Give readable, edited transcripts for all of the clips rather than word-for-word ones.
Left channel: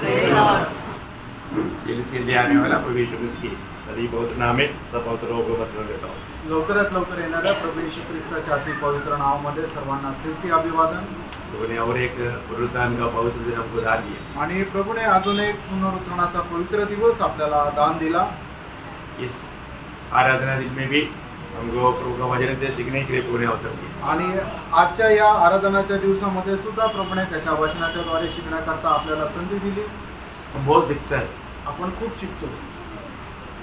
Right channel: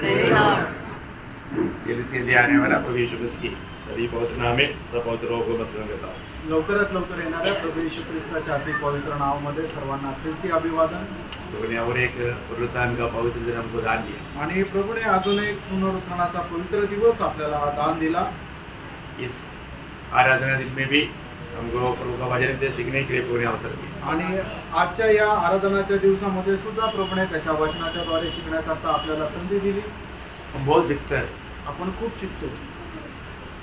जल्दी से आने वाला प्रभु यीशु मसीह की सभी पवित्र नाम में सब पवित्रों को वंदन देता हूँ। लवकरात लवकर येणाऱ्या प्रभू येशू ख्रिस्ताच्या अति पवित्र नावामध्ये सर्वांना ख्रिस्ती अभिवादन। प्रभु ने और एक पुनरुत्थान का पवित्र दिन हमको दान दिया आणि प्रभूने अजून एक पुनरुत्थानाचा पवित्र दिवस आपल्याला दान दिला। इस आराधना दिन में भी हमको प्रभु का वचन से सीखने के लिए प्रभु ने अवसर दिया आणि आजच्या या आराधनाच्या दिवसामध्ये सुद्धा प्रभूने त्याच्या वचनाच्या द्वारे शिकण्याकरता आपल्याला संधी दिली। हम बहुत सीखते हैं, आपण खूप शिकतो,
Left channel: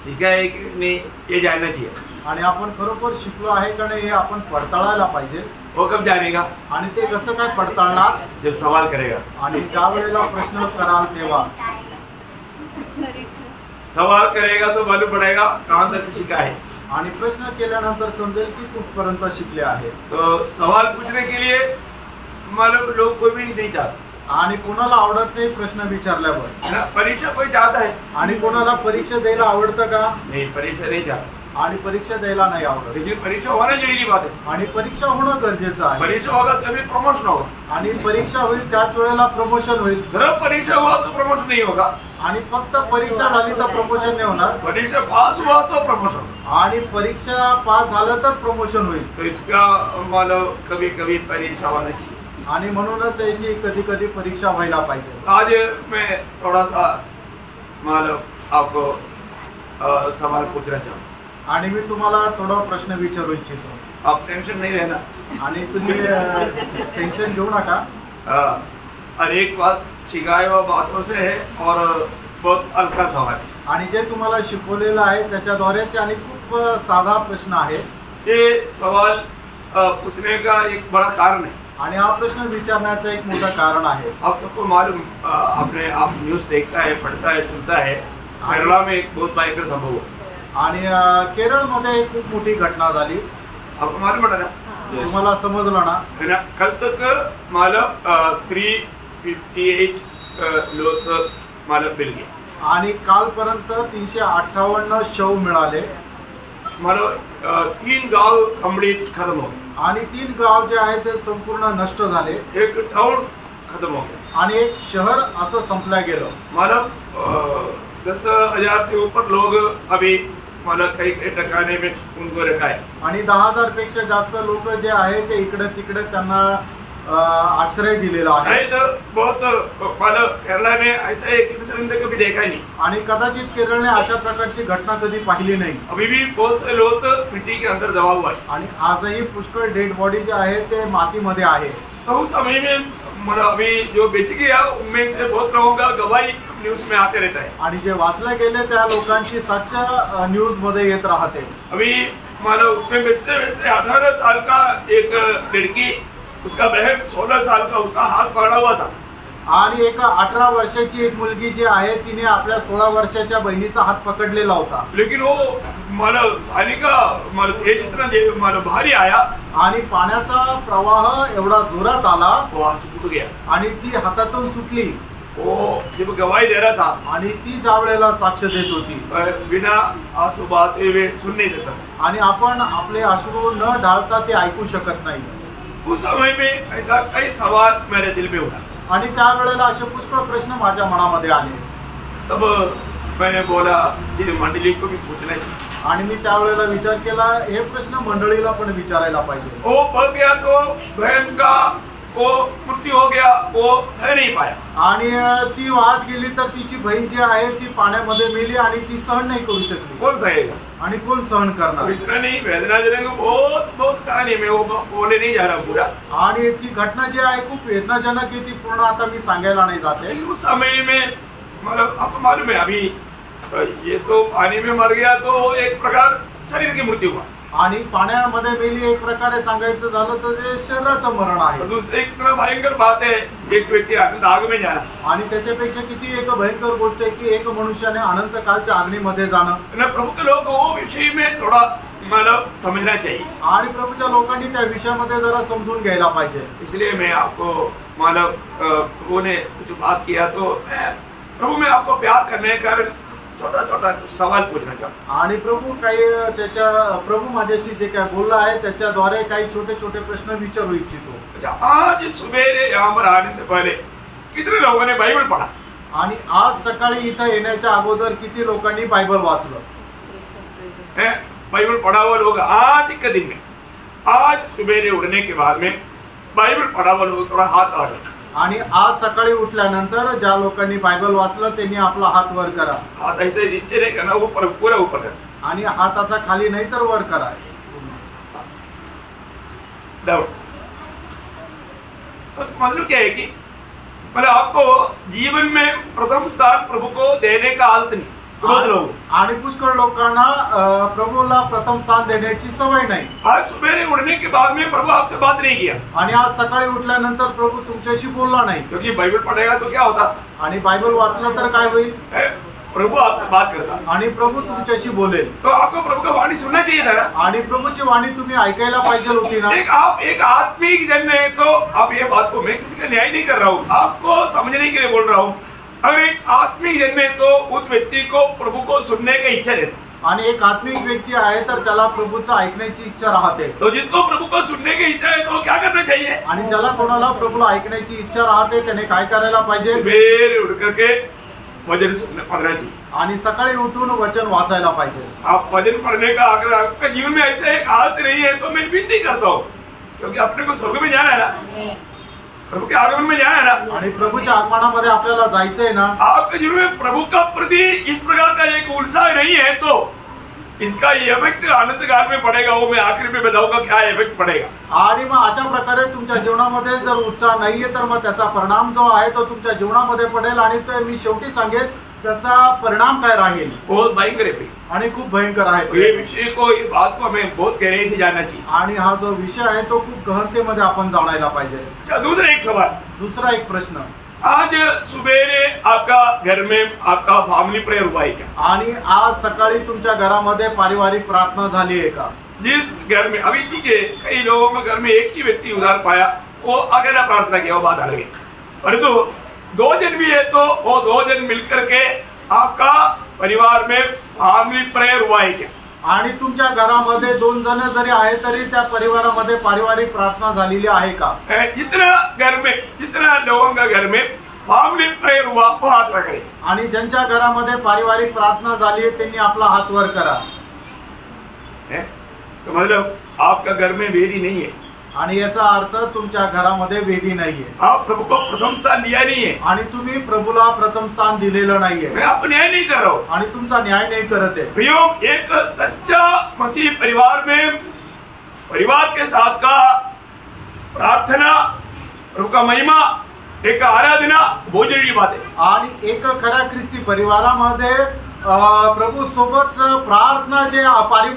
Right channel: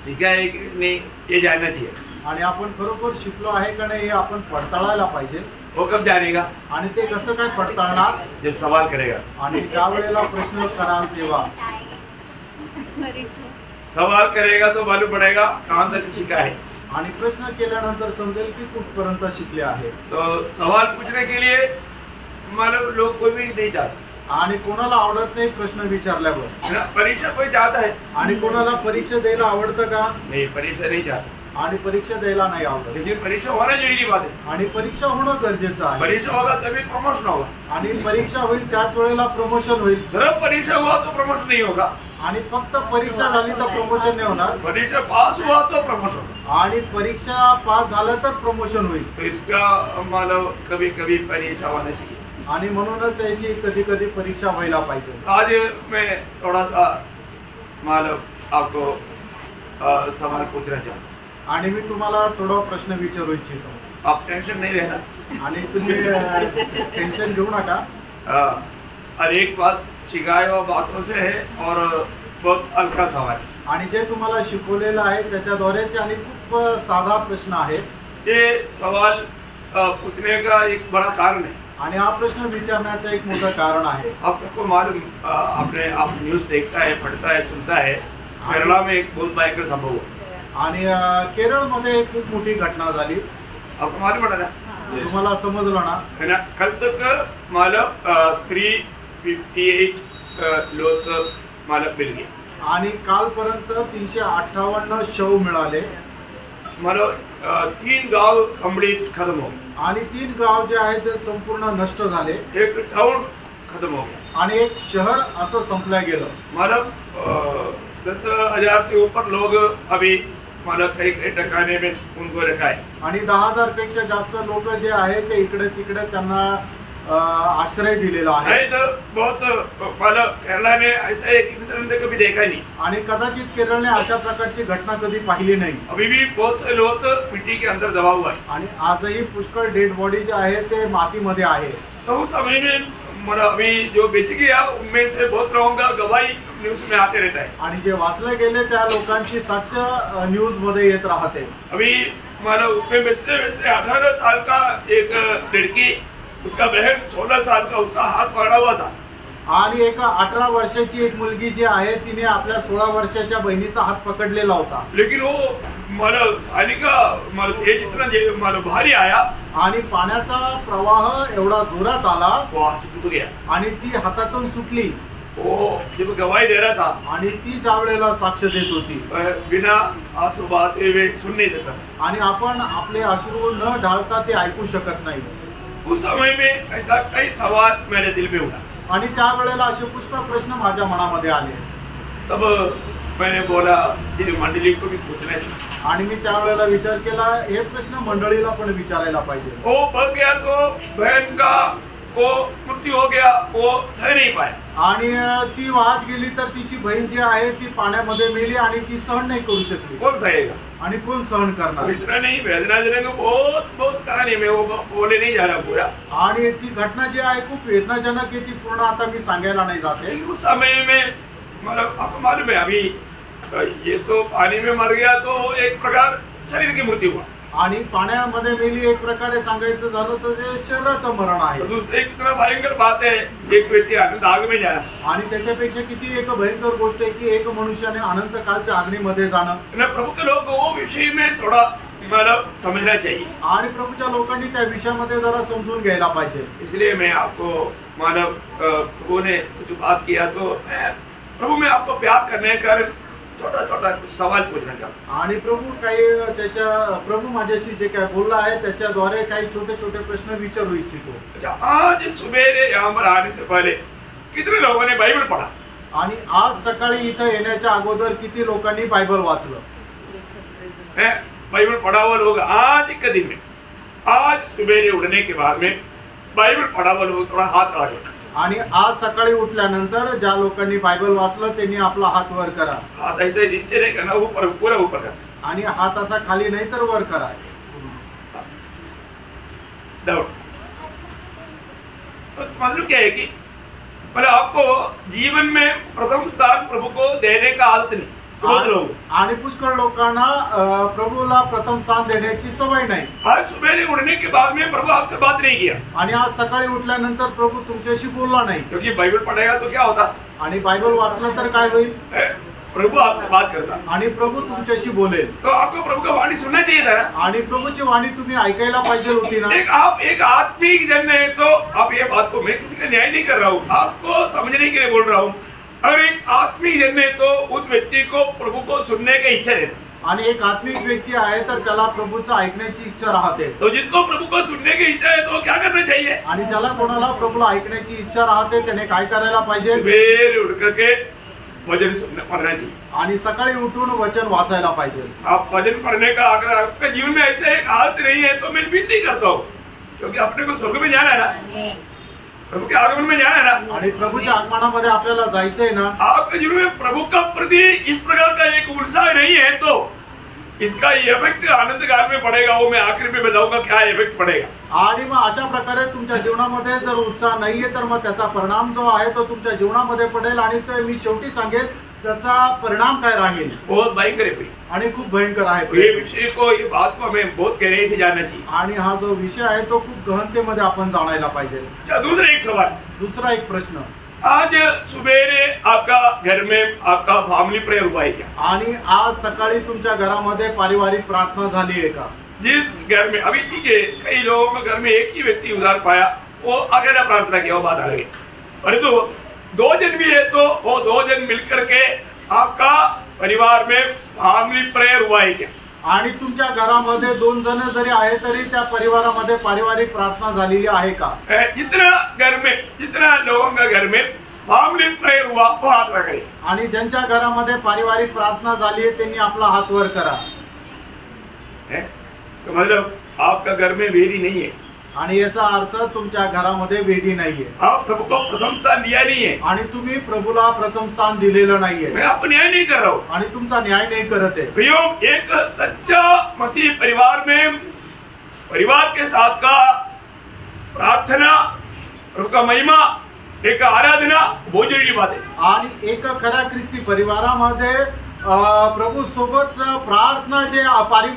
सीखा है कि नहीं ये जानना चाहिए आणि आपण खरोखर शिकलो आहे का नाही हे आपण पडताळायला पाहिजे। वो कब जानेगा? आणि ते कसं काय पडताळणार? जब सवाल करेगा। आणि ज्या वेळेला प्रश्न कराल तेव्हा सवाल करेगा तो मालूम पड़ेगा कहाँ तक सीखा है। आणि प्रश्न केल्यानंतर समजेल की कुठपर्यंत शिकले आहे। तो सवाल पूछने के लिए मालूम लोग कोई भी नहीं चाहते, आणि कोणाला आवडत नाही प्रश्न विचारल्यावर। परीक्षा कोई चाहता है आणि कोणाला परीक्षा द्यायला आवडतं का? नहीं, परीक्षा नहीं चाहता। आणि परीक्षा द्यायला नाही आवडत, लेकिन परीक्षा होना जरूरी बात है। आणि परीक्षा होणं गरजेचं आहे। परीक्षा होगा तभी प्रमोशन होगा, आणि परीक्षा होईल त्याच वेळेला प्रमोशन होईल। सिर्फ परीक्षा हुआ तो प्रमोशन नहीं होगा, आणि फक्त परीक्षा झाली तर प्रमोशन नाही होणार। परीक्षा पास हुआ तो प्रमोशन होगा, आणि परीक्षा पास झालं तर प्रमोशन होईल। तो इसका मानो कभी कभी परीक्षा होना चाहिए। आणि म्हणूनच याची कधी कधी परीक्षा व्हायला पाहिजे। आज मैं थोड़ा सा मानो आपको सवाल पूछना चाहूँ आणि मी तुम्हाला थोडा प्रश्न विचारू इच्छितो। आप टेंशन नहीं रहना, आणि तुम्ही टेंशन घेऊ नका। हर एक बात सिखाए हुआ बातों से है और बहुत हल्का सवाल है। आणि जे तुम्हाला शिकवलेलं आहे त्याच्याद्वारेच आणि खूप साधा प्रश्न आहे। ये सवाल पूछने का एक बड़ा कारण है। आणि हा प्रश्न विचारण्याचं एक मोठं कारण आहे। आप सबको मालूम, आपने आप न्यूज़ देखता है, पढ़ता है, सुनता है, केरला में एक बहुत भयंकर संभव हुआ। आणि केरळमध्ये एक खूप मोठी घटना झाली। आपको मालूम पड़ा ना? तुम्हाला समजलं ना? है ना? कल तक मालूम 358 लोग मालूम मिल गए। आणि कालपर्यंत 358 शव मिळाले। मालूम 3 गांव कंप्लीट खत्म हो गए। आणि 3 गाव जे आहेत ते संपूर्ण नष्ट झाले। एक टाउन खत्म हो गया। आणि एक शहर असं संपल्या गेलं। मालूम 10,000 से ऊपर लोग अभी मालूम कई ठिकाने में उनको रखा है। आणि 10,000 पेक्षा जास्त लोक जे आहे ते इकडे तिकडे त्यांना आश्रय दिलेला आहे। शायद बहुत मालूम केरला ने ऐसा एक इंसिडेंट कभी देखा नहीं। आणि कदाचित केरळने अशा प्रकारची घटना कधी पाहिली नाही। अभी भी बहुत से लोग मिट्टी के अंदर दबा हुआ है। आणि आजही पुष्कळ डेड बॉडी जे आहे ते मातीमध्ये आहे। तो उस समय में मतलब अभी जो बेच गया उनमें से बहुत लोगों का गवाही न्यूज में आते रहता है। आणि जे वाचले गेले त्या लोकांची साक्ष न्यूज मध्ये येत राहते। अभी मतलब उसमें बेचते 18 साल का एक लड़की, उसका बहन 16 साल का, उसका हाथ पकड़ा हुआ था। आणि एक 18 वर्षाची एक मुलगी जी आहे तिने आपल्या 16 वर्षाच्या बहिणीचा हात पकडलेला होता। लेकिन वो मतलब पानी का मतलब तेज इतना मतलब भारी आया आणि पाण्याचा प्रवाह एवढा जोरात आला, वो हाथ से टूट गया। आणि ती हातातून सुटली। वो जब गवाही दे रहा था आणि ती ज्या वेळेला साक्ष देत होती बिना आंसू बहाते हुए सुन नहीं सकता था। आणि आपण आपले अश्रू न ढाळता ते ऐकू शकत नाही। उस समय में ऐसा कई सवाल मेरे दिल में उठा। आणि त्या वेळेला असे पुष्कळ प्रश्न माझ्या मनामध्ये आले। तब मैंने बोला ये मंडली को भी पूछना चाहिए। आणि मी त्यावेळेला विचार केला हे प्रश्न मंडळीला पण विचारायला पाहिजे। वो बह गया तो बहन का वो मृत्यू हो गया, वो सह नहीं पाया। आणि ती वाहत गेली तर तिची बहीण जी आहे ती पाण्यामध्ये मेली आणि ती सहन नाही करू शकली। कौन सहेगा? आणि कोण सहन करणार? इतना नहीं, वेदनाजनक बहुत बहुत कहानी में वो बोले नहीं जा रहा पूरा। आणि ती घटना जी आहे खूप वेदनाजनक आहे, ती पूर्ण आता मी सांगायला नाही जाते। उस समय में मतलब आपको मालूम है अभी ये तो पानी में मर गया तो एक प्रकार शरीर की मृत्यु हुआ। आणि पाण्यामध्ये मेली एक प्रकारे सांगायचं झालं तर ते शरीराचं मरण आहे। दूसरी एक तरह भयंकर बात है, एक व्यक्ति अनंत आग में जाना। आणि त्याच्यापेक्षा किती एक भयंकर गोष्ट आहे की एक मनुष्याने अनंत कालच्या अग्नीमध्ये जाणं। प्रभु के लोग वो विषय में थोड़ा मतलब समझना चाहिए। आणि प्रभूच्या लोकांनी त्या विषयामध्ये जरा समजून घ्यायला पाहिजे। इसलिए मैं आपको मानव प्रभु ने कुछ बात किया तो मैं प्रभु में आपको प्यार करने के कारण छोटा छोटा सवाल पूछना चाहता हूँ। आणि प्रभू काही त्याच्या प्रभू माझ्याशी जे काय बोलला आहे त्याच्याद्वारे काही छोटे छोटे प्रश्न विचारू इच्छितो। अच्छा, आज सुबेरे यहाँ पर आने से पहले कितने लोगों ने बाइबल पढ़ा? आणि आज सकाळी इथं येण्याच्या अगोदर किती लोकांनी बायबल वाचलं? बाइबल पढ़ा हुआ लोग आज के दिन में, आज सुबह उठने के बाद में बाइबल पढ़ा हुआ लोग थोड़ा हाथ खड़ा करें। आणि आज सकाळी उठल्यानंतर ज्या लोकांनी बायबल वाचलं त्यांनी आपला हात वर करा। हाथ ऐसे नीचे नहीं करना, ऊपर पूरा ऊपर करना। आणि हात असा खाली नाही तर वर करा। तो मतलब क्या है कि मतलब आपको जीवन में प्रथम स्थान प्रभु को देने का आदत नहीं, बहुत लोग आणि पुष्कळ लोकांना प्रभूला प्रथम स्थान देण्याची सवय नाही। आज सुबह उठने के बाद में प्रभु आपसे बात नहीं किया, आणि आज सकाळी उठल्यानंतर प्रभु तुमच्याशी बोलला नाही, क्योंकि बाइबल पढ़ेगा तो क्या होता, आणि बायबल वाचलं तर काय होईल? प्रभु आपसे बात करता आणि प्रभु तुमच्याशी बोलेल। तो आपको प्रभु का वाणी सुनना चाहिए था ना, आणि प्रभुची वाणी तुम्ही ऐकायला पाहिजे होती ना। आप एक आत्मिक जन है, तो आप ये बात को, मैं किसी का न्याय नहीं कर रहा हूँ, आपको समझने के लिए बोल रहा हूँ। अगर एक आत्मिक जन है तो उस व्यक्ति को प्रभु को सुनने की इच्छा रहती, आणि एक आत्मिक व्यक्ती आहे तर त्याला प्रभूचं ऐकण्याची इच्छा राहते। तो जिसको प्रभु को सुनने की इच्छा है तो क्या करना चाहिए? आणि ज्याला कोणाला प्रभूला ऐकण्याची इच्छा राहते त्याने काय करायला पाहिजे? सवेरे उठ करके वचन पढ़ना चाहिए, आणि सकाळी उठून वचन वाचायला पाहिजे। आप वचन पढ़ने का अगर आपके जीवन में ऐसे एक हालत नहीं है तो मैं विनती करता हूँ, क्योंकि अपने को स्वर्ग में जाना है ना, प्रभु के आगमन में जाना है ना, आणि प्रभूच्या आगमनामध्ये आपल्याला जायचंय ना। आपके जीवन में प्रभु का प्रति इस प्रकार का एक उत्साह नहीं है तो इसका इफेक्ट आनंद काल में पड़ेगा, वो मैं आखिर में बताऊंगा क्या इफेक्ट पड़ेगा। आणि मग अशा प्रकारे तुमच्या जीवनामध्ये जर उत्साह नाहीये तर मग त्याचा परिणाम जो आहे तो तुमच्या जीवनामध्ये पडेल, आणि ते मी शेवटी सांगेन त्याचा परिणाम काय राहील। बहुत भयंकर है आणि खूप भयंकर आहे। ये विषय को, ये बात को हमें बहुत गहराई से जानना चाहिए, आणि हा जो विषय आहे तो खूप गहनतेमध्ये आपण जाणायला पाहिजे। दूसरा एक सवाल, दूसरा एक प्रश्न, आज सुबेरे आपका घर में आपका फैमिली प्रेयर हुआ है क्या? आणि आज सकाळी तुमच्या घरामध्ये पारिवारिक प्रार्थना झाली आहे का? जिस घर में अभी ठीक है, कई लोगों के घर में एक ही व्यक्ति उधार पाया, वो अकेला प्रार्थना किया, वो बात अलग है, परंतु दो जन भी है तो वो दो जन मिलकर के आपका परिवार में फैमिली प्रेयर हुआ है क्या? आणि तुमच्या घरामध्ये दोन जण जरी आहे तरी त्या परिवारामध्ये पारिवारिक प्रार्थना झालेली आहे का? जितना घर में, जितना लोगों का घर में फैमिली प्रेयर हुआ वो हाथ रखे, आणि ज्यांच्या घरामध्ये पारिवारिक प्रार्थना झाली आहे त्यांनी आपला हात वर करा। तो मतलब आपका घर में वेदी नहीं है, आणि याचा अर्थ तुमच्या घरामध्ये वेदी नाहीये, आप प्रभु को प्रथम स्थान दिया नहीं है, आणि तुम्ही प्रभूला प्रथम स्थान दिलेलं नाहीये। मैं आपको न्याय नहीं कर रहा हूँ, आणि तुमचा न्याय नाही करत आहे। प्रियो, एक सच्चा मसीह परिवार में परिवार के साथ का प्रार्थना, प्रभु का महिमा, एक आराधना बहुत जरूरी बात है। आणि एक खऱ्या ख्रिस्ती परिवारामध्ये प्रभू सोबत प्रार्थना जे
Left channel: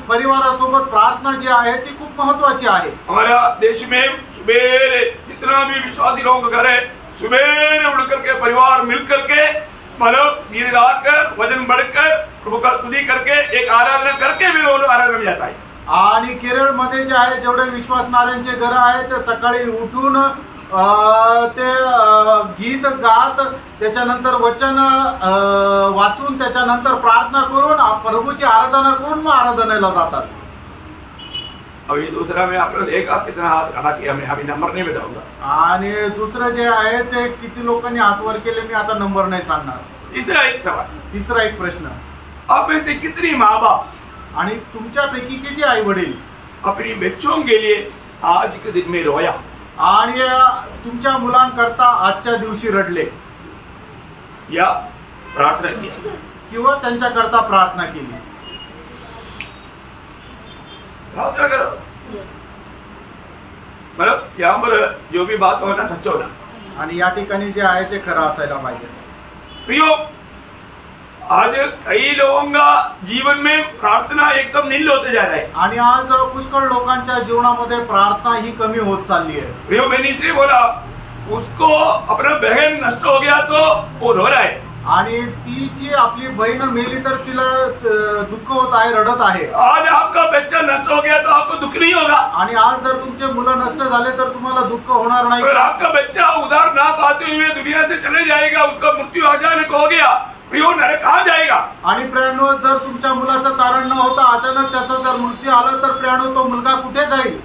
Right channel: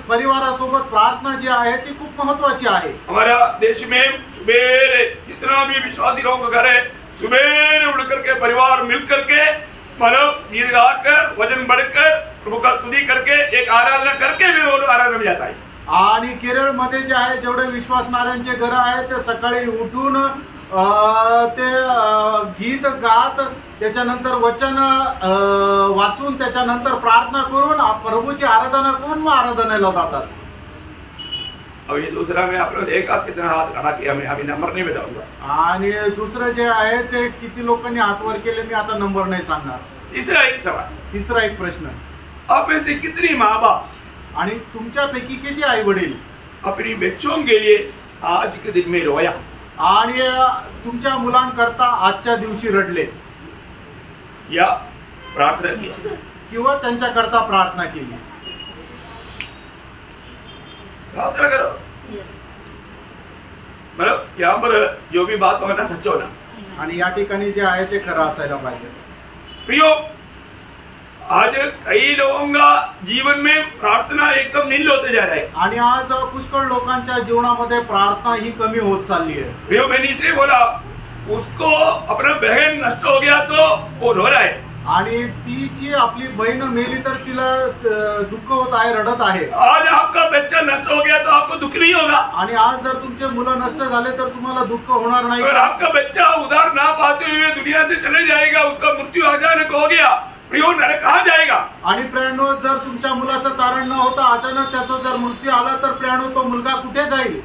परिवारासोबत प्रार्थना जी आहे ती खूप महत्वाची आहे। हमारा देश में सुबह जितना भी विश्वासी लोगों का घर है, सुबह उठ करके परिवार मिल करके मतलब गीत गाकर, वजन बढ़कर, प्रभु का स्तुति करके, एक आराधना करके भी रोज आराधना में जाता है। आणि केरळमध्ये जे आहे जेवढे विश्वासणाऱ्यांचे घर आहे ते सकाळी उठून ते गीत गात, त्याच्यानंतर वचन वाचून, त्याच्यानंतर प्रार्थना करून प्रभूची आराधना करून मग आराधनेला जातात। अब ये दूसरा में आपने देखा कितना हाथ खड़ा किया, मैं अभी नंबर नहीं बताऊंगा। आणि दुसरं जे आहे ते किती लोकांनी हात वर केले मी आता नंबर नाही सांगणार। तीसरा एक सवाल, तिसरा एक प्रश्न, आप में से कितनी माँ बाप आणि तुमच्यापैकी किती आई वडील अपनी बच्चों के लिए आज के दिन में रोया आणि तुमच्या मुलांकरता आजच्या दिवशी रडले या प्रार्थना किया किंवा त्यांच्याकरता प्रार्थना केली? प्रार्थना करो, मतलब यहाँ पर जो भी बात होना सच होना, आणि या ठिकाणी जे आहे ते खरं असायला पाहिजे। प्रियो, आज कई लोगों का जीवन में प्रार्थना एकदम नील होते जा रहा है, आणि आज पुष्कळ लोकांच्या जीवनामध्ये प्रार्थना ही कमी होत चालली आहे। प्रियो, मैंने इसलिए बोला, उसको अपना बहन नष्ट हो गया तो वो रो रहा है, आणि ती जी आपली बहीण मेली तर तिला दुःख होत आहे, रडत आहे। आज आपका बच्चा नष्ट हो गया तो आपको दुख नहीं होगा, आणि आज जर तुमचे मुलं नष्ट झाले तर तुम्हाला दुःख होणार नाही। अगर आपका बच्चा उधार ना पाते हुए दुनिया से चले जाएगा, उसका मृत्यू अचानक हो गया, प्रियो, नरक कहाँ जाएगा? आणि प्रियानो, जर तुमच्या मुलाचं तारण न होता अचानक त्याचा जर मृत्यू आला तर प्रियानो तो मुलगा कुठे जाईल?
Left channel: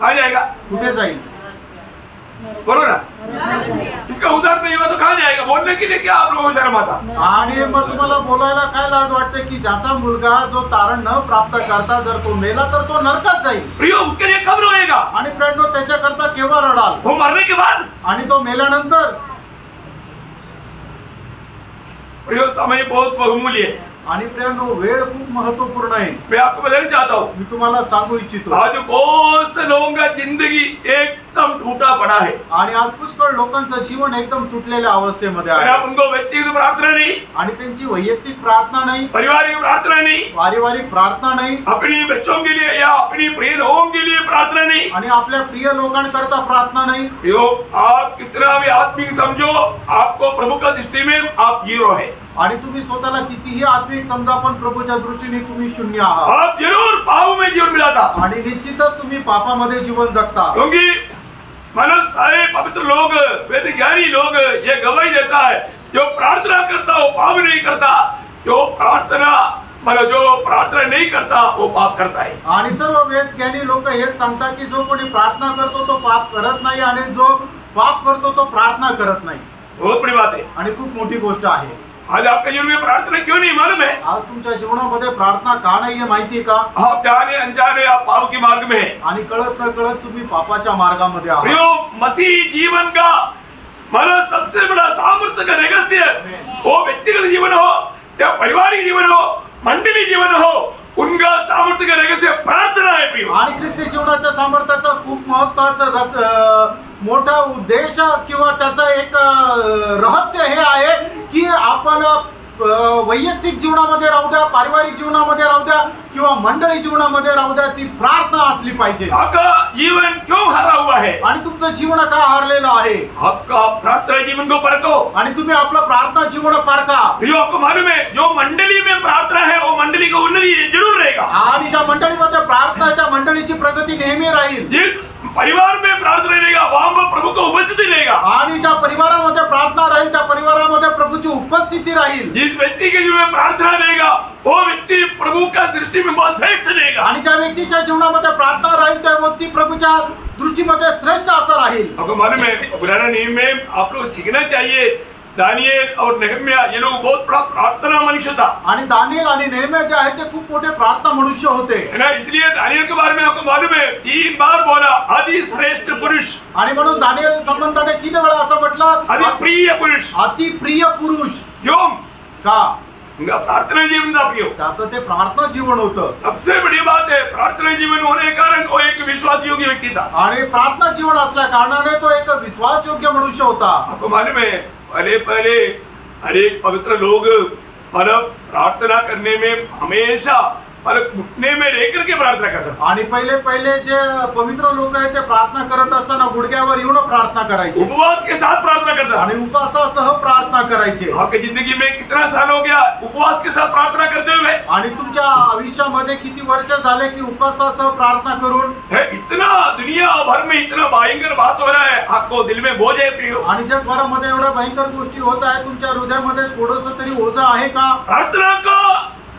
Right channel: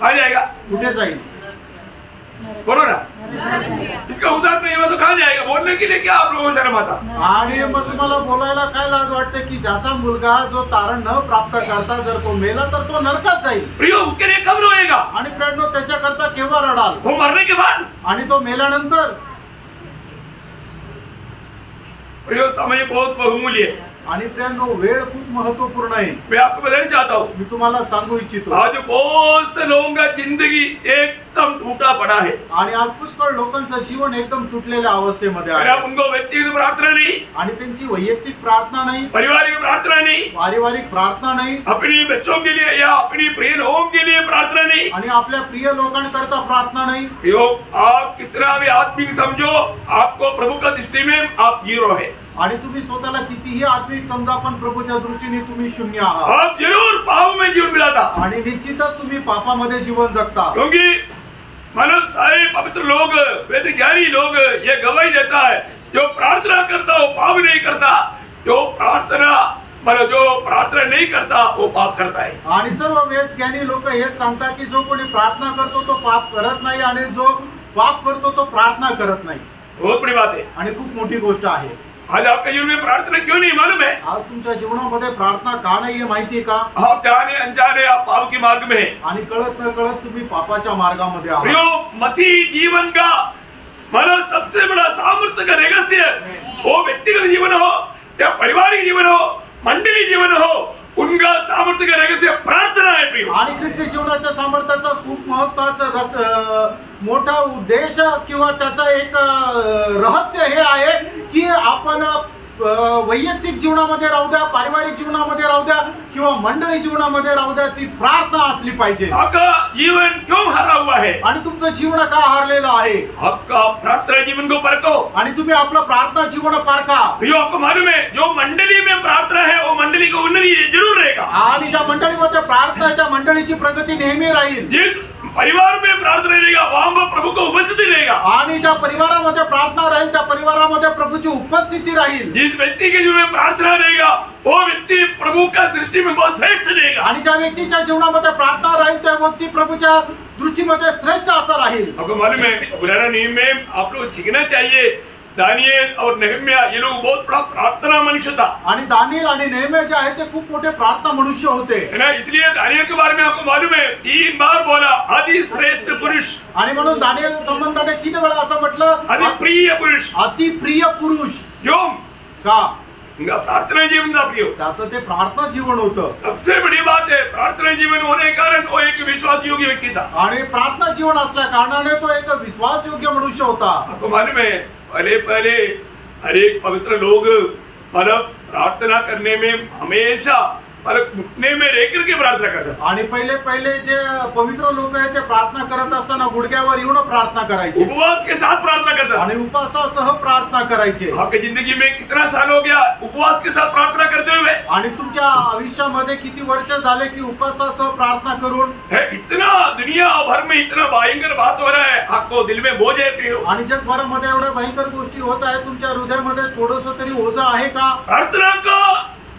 कहाँ जाएगा? कुठे जाईल? बोलो ना, इसका उदाहरण नहीं हुआ तो कहाँ जाएगा? बोलने के लिए क्या आप लोगों को शर्म आता? आणि मग तुम्हाला बोलायला काय लाज वाटते की ज्याचा मुलगा जो तारण न प्राप्त करता जर तो मेला तर तो नरकात जाईल. प्रियो, उसके लिए कब रोएगा? आणि फ्रेंड त्याच्याकरता केव्हा रडाल? वो मरने के बाद. आणि तो मेल्यानंतर. प्रियो, समय बहुत बहुमूल्य है. आणि फ्रेंड वेळ खूप महत्वपूर्ण आहे. मैं आपको बताना चाहता हूँ, मी तुम्हाला सांगू इच्छितो, आज बहुत से लोगों का जिंदगी एकदम टूटा पड़ा है. आणि आज पुष्कळ लोकांचं जीवन एकदम तुटलेल्या अवस्थेमध्ये अगर आहे. आप उनको व्यक्तिगत प्रार्थना नहीं, आणि त्यांची वैयक्तिक प्रार्थना नाही, पारिवारिक प्रार्थना नहीं, पारिवारिक प्रार्थना नाही, अपनी बच्चों के लिए या अपनी प्रिय लोगों के लिए प्रार्थना नहीं, आणि आपल्या प्रिय लोकांकरता प्रार्थना नाही, प्रियो, आप कितना भी आत्मिक समझो, आपको प्रभू का दृष्टि में आप जीरो है. आणि तुम्ही स्वतःला कितीही आत्मिक समजा पण प्रभूच्या दृष्टीने तुम्ही शून्य आहात. आप जरूर पाप में जीवन मिलाता. आणि निश्चितच तुम्ही पापामध्ये जीवन जगता. क्योंकि मानव सारे पवित्र लोग, वेद ज्ञानी लोग ये गवाही देता है, जो प्रार्थना करता वो पाप नहीं करता, जो प्रार्थना नहीं करता वो पाप करता है. आणि सर्व वेद ज्ञानी लोक हेच सांगतात की जो कोणी प्रार्थना करतो तो पाप करत नाही, आणि जो पाप करतो तो प्रार्थना करत नाही. बहुत बड़ी बात है. आणि खूप मोठी गोष्ट आहे. आज आपके जीवन में प्रार्थना क्यों नहीं मालूम है? आज तुमच्या जीवनामध्ये प्रार्थना का नाहीये माहितीये का? आप जाने अनजाने आप पाप के मार्ग में है. आणि कळत न कळत तुम्ही पापाच्या मार्गामध्ये आहात. प्रियो, मसीह जीवन का मानो सबसे बड़ा सामर्थ्य का रहस्य, वो व्यक्तिगत जीवन हो या पारिवारिक जीवन हो, मंडली जीवन हो, उनका सामर्थ्य का रहस्य प्रार्थना है. प्रियो, आणि ख्रिस्ती जीवनाच्या सामर्थ्याचा खूप महत्वाचा मोठा उद्देश किंवा त्याचा एक रहस्य हे आहे की आपण वैयक्तिक जीवनामध्ये राहू द्या, पारिवारिक जीवनामध्ये राहू द्या किंवा मंडळी जीवनामध्ये राहू द्या, ती प्रार्थना असली पाहिजे. आपका जीवन क्यों हारा हुआ है? आणि तुमचं जीवन का हारलेलं आहे? आपका प्रार्थना जीवन को परखो. आणि तुम्ही आपलं प्रार्थना जीवन पारखा. प्रियो, आपको मालूम है, जो मंडली में प्रार्थना है वो मंडली को उन्नति जरूर रहेगा. आणि ज्या मंडळीमध्ये प्रार्थना, त्या मंडळीची प्रगती नेहमी राहील. जिस परिवार में प्रार्थना रहेगा वहां पर प्रभु को उपस्थिति रहेगा. आणि ज्या परिवारामध्ये प्रार्थना राहील त्या परिवारामध्ये प्रभूची उपस्थिती राहील. जिस व्यक्ति के जीवन में प्रार्थना रहेगा वो व्यक्ति प्रभु का दृष्टि में बहुत श्रेष्ठ रहेगा. आणि ज्या व्यक्तीच्या जीवनामध्ये प्रार्थना राहील त्या व्यक्ती प्रभूच्या दृष्टीमध्ये श्रेष्ठ असा राहील. आपको मालूम है, पुराना नियम में आप लोग सीखना चाहिए, दानिएल और नेहम्या ये लोग बहुत बड़ा प्रार्थना मनुष्य था. आणि दानिएल आणि नेहम्या जे आहेत ते खूप मोठे प्रार्थना मनुष्य होते. है ना. इसलिए दानिएल के बारे में आपको मालूम है 3 बार बोला अति श्रेष्ठ पुरुष. आणि म्हणून दानिएल संबंधाने 3 वेळा असं म्हटलं अति प्रिय पुरुष. अति प्रिय पुरुष. क्यों? का? उनका प्रार्थना जीवन था. प्रियो, त्याचं ते प्रार्थना जीवन होतं. सबसे बड़ी बात है, प्रार्थना जीवन होने के कारण वो एक विश्वास योग्य व्यक्ति था. आणि प्रार्थना जीवन असल्या कारणाने तो एक विश्वास योग्य मनुष्य होता. आपको मालूम है, पहले अनेक पवित्र लोग मतलब प्रार्थना करने में हमेशा घुटने में रह करके प्रार्थना करतात. आणि पहिले जे पवित्र लोक आहेत ते प्रार्थना करत असताना गुडघ्यावर येऊन प्रार्थना करायचे. उपवास के साथ प्रार्थना करतात. आणि उपवासासह प्रार्थना करायचे. आपकी जिंदगी में कितना साल हो गया उपवास के साथ प्रार्थना करते हुए? आणि तुमच्या आयुष्यामध्ये किती वर्ष झाले की उपवासासह प्रार्थना करून? इतना दुनिया भर में इतना भयंकर बात हो रहा है, आपको दिल में बोझ है प्रियो? आणि जगभरामध्ये एवढ्या भयंकर गोष्टी होत आहेत, तुमच्या हृदयामध्ये थोडंसं तरी ओझं आहे का? प्रार्थना का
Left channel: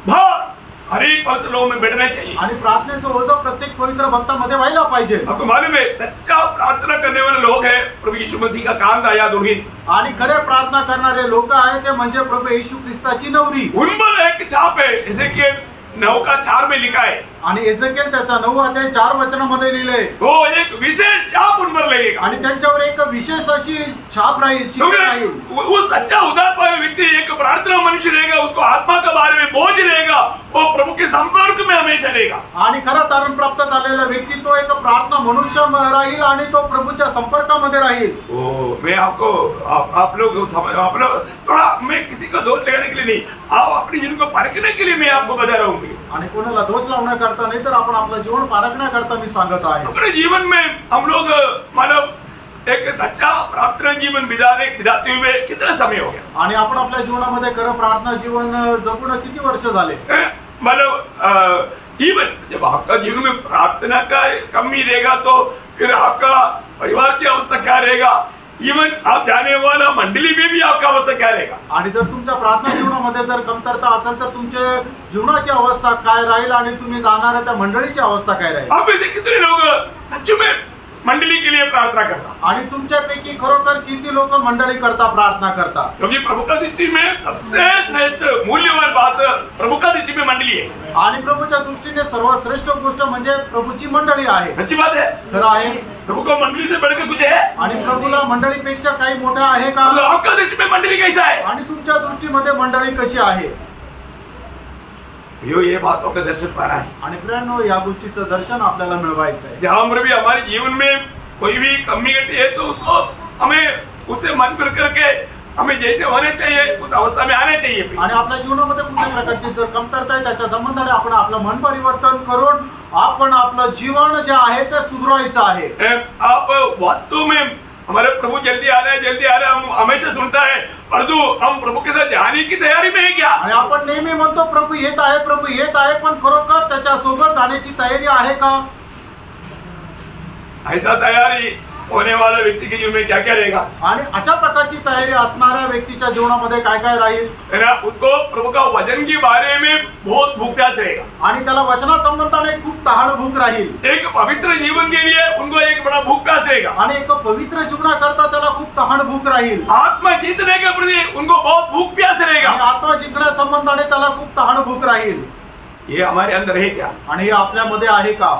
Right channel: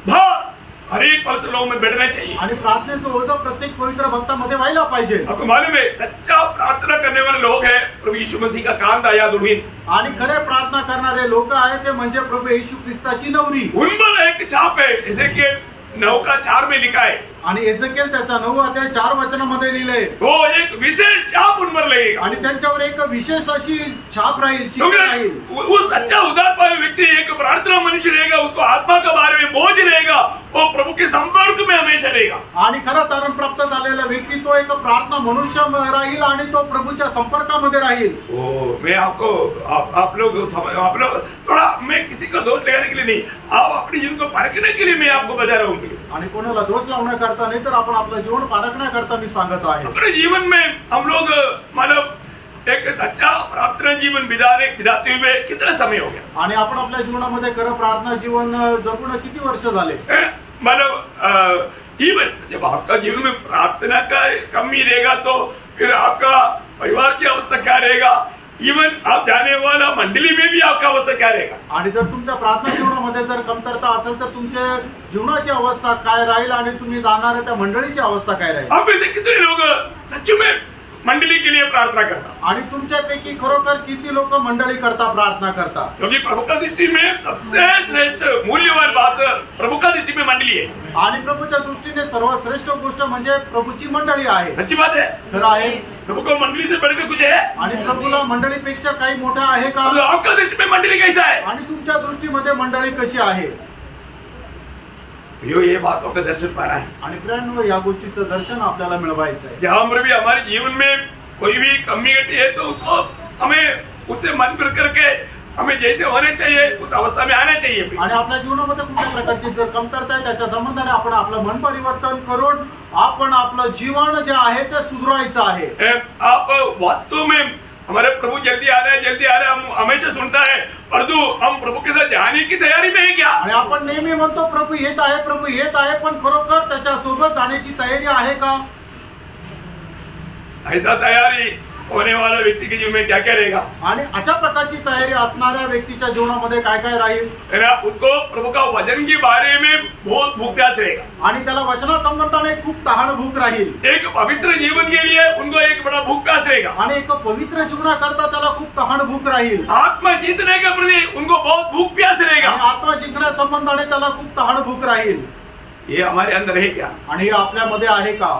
भार हर एक पवित्र लोगों में बैठना चाहिए. आणि प्रार्थनेचं ओझं प्रत्येक पवित्र भक्तामध्ये व्हायला पाहिजे. आपको मालूम है, सच्चा प्रार्थना करने वाले लोग हैं प्रभु यीशु मसीह का कांदा या दुल्हन. आणि खरे प्रार्थना करणारे लोक आहेत ते म्हणजे प्रभू येशू ख्रिस्ताची नवरी. उन पर एक छाप है, जैसे कि 9:4 में लिखा है. आणि एजेकिएल त्याचा 9 अध्याय 4 वचनामध्ये लिहिलंय. वो एक विशेष छाप उन पर लगेगा. आणि त्यांच्यावर एक विशेष अशी छाप राहील, शिक्का राहील. वो सच्चा उदार पाए व्यक्ति एक प्रार्थना मनुष्य रहेगा, उसको आत्मा के बारे में बोझ रहेगा, वो प्रभु के संपर्क में हमेशा रहेगा. आणि खरा तारण प्राप्त झालेला व्यक्ती तो एक प्रार्थना मनुष्य राहील आणि तो प्रभूच्या संपर्कामध्ये राहील. मैं आपको आप लोग थोड़ा, मैं किसी को दोष लगाने के लिए नहीं, आप अपने जीवन को परखने के लिए मैं आपको बता रहा हूँ. आणि कोणाला दोष लावण्याकरता नाही तर आपण आपलं जीवन पारखण्याकरता मी सांगत आहे. अपने जीवन में हम लोग मानव एक सच्चा प्रार्थना जीवन बिताते हुए कितना समय हो गया? आणि आपण आपल्या जीवनामध्ये खरं प्रार्थना जीवन जगून किती वर्ष झाले? मतलब इवन जब आपका जीवन में प्रार्थना का कमी रहेगा तो फिर आपका परिवार की अवस्था क्या रहेगा? इवन आप जाने वाला मंडली में भी आपका अवस्था क्या रहेगा? आणि जर तुमच्या प्रार्थना जीवनामध्ये जर कमतरता असेल तर तुमच्या जीवनाची अवस्था काय राहील आणि तुम्ही जाणाऱ्या त्या मंडळीची अवस्था काय राहील? आप ऐसे कितने लोग सच में मंडली के लिए प्रार्थना करता, आणि तुमच्यापैकी खरोखर किती लोक मंडळी करता प्रार्थना करता? क्योंकि प्रभु का दृष्टि में सबसे श्रेष्ठ मूल्यवान बात प्रभु का दृष्टि में मंडली है। आणि प्रभूच्या दृष्टीने सर्वश्रेष्ठ गोष्ट म्हणजे प्रभूची मंडळी आहे। सच्ची बात है, खरं आहे। प्रभु को मंडली से बढ़कर कुछ है? आणि प्रभूला मंडळीपेक्षा काही मोठं आहे का? तो आपका दृष्टि में मंडली कैसा है? आणि तुमच्या दृष्टीमध्ये मंडळी कशी आहे? ये बातों का दर्शन पाना है। आणि प्रियांनो, या गोष्टीचं दर्शन आपल्याला मिळवायचं आहे। जहां पर भी हमारे जीवन में कोई भी कमी घटी है तो उसको हमें उससे मन फिर करके हमें जैसे होने चाहिए उस अवस्था में आना चाहिए। आणि आपल्या जीवनामध्ये कुठल्या प्रकारची जर कमतरता आहे त्याच्या संबंधाने आपण आपलं मन परिवर्तन करून आपण आपलं जीवन जे आहे ते सुधारायचं आहे। आप वास्तव में हमारे प्रभु जल्दी आ रहे हैं, हम हमेशा सुनता है, परंतु हम प्रभु के साथ जाने की तैयारी में है क्या? आणि आपण नेहमी म्हणतो प्रभू येत आहे, पण खरोखर त्याच्या सोबत जाण्याची तयारी आहे का? ऐसा तैयारी होने वाला व्यक्ति के जीवन में क्या क्या रहेगा? आणि अशा प्रकारची तयारी असणाऱ्या व्यक्तीच्या जीवनामध्ये काय काय राहील? उसको प्रभु का वचन के बारे में बहुत भूख प्यास रहेगा, आणि त्याला वचनासंबंधाने खूप तहान भूक राहील। एक पवित्र जीवन के लिए उनको एक बड़ा भूख प्यास रहेगा, आणि एक पवित्र जीवनाकरता त्याला खूप तहान भूक राहील। आत्मा जीतने के प्रति उनको बहुत भूख प्यास रहेगा, आणि आत्मा जिंकण्या संबंधाने त्याला खूप तहान भूक राहील। ये हमारे अंदर है क्या? आणि हे आपल्यामध्ये आहे का?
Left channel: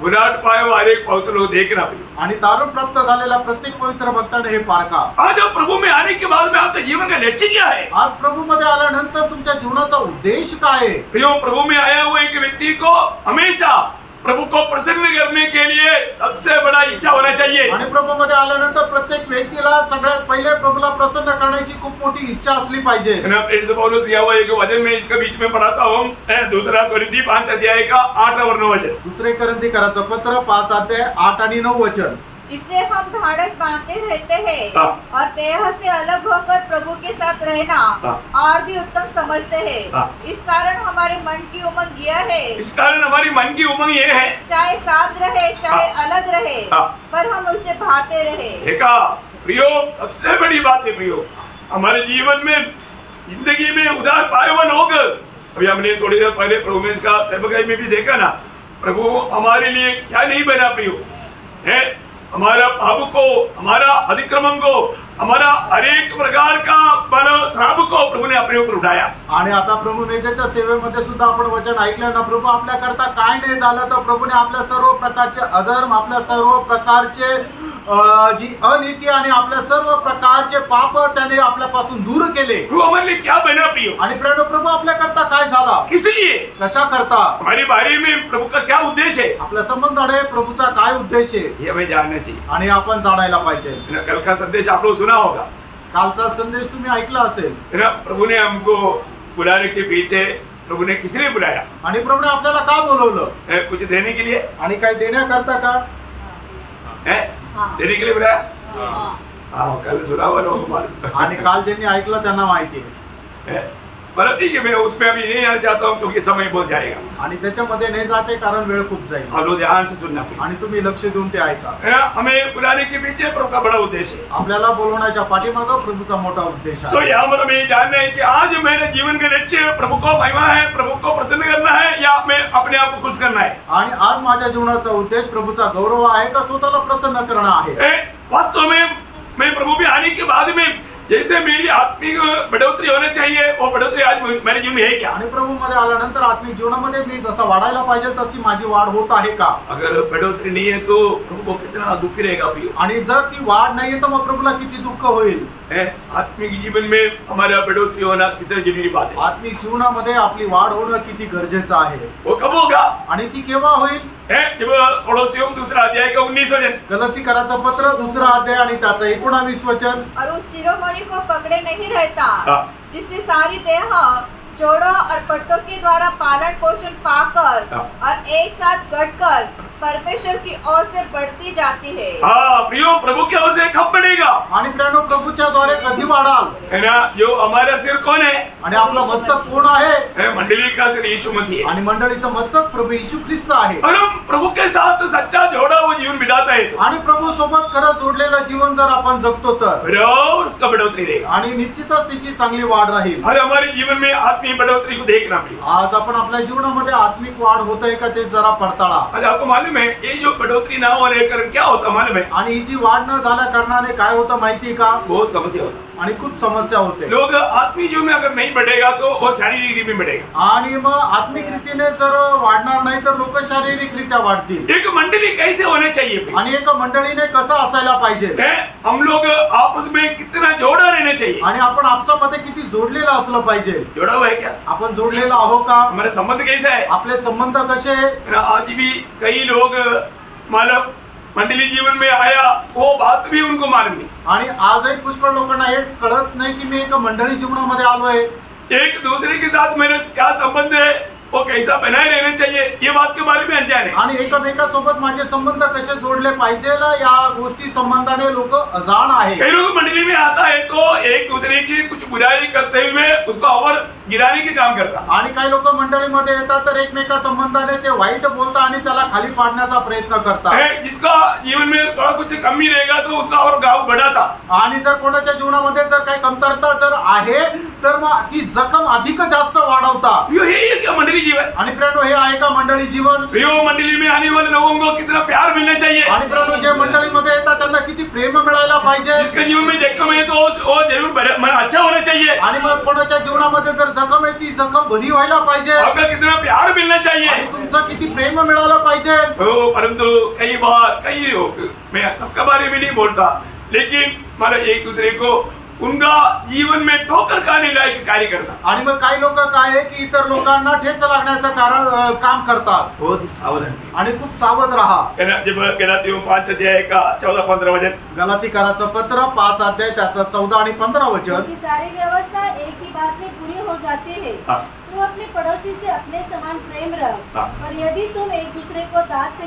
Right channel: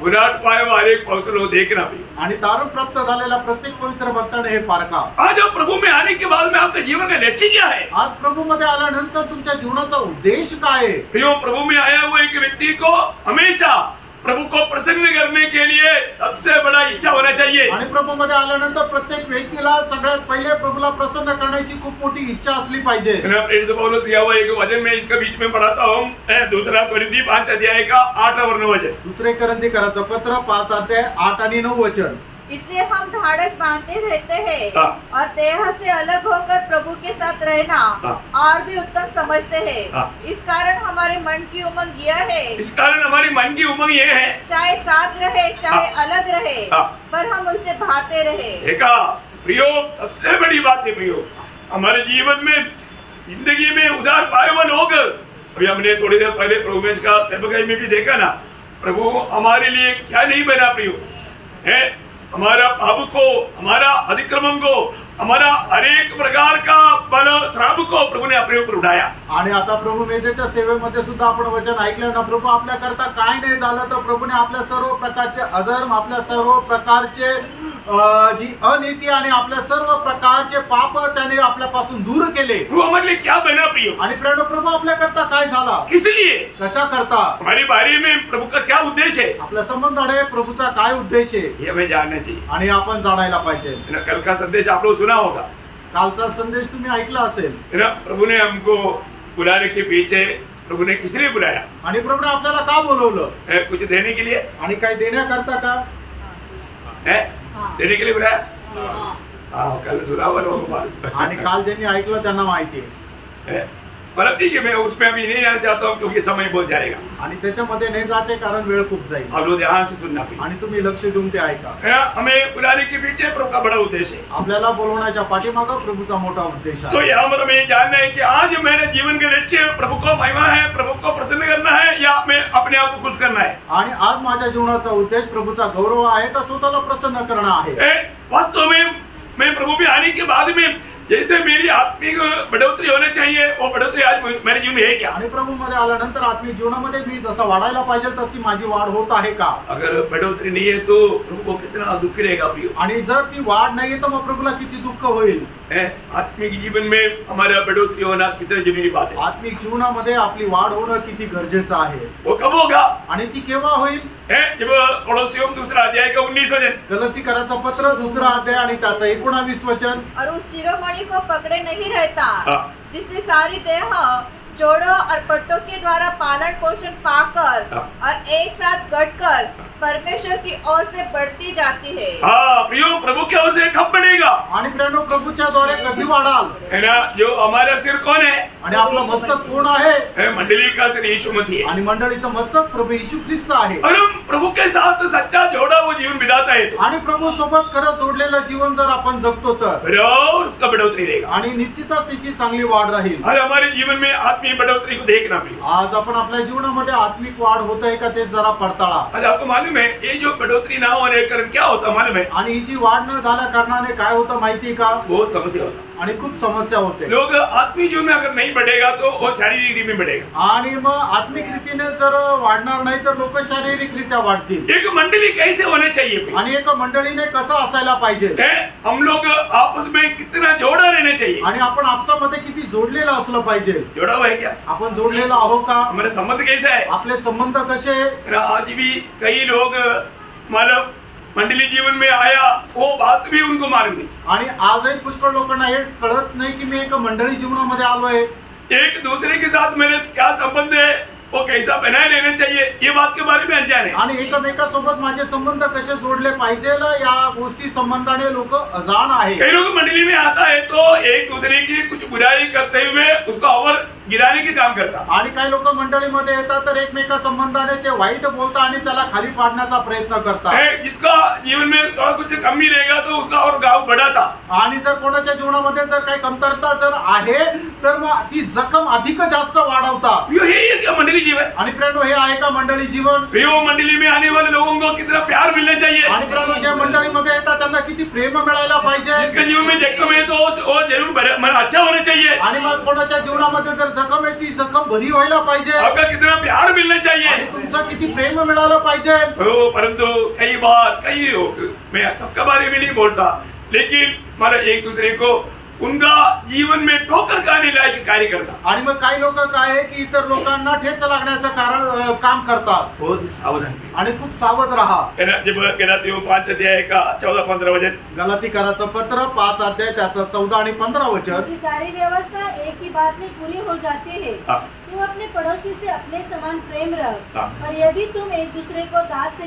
विराट पाए वाले पवित्र लोग देखना भी, आणि तारण प्राप्त झालेल्या प्रत्येक पवित्र भक्ताने हे पारखा। आज प्रभु में आने के बाद में आपका जीवन का लक्ष्य क्या है? आज प्रभू मध्ये आल्यानंतर तुमच्या जीवनाचा उद्देश काय आहे? क्यों प्रभु में आया हुआ एक व्यक्ति को हमेशा प्रभु को प्रसन्न करने के लिए सबसे बड़ा इच्छा होना चाहिए। आणि प्रभू मध्ये आल्यानंतर प्रत्येक व्यक्तीला सगळ्यात पहिले प्रभूला प्रसन्न करण्याची खूप मोठी इच्छा असली पाहिजे। पौलुस दिया हुआ एक वचन में इसका बीच में पढ़ाता हूँ, 2 कोरिन्थी 5 अध्याय का 8 और 9 वचन। 2 कोरिन्थीकराचं पत्र 5 अध्याय 8 आणि 9 वचन। इसलिए हम ढाढ़स बांधते रहते हैं और देह से अलग होकर प्रभु के साथ रहना और भी उत्तम समझते हैं। इस कारण हमारे मन की उमंग यह है, इस कारण हमारी मन की उमंग ये है, चाहे साथ रहे चाहे अलग रहे, पर हम उससे भाते रहे। देखा प्रियो, सबसे बड़ी बात है प्रियो, हमारे जीवन में जिंदगी में उधार पाए हुए लोग, अभी हमने थोड़ी देर पहले प्रभु में का सेवकाई में भी देखा ना, प्रभु हमारे लिए क्या नहीं बना प्रियो है, हमारा पाप को, हमारा अतिक्रमण को, हमारा हरेक प्रकार का बल श्राप को प्रभु ने अपने ऊपर उठाया। आणि आता प्रभू मेजेच्या सेवेमध्ये सुद्धा आपण वचन ऐकलं ना, प्रभू आपल्या करता काय नाही झालं तर प्रभूने आपल्या सर्व प्रकारचे अधर्म, आपल्या सर्व प्रकारचे जी अनीती आणि आपल्या सर्व प्रकारचे पाप त्याने आपल्यापासून दूर केले। प्रभु हमारे लिए क्या बना प्रियो? आणि प्रभू आपल्या करता काय झाला? किस लिए? कशा करता? हमारे बारे में प्रभु का क्या उद्देश्य है? आपल्या संबंधाने प्रभूचा काय उद्देश आहे ये हमें जानना चाहिए आणि आपण जाणायला पाहिजे। कल का संदेश आप लोग सुना होगा, कालचा संदेश तुम्ही ऐकला असेल। प्रभु ने हमको बुलाने के पीछे प्रभु ने किस लिए बुलाया? आणि प्रभूने आपल्याला का बोलवलं? कुछ देने के लिए? आणि काय देण्याकरता का? देने के लिए बुलाया? हाँ, कल सुना हुआ लोगों को। आणि काल ज्यांनी ऐकलं त्यांना माहिती आहे। पर ठीक है, मैं उसमें अभी नहीं आना चाहता हूँ क्योंकि समय बहुत जाएगा, आणि त्याच्यामध्ये नाही जाते कारण वेळ खूप जाईल। आप लोग ध्यान से सुनना पड़ेगा आणि तुम्ही लक्ष देऊन ते ऐका। हमें बुलाने के पीछे प्रभु का बड़ा उद्देश्य है, आपल्याला बोलवण्याच्या पाठीमागं प्रभूचा मोठा उद्देश तो आहे। यहाँ पर हमें जानना है कि आज मेरे जीवन का लक्ष्य प्रभु को महिमा है, प्रभु को प्रसन्न करना है या मैं अपने आप को खुश करना है? आणि आज माझ्या जीवनाचा उद्देश प्रभूचा गौरव आहे का स्वतःला प्रसन्न करणं आहे? वास्तव में मैं प्रभु में आने के बाद में जैसे मेरी आत्मिक बढ़ोतरी होनी चाहिए, वो बढ़ोतरी आज मेरे जीवन में है क्या? आणि प्रभू मध्ये आल्यानंतर आत्मिक जीवनामध्ये मी जसं वाढायला पाहिजे तशी माझी वाढ होत आहे का? अगर बढ़ोतरी नहीं है तो प्रभु को कितना दुख रहेगा प्रियो। आणि जर ती वाढ नाहीये तर मग प्रभूला किती दुःख होईल। आत्मिक जीवन में हमारा बढ़ोतरी होना कितना जरूरी बात है। आत्मिक जीवनामध्ये आपली वाढ होणं किती गरजेचं आहे। वो कब होगा? आणि ती केव्हा होईल? जब कोलोसियों 2 अध्याय का 19 वचन, गलसीकराचं पत्र 2 अध्याय आणि त्याचं 19 वचन। और उस शिरोमणि को पकड़े नहीं रहता जिससे सारी देह जोड़ों और पट्टों के द्वारा पालन पोषण पाकर और एक साथ गढ़कर परमेश्वर की ओर से बढ़ती जाती है। हाँ प्रियो, प्रभु की ओर से कब बढ़ेगा? आणि प्रियो, प्रभूच्या द्वारे कधी वाढाल? है ना, जो हमारा सिर कौन है? आणि आपलं मस्तक कोण आहे? मंडली का सिर यीशु मसीह है आणि मंडळीचं मस्तक प्रभू येशू ख्रिस्त आहे. और हम प्रभु के साथ सच्चा जोड़ा वो जीवन बिताता है तो आणि प्रभू सोबत खरं जोडलेलं जीवन जर आपण जगतो तर उसका बढ़ोतरी रहेगा आणि निश्चितच तिची चांगली वाढ राहील. और हमारे जीवन में आत्मीय बढ़ोतरी को देखना प्रिय. आज आपण आपल्या जीवनामध्ये आत्मिक वाढ होत आहे का ते जरा पडताळा. आज आपको मालूम है ये जो बढ़ोतरी ना होने के कारण क्या होता मालूम है? आणि ही जी वाढ न झाल्या कारणाने काय होतं माहिती का? बहुत समस्या होता आणि खूप समस्या होते. लोग आत्मीय जीवन में अगर नहीं बढ़ेगा तो वो शारीरिक रीति में बढ़ेगा. आणि मग आत्मिक रीतीने जर वाढणार नाही तर लोक शारीरिकरित्या वाढतील. एक मंडली कैसे होने चाहिए आणि एक मंडळीने कसं असायला पाहिजे? हम लोग आपस में कितना जोड़ा रहना चाहिए. आणि आपण आपसामध्ये किती जोडलेलं असलं पाहिजे. जोड़ा हुआ है क्या? आपण जोडलेलं आहो का? हमारे संबंध कैसा है? आपले संबंध कसे आहे? आज भी कई लोग मतलब मंडली जीवन में आया वो बात भी उनको मालूम नहीं. आणि आजही पुष्कळ लोकांना हे कळत नाही की मी एक मंडळी जीवनामध्ये आलोय. एक दूसरे के साथ मेरे क्या संबंध है वो कैसा बनाए रहना चाहिए ये बात के बारे में अनजान है. आणि एकमेकांसोबत माझे संबंध कसे जोडले पाहिजे या गोष्टी संबंधाने लोक अजाण आहे. कई लोग मंडली में आता है तो एक दूसरे की कुछ बुराई करते हुए उसको और गिराने के काम करता. आणि काही लोक मंडळीमध्ये येतात तर एकमेका संबंधाने ते वाईट बोलतात आणि त्याला खाली पाडण्याचा प्रयत्न करतात. जिसका जीवन में थोड़ा कुछ कमी रहेगा तो उसका और गाव बढ़ाता. आणि जर कोणाच्या जीवनामध्ये जर काही कमतरता जर आहे तर मग ती जखम अधिक जास्त वाढवता. ये मंडली जीवन. आणि प्रियो हे आहे का मंडळी जीवन? प्रियो मंडली में आने वाले लोगों को कितना प्यार मिलना चाहिए. आणि प्रियो जे मंडळीमध्ये येतात त्यांना किती प्रेम मिळायला पाहिजे. जिसके जीवन में जखम है तो वो जरूर अच्छा होना चाहिए. आणि मग कोणाच्या जीवनामध्ये जर जखम आहे ती जखम बरी व्हायला पाहिजे. आपका कितना प्यार मिलना चाहिए. तुमचं किती प्रेम मिळालं पाहिजे. परंतु कई बार कई लोग मैं सबके बारे में नहीं बोलता लेकिन मारा एक दूसरे को उनका जीवन में ठोकर खाने लायक कार्य करता. आणि मग काही लोक काय आहे की इतर लोकांना ठेच लागण्याचं कारण काम करतात. बहुत सावधान आणि खूप सावध राहा. जब गलातियों 5 अध्याय का 14-15 वचन. गलातीकाराचं पत्र 5 अध्याय त्याचं 14 आणि 15 वचन. की सारी व्यवस्था एक ही बात में पूरी हो जाती है. तू अपने पड़ोसी से अपने समान प्रेम रख. पर यदि तुम एक दूसरे को दांत से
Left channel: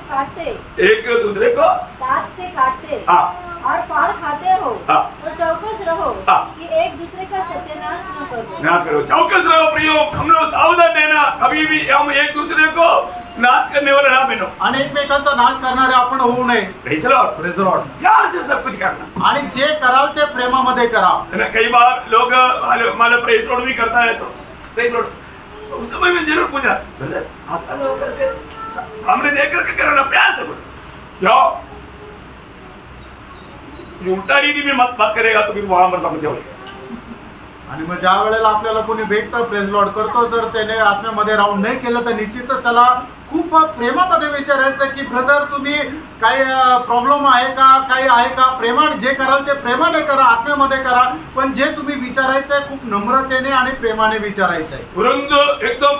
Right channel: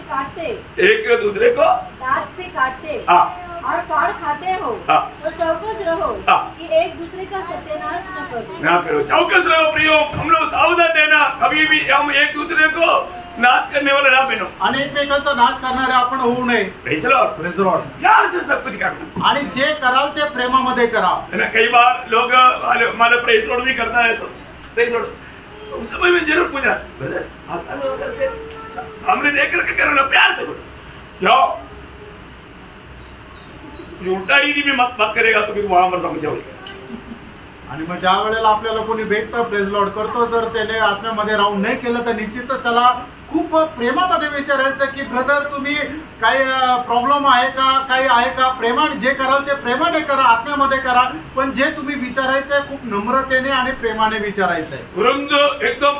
काटते और फाड़ खाते हो तो चौकस रहो कि एक दूसरे का सत्यानाश न करो. चौकस रहो प्रियो. हम लोग सावधान रहना. कभी भी हम एक दूसरे को नाश करने वाले ना बनो. आणि एकमेकांचा नाश करणारे आपण होऊ नये. Praise Lord. Praise Lord. प्यार से सब कुछ करना. आणि जे कराल ते प्रेमामध्ये करा. कई बार लोग माला प्रेज लॉर्ड भी करता है तो प्रेज लॉर्ड उस समय में जरूर पूछा ब्रदर आप करके सामने देख करके करो ना. प्यार से बोलो. जाओ उल्टा रीति में मत बात करेगा तो फिर वहां पर समस्या होगी. आणि मग ज्या वेळेला आपल्याला कोणी भेटतं प्रेज लॉर्ड करतो जर त्याने आत्म्यामध्ये राहून नाही केलं तर निश्चितच त्याला खूप प्रेमामध्ये विचारायचं की ब्रदर तुम्ही काही प्रॉब्लेम आहे का काही आहे का. प्रेमाने जे कराल ते प्रेमाने करा आत्म्यामध्ये करा. पण जे तुम्ही विचारायचंय खूप नम्रतेने आणि प्रेमाने विचारायचंय. तुरंत एकदम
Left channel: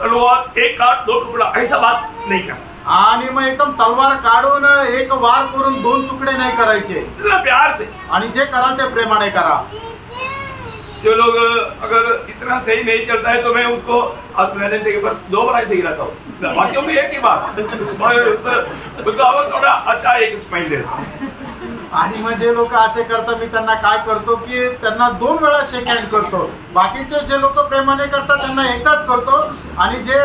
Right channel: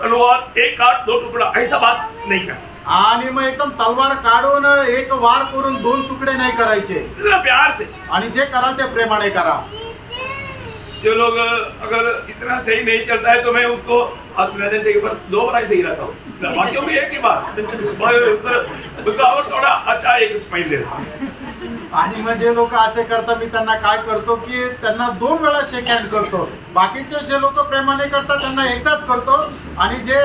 तलवार एक काट दो टुकड़ा ऐसा बात नहीं करना. आणि मग एकदम तलवार काढून एक वार करून 2 तुकडे नाही करायचे. प्यार से. आणि जे कराल ते प्रेमाने करा. जो लोग अगर इतना सही नहीं चलता है तो मैं उसको आत्मनिर्भर के ऊपर 2 बार ऐसे गिराता हूँ. बाकियों में एक ही बार उसको और थोड़ा अच्छा एक स्माइल देता हूँ. आणि मग जे लोक असे करतात मी त्यांना काय करतो की त्यांना 2 वेळा शेक हँड करतो. बाकीचे जे लोक प्रेमाने करतात त्यांना एकदाच करतो. आणि जे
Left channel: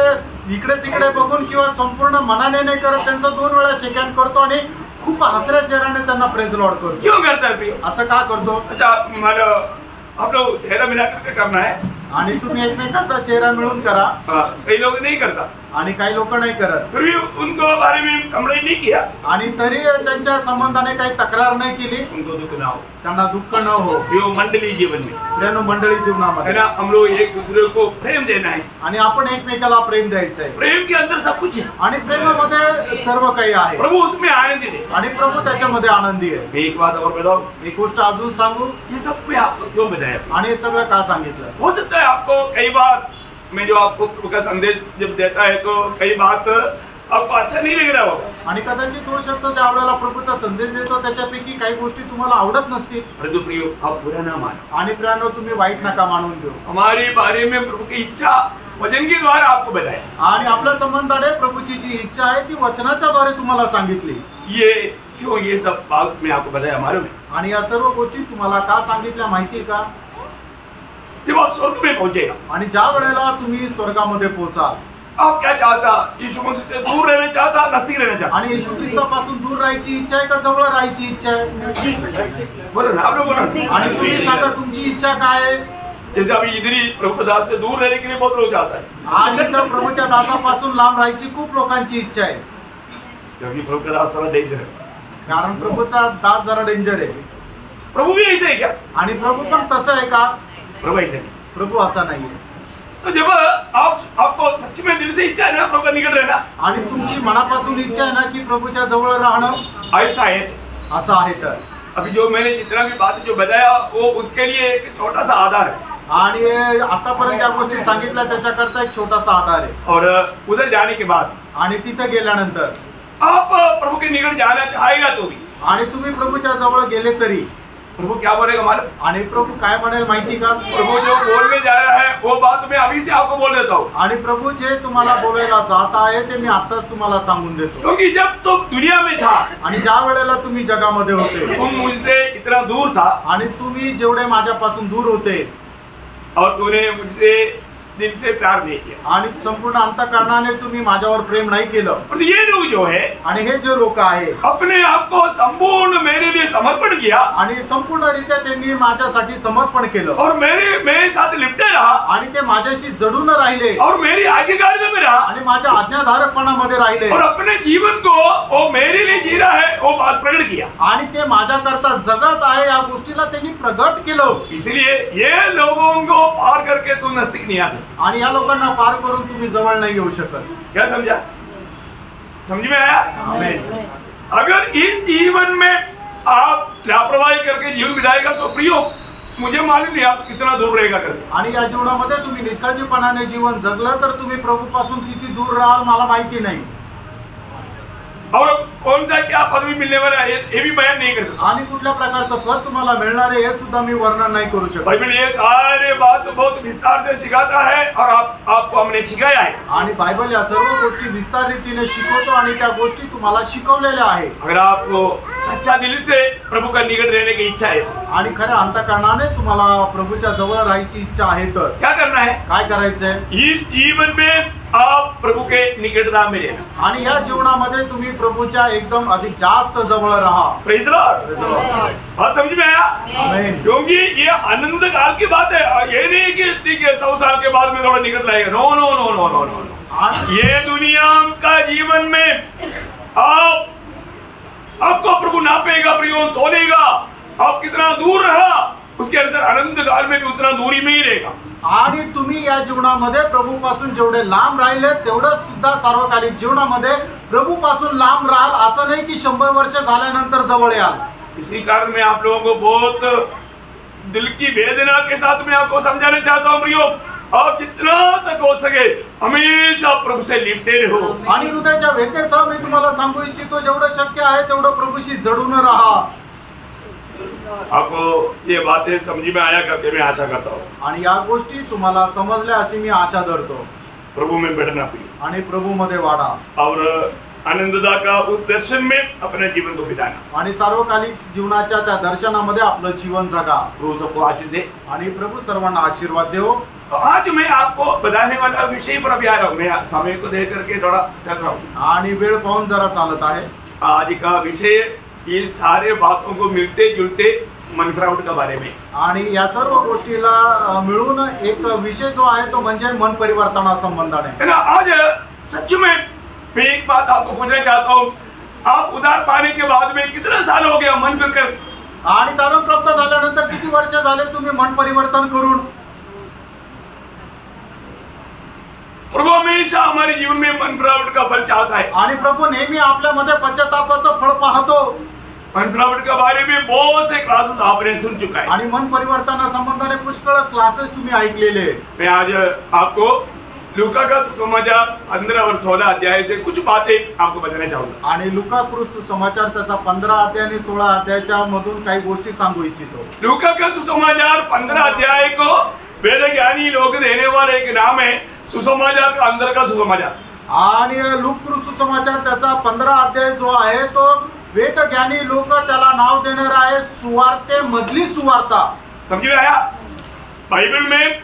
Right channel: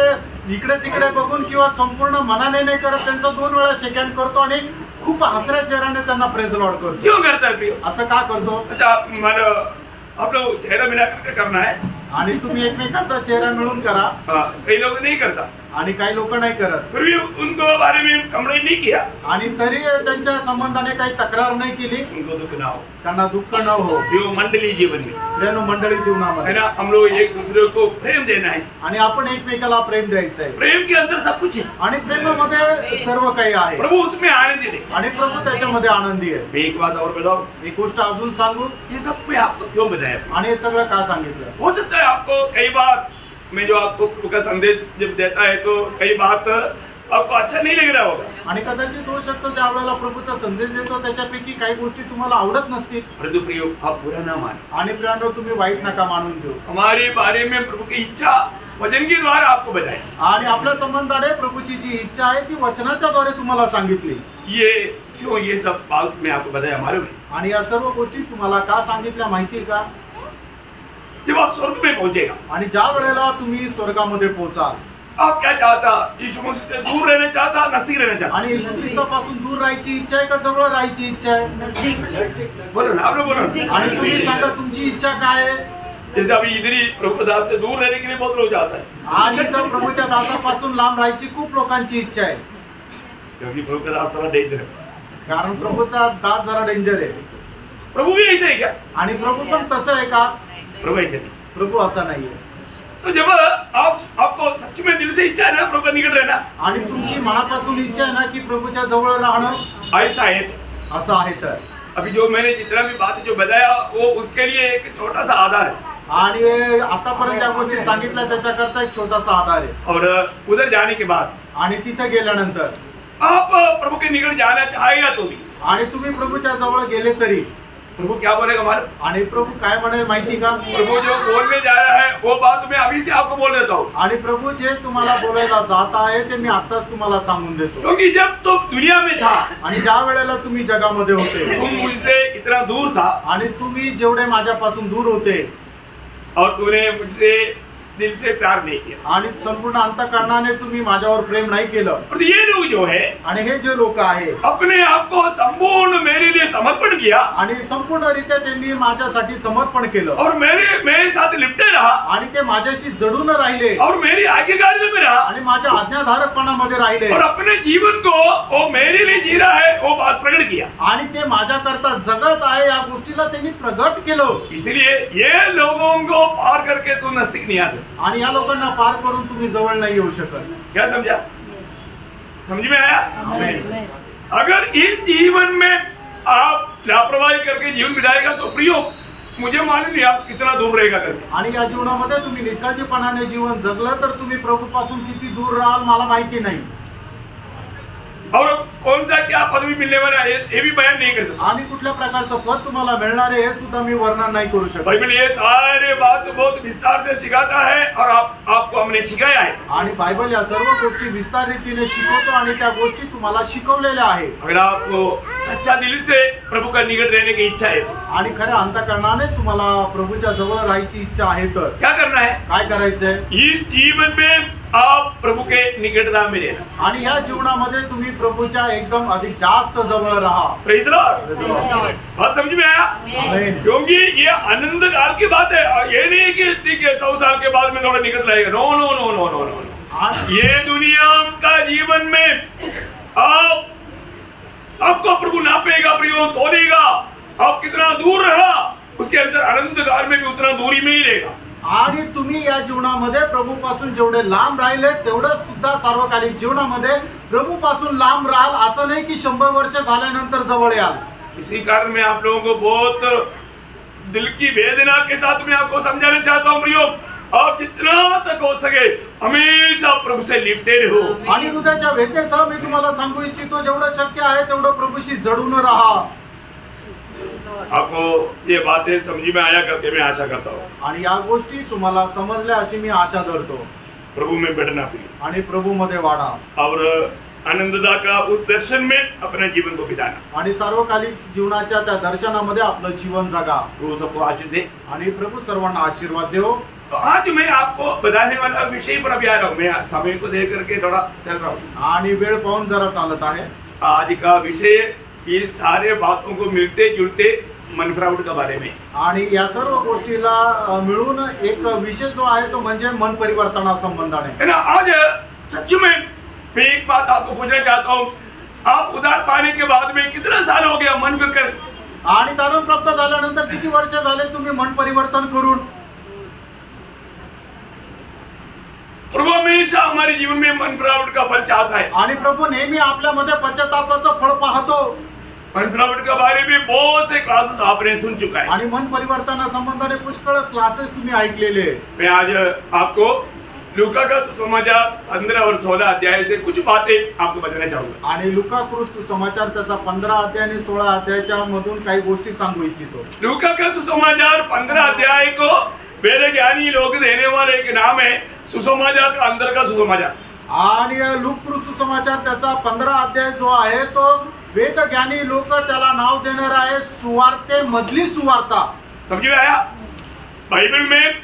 इकडे तिकडे बघून किंवा संपूर्ण मनाने नाही करत त्यांचा 2 वेळा शेक हँड करतो आणि खूप हसऱ्या चेहऱ्याने त्यांना प्रेज लॉर्ड करतो. क्यों करता है? असं का करतो? अच्छा मला आप लोग चेहरा मिला करके करना है. आणि तुम्ही एकमेकांचा चेहरा मिळून करा. कई लोग नहीं करता. आणि काही लोक नाही करत. फिर भी उनको बारे में कंप्लेंट नहीं किया. आणि तरी त्यांच्या संबंधाने काही तक्रार नाही केली. उनको दुख ना हो. त्यांना दुःख न हो. यो मंडली जीवन में प्रेम मंडळी जीवनामध्ये है ना. हम लोग एक दूसरे को प्रेम देना है. आणि आपण एकमेकाला प्रेम द्यायचं आहे. प्रेम के अंदर सब कुछ है. आणि प्रेमामध्ये सर्व काही आहे. प्रभु उसमें आनंदित है. आणि प्रभु त्याच्यामध्ये आनंदी आहे. मैं एक बात और बताऊं. एक गोष्ट अजून सांगू. ये सब मैं आपको क्यों बताया आणि हे सगळं का सांगितलं? हो सकता है आपको कई बार मैं जो आपको प्रभु का संदेश जब देता है तो कई बात आपको अच्छा नहीं लग रहा होगा. आणि कदाचित होऊ शकतो ज्या वेळेला प्रभूचा संदेश देतो त्याच्यापैकी काही गोष्टी तुम्हाला आवडत नसतील. परंतु प्रियो आप बुरा ना मानो. आणि प्रियानो तुम्ही वाईट नका मानून घेऊ. हमारे बारे में प्रभु की इच्छा वचन के द्वारा आपको बताया. आणि आपल्या संबंधाने प्रभूची जी इच्छा आहे ती वचनाच्या द्वारे तुम्हाला सांगितली. ये क्यों ये सब बात मैं आपको बताया मालूम है. आणि या सर्व गोष्टी तुम्हाला का सांगितल्या माहिती का? जब आप स्वर्ग में पहुंचेगा, आणि ज्या वेळेला तुम्ही स्वर्गामध्ये पोहोचाल, आप क्या चाहता? यीशु मसीह से दूर रहना चाहता, नजदीक रहना चाहता? आणि येशू ख्रिस्तापासून दूर राहायची इच्छा आहे का जवळ राहायची इच्छा आहे? बोलो ना, आप लोग बोलो ना। आणि तुम्ही सांगा तुमची इच्छा काय आहे? जैसे अभी इधर ही प्रभु दास से दूर रहने के लिए बहुत लोग चाहता है, आणि तर प्रभूच्या दासापासून लांब राहायची खूप लोकांची इच्छा आहे, क्योंकि प्रभु का दास थोड़ा डेंजर है। कारण प्रभूचा दास जरा डेंजर आहे। प्रभु भी ऐसे है क्या? आणि प्रभू पण तसं आहे का? प्रभु ऐसे नहीं। प्रभू असा नाहीये। तो जब आपको सच्ची में दिल से इच्छा है ना प्रभु का निकट रहना, आणि तुमची मनापासून इच्छा आहे ना की प्रभूच्या जवळ राहणं, ऐसा है असं आहे तर अभी जो मैंने जितना भी बात जो बताया वो उसके लिए एक छोटा सा आधार है, आणि आतापर्यंत ज्या गोष्टी सांगितल्या त्याच्याकरता एक छोटासा आधार आहे। और उधर जाने के बाद आणि तिथे गेल्यानंतर आप प्रभु के निकट जाना चाहेगा तो भी, आणि तुम्ही प्रभूच्या जवळ गेले तरी प्रभु क्या बोलेगा मालूम? आणि प्रभू काय म्हणेल माहिती का? प्रभु जो बोलने जा रहा है वो बात मैं अभी से आपको बोल देता हूँ, आणि प्रभू जे तुम्हाला बोलायला जात आहे ते मी आताच तुम्हाला सांगून देतो। क्योंकि जब तुम दुनिया में था, आणि ज्या वेळेला तुम्ही जगामध्ये होते, तुम मुझसे इतना दूर था आणि तुम्ही जेवढे माझ्यापासून दूर होते, और तूने मुझसे दिल से प्यार नहीं किया, आणि संपूर्ण अंतःकरणाने तुम्ही माझ्यावर प्रेम नाही केलं। और ये लोग जो है आणि हे जे लोक आहे अपने आप को संपूर्ण मेरे लिए समर्पण किया, आणि संपूर्णरित्या त्यांनी माझ्यासाठी समर्पण केलं, और मेरे साथ लिपटे रहा, आणि ते माझ्याशी जडून राहिले, और मेरी आज्ञाकारिता में रहा, आणि माझ्या आज्ञाधारकपणामध्ये राहिले, और अपने जीवन को वो मेरे लिए जी रहा है वो बात प्रकट किया, आणि ते माझ्याकरता जगत आहे या गोष्टीला त्यांनी प्रगट केलं। इसलिए ये लोगों को पार करके तू नजदीक नहीं आ सकता। आणि या लोकांना पार करून तुम्ही जवळ नाही येऊ शकत। क्या समझा? समझ में आया? आमेन। अगर इस जीवन में आप लापरवाही करके जीवन बिताएगा तो प्रियो मुझे मालूम नहीं आप कितना दूर रहेगा करके। आणि या जीवनामध्ये तुम्ही निष्काळजीपणाने जीवन जगलं तर तुम्ही प्रभूपासून किती दूर राहाल मला माहिती नाही, और कौन सा क्या पदवी मिलने वाला है ये भी बयान नहीं कर सकता। आणि कुठल्या प्रकारचं पद तुम्हाला मिळणार आहे हे सुद्धा मी वर्णन नाही करू शकत। बाइबल ये सारे बात तो बहुत विस्तार से सिखाता है और आपको हमने सिखाया है। आणि बायबल या सर्व गोष्टी विस्तार रीतीने शिकवतो आणि त्या गोष्टी तुम्हाला शिकवलेल्या आहे। अगर आपको सच्चा दिल से प्रभु का निकट रहने की इच्छा है आणि खऱ्या अंतःकरणाने तुम्हाला प्रभूच्या जवळ राहायची इच्छा आहे तर क्या करना है? काय करायचंय? इस जीवन में आप प्रभु के निकटता में रहना, आणि या जीवनामध्ये तुम्ही प्रभूच्या एकदम अधिक जास्त जवळ राहा। Praise Lord. बात समझ में आया? आमेन। क्योंकि ये आनंद काल की बात है, ये नहीं कि ठीक है 100 साल के बाद में थोड़ा निकट लाएगा। No no no no no no no, ये दुनिया का जीवन में आपको प्रभु नापेगा, प्रियो तोलेगा, आप कितना दूर रहा उसके अनुसार आनंद काल में भी उतना दूरी में ही रहेगा। आणि तुम्ही या जीवनामध्ये प्रभूपासून जेवढे लांब राहिले तेवढं सुद्धा सार्वकालिक जीवनामध्ये प्रभूपासून लांब राहाल, असं नाही की 100 वर्ष झाल्यानंतर जवळ याल। इसी कारण मैं आप लोगों को बहुत दिल की वेदना के साथ मैं आपको समझाना चाहता हूँ प्रियो, आप जितना तक हो सके हमेशा प्रभु से लिपटे रहो। आणि हृदयाच्या वेदनेसह मी तुम्हाला सांगू इच्छितो जेवढं शक्य आहे तेवढं प्रभूशी जडून राहा। आपको ये बातें समझ में आया करके मैं आशा करता हूँ, आणि या गोष्टी तुम्हाला समजल्या अशी मी आशा धरतो। प्रभु में बैठना प्रिय आणि प्रभू मध्ये वाढा और आनंददा का उस दर्शन में अपने जीवन को बिताना, आणि सार्वकालिक जीवनाच्या त्या दर्शनामध्ये आपलं जीवन जगा। प्रभु सबको आशीष दे। आणि प्रभु सर्वांना आशीर्वाद देव। तो आज मैं आपको बताने वाला विषय पर अभी आ रहा हूँ, मैं समय को देख करके थोड़ा चल रहा हूँ। आणि वेळ पाहून जरा चालत आहे। आज का विषय इन सारे बातों को मिलते जुलते मन फिरावट के बारे में, आणि या सर्व गोष्टीला मिळून एक विषय जो आहे तो म्हणजे मन परिवर्तना संबंधाने है ना। आज सच में मैं एक बात आपको पूछना चाहता हूँ, आप उधार पाने के बाद में कितना साल हो गया मन फिरकर? आणि तारण प्राप्त झाल्यानंतर किती वर्ष झाले तुम्ही मन परिवर्तन करून? प्रभु हमेशा हमारे जीवन में मन फिरावट का फल चाहता है, आणि प्रभू नेहमी आपल्यामध्ये पश्चातापाचं फळ पाहतो। मन फिरावट के बारे में बहुत से क्लासेस आपने सुन चुका है, आणि मन परिवर्तना संबंधाने पुष्कळ क्लासेस तुम्ही ऐकलेले। मैं आज आपको लूका का सुसमाचार 15 और 16 अध्याय से कुछ बातें आपको बताना चाहूंगा। आणि लूका सुसमाचार त्याचा 15 अध्याय आणि 16 अध्यायाच्या मधून काही गोष्टी सांगू इच्छितो। लूका का सुसमाचार 15 अध्याय को वेद ज्ञानी लोग देने वाले एक नाम है सुसमाचार का अंदर का सुसमाचार। आणि लूका सुसमाचार त्याचा 15 अध्याय जो आहे तो वेद ज्ञानी लोक त्याला नाव देणार आहे सुवार्ते मधली सुवार्ता। समझ में आया? बाइबल में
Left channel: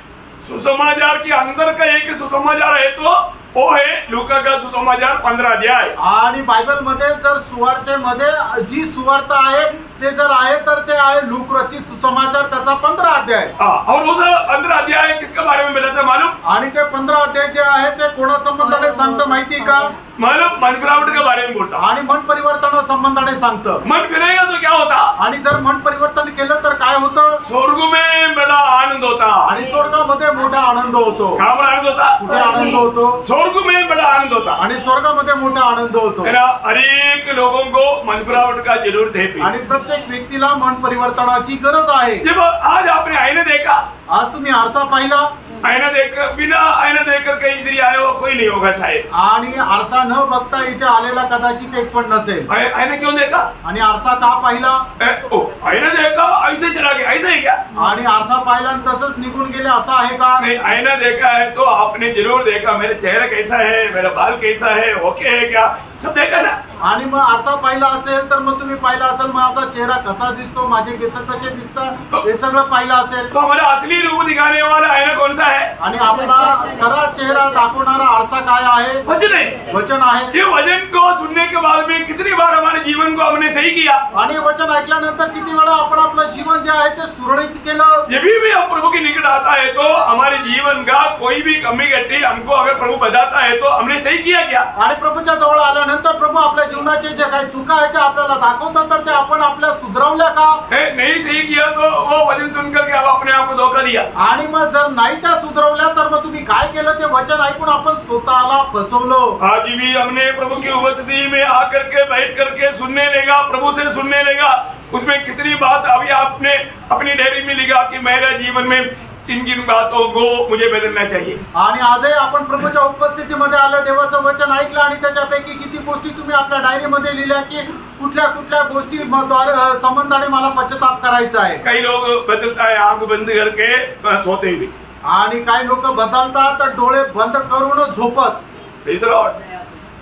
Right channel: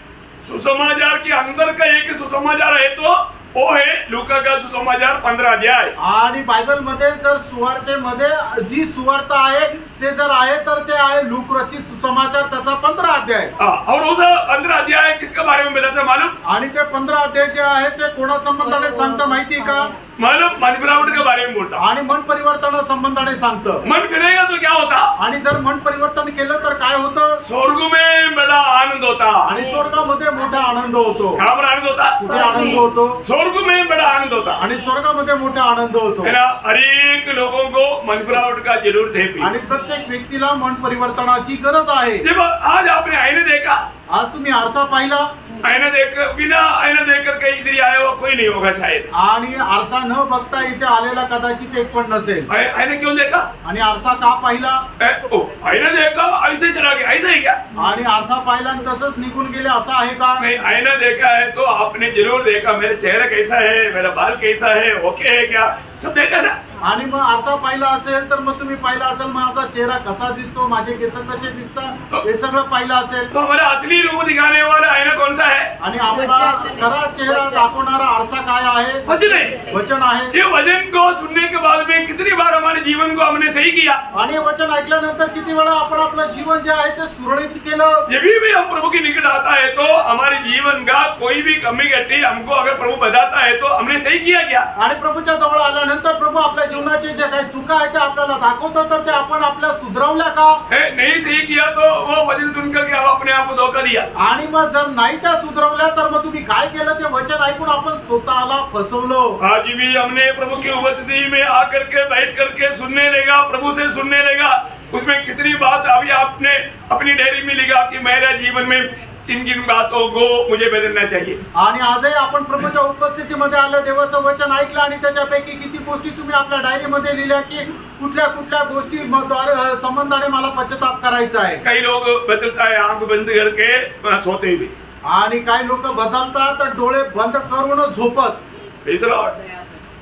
सुसमाचार के अंदर का एक सुसमाचार है तो वो है लूका का सुसमाचार 15 अध्याय। आणि बायबल मध्ये जर सुवार्तेमध्ये जी सुवार्त आहे ते जर आहे तर ते आहे लूक रचित सुसमाचार त्याचा 15 अध्याय। और उस 15 अध्याय किसके बारे में बताता मालूम? आणि ते 15 अध्याय जे आहे ते कोणा संबंधाने सांगतं माहिती का? मालूम मन फिरावट के बारे में बोलता आणि मन परिवर्तन संबंधाने सांगतं। मन फिरेगा तो क्या होता? आणि जर मन परिवर्तन केलं तर काय होतं? स्वर्ग में बड़ा आनंद होता। आणि स्वर्गामध्ये मोठा आनंद होतो। कहाँ पर आनंद होता? कुठे आनंद होतो? स्वर्ग में बड़ा आनंद होता। आणि स्वर्गामध्ये मोठा आनंद होतो। है ना? हर एक लोगों को मन फिरावट का जरूरत है। आणि प्रत्येक व्यक्तीला मन परिवर्तनाची गरज आहे। जब आज आपने आईने देखा, आज तुम्ही आरसा पाहिला, आईना देख बिना आईना देखकर कहीं इधर आया हुआ कोई नहीं होगा शायद। आणि आरसा न बघता इथे आलेला कदाचित एक पण नसेल। आईने क्यों देखा? आणि आरसा का पाहिला? आईने देखा ऐसे चला गया, ऐसा ही क्या? आणि आरसा पाहिला आणि तसंच निघून गेले असं आहे का? नहीं, आईना देखा है तो आपने जरूर देखा मेरा चेहरा कैसा है, मेरा बाल कैसा है, ओके है क्या, सब देखा ना। आणि मग आरसा पाहिला असेल तर मग तुम्ही पाहिला असेल माझा चेहरा कसा दिसतो, माझे केस कसे दिसतात, हे सगळं पाहिलं असेल। तो हमारा असली रूप दिखाने वाला आईना कौन सा है? आणि आपला खरा चेहरा दाखवणारा आरसा काय आहे? वचन है। वचन आहे। ये वचन को सुनने के बाद में कितनी बार हमारे जीवन को हमने सही किया? आणि वचन ऐकल्यानंतर किती वेळा आपण आपलं जीवन जे आहे ते सुरळीत केलं। जब भी हम प्रभु के निकट आता है तो हमारे जीवन का कोई भी कमी घटी हमको अगर प्रभु बताता है तो हमने सही किया क्या? आणि प्रभूच्या जवळ आल्यानंतर प्रभू आपल्या जीवनाचे जे काही चुका आहे ते आपल्याला दाखवतात तर ते आपण आपल्या सुधरवल्या का? नहीं सही किया तो वो वचन सुनकर के हम अपने आप को धोखा दिया। आणि मग जर नाही त्या सुधरवल्या तर मग तुम्ही काय केलं? ते वचन ऐकून आपण स्वतःला फसवलं। आज भी हमने प्रभु की उपस्थिति में आकर के बैठ करके सुनने लगा, प्रभु से सुनने लगा, उसमें कितनी बात अभी आपने अपनी डायरी में लिखा कि मेरे जीवन में किन किन बातों को मुझे बदलना चाहिए। आणि आजही आपण प्रभूच्या उपस्थितीमध्ये आलं, देवाचं वचन ऐकलं आणि त्याच्यापैकी किती गोष्टी तुम्ही आपल्या डायरीमध्ये लिहिल्या की कुठल्या कुठल्या गोष्टी संबंधाने मला पश्चाताप करायचा आहे। कई लोग बदलता है आंख बंद करके सोते हुए, आणि काही लोक बदलतात तर डोळे बंद करून झोपत।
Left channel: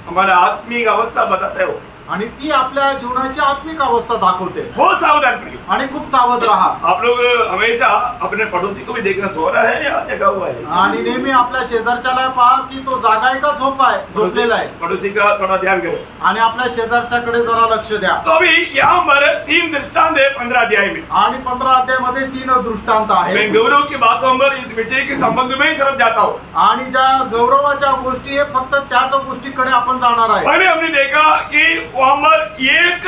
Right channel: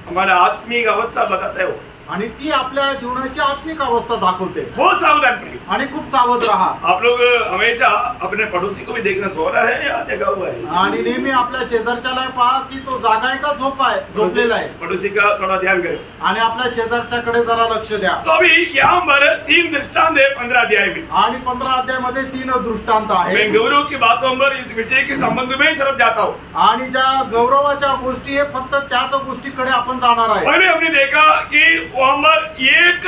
हमारा आत्मिक अवस्था बताता है वो, आणि ती आपल्या जीवनाची आत्मिक अवस्था दाखवते। बहुत सावधान रहिए आणि खूप सावध राहा। आप लोग हमेशा अपने पड़ोसी को भी देखना, सो रहा है या जगा हुआ है। आणि नेहमी आपल्या शेजारच्याला पहा की तो जागा आहे का झोप आहे, झोपलेला आहे। पड़ोसी का थोड़ा ध्यान करो आणि आपल्या शेजारच्याकडे जरा लक्ष द्या। तो अभी यहाँ पर 3 दृष्टांत है 15 अध्याय में, आणि 15 अध्यायामध्ये 3 दृष्टांत आहे। मैं गौरव की बातों पर इस विषय के संबंध में सरफ जाता हूँ। आणि ज्या गौरवाच्या गोष्टी आहे फक्त त्याच गोष्टीकडे आपण जाणार आहे। पहले हमने देखा कि वहाँ पर एक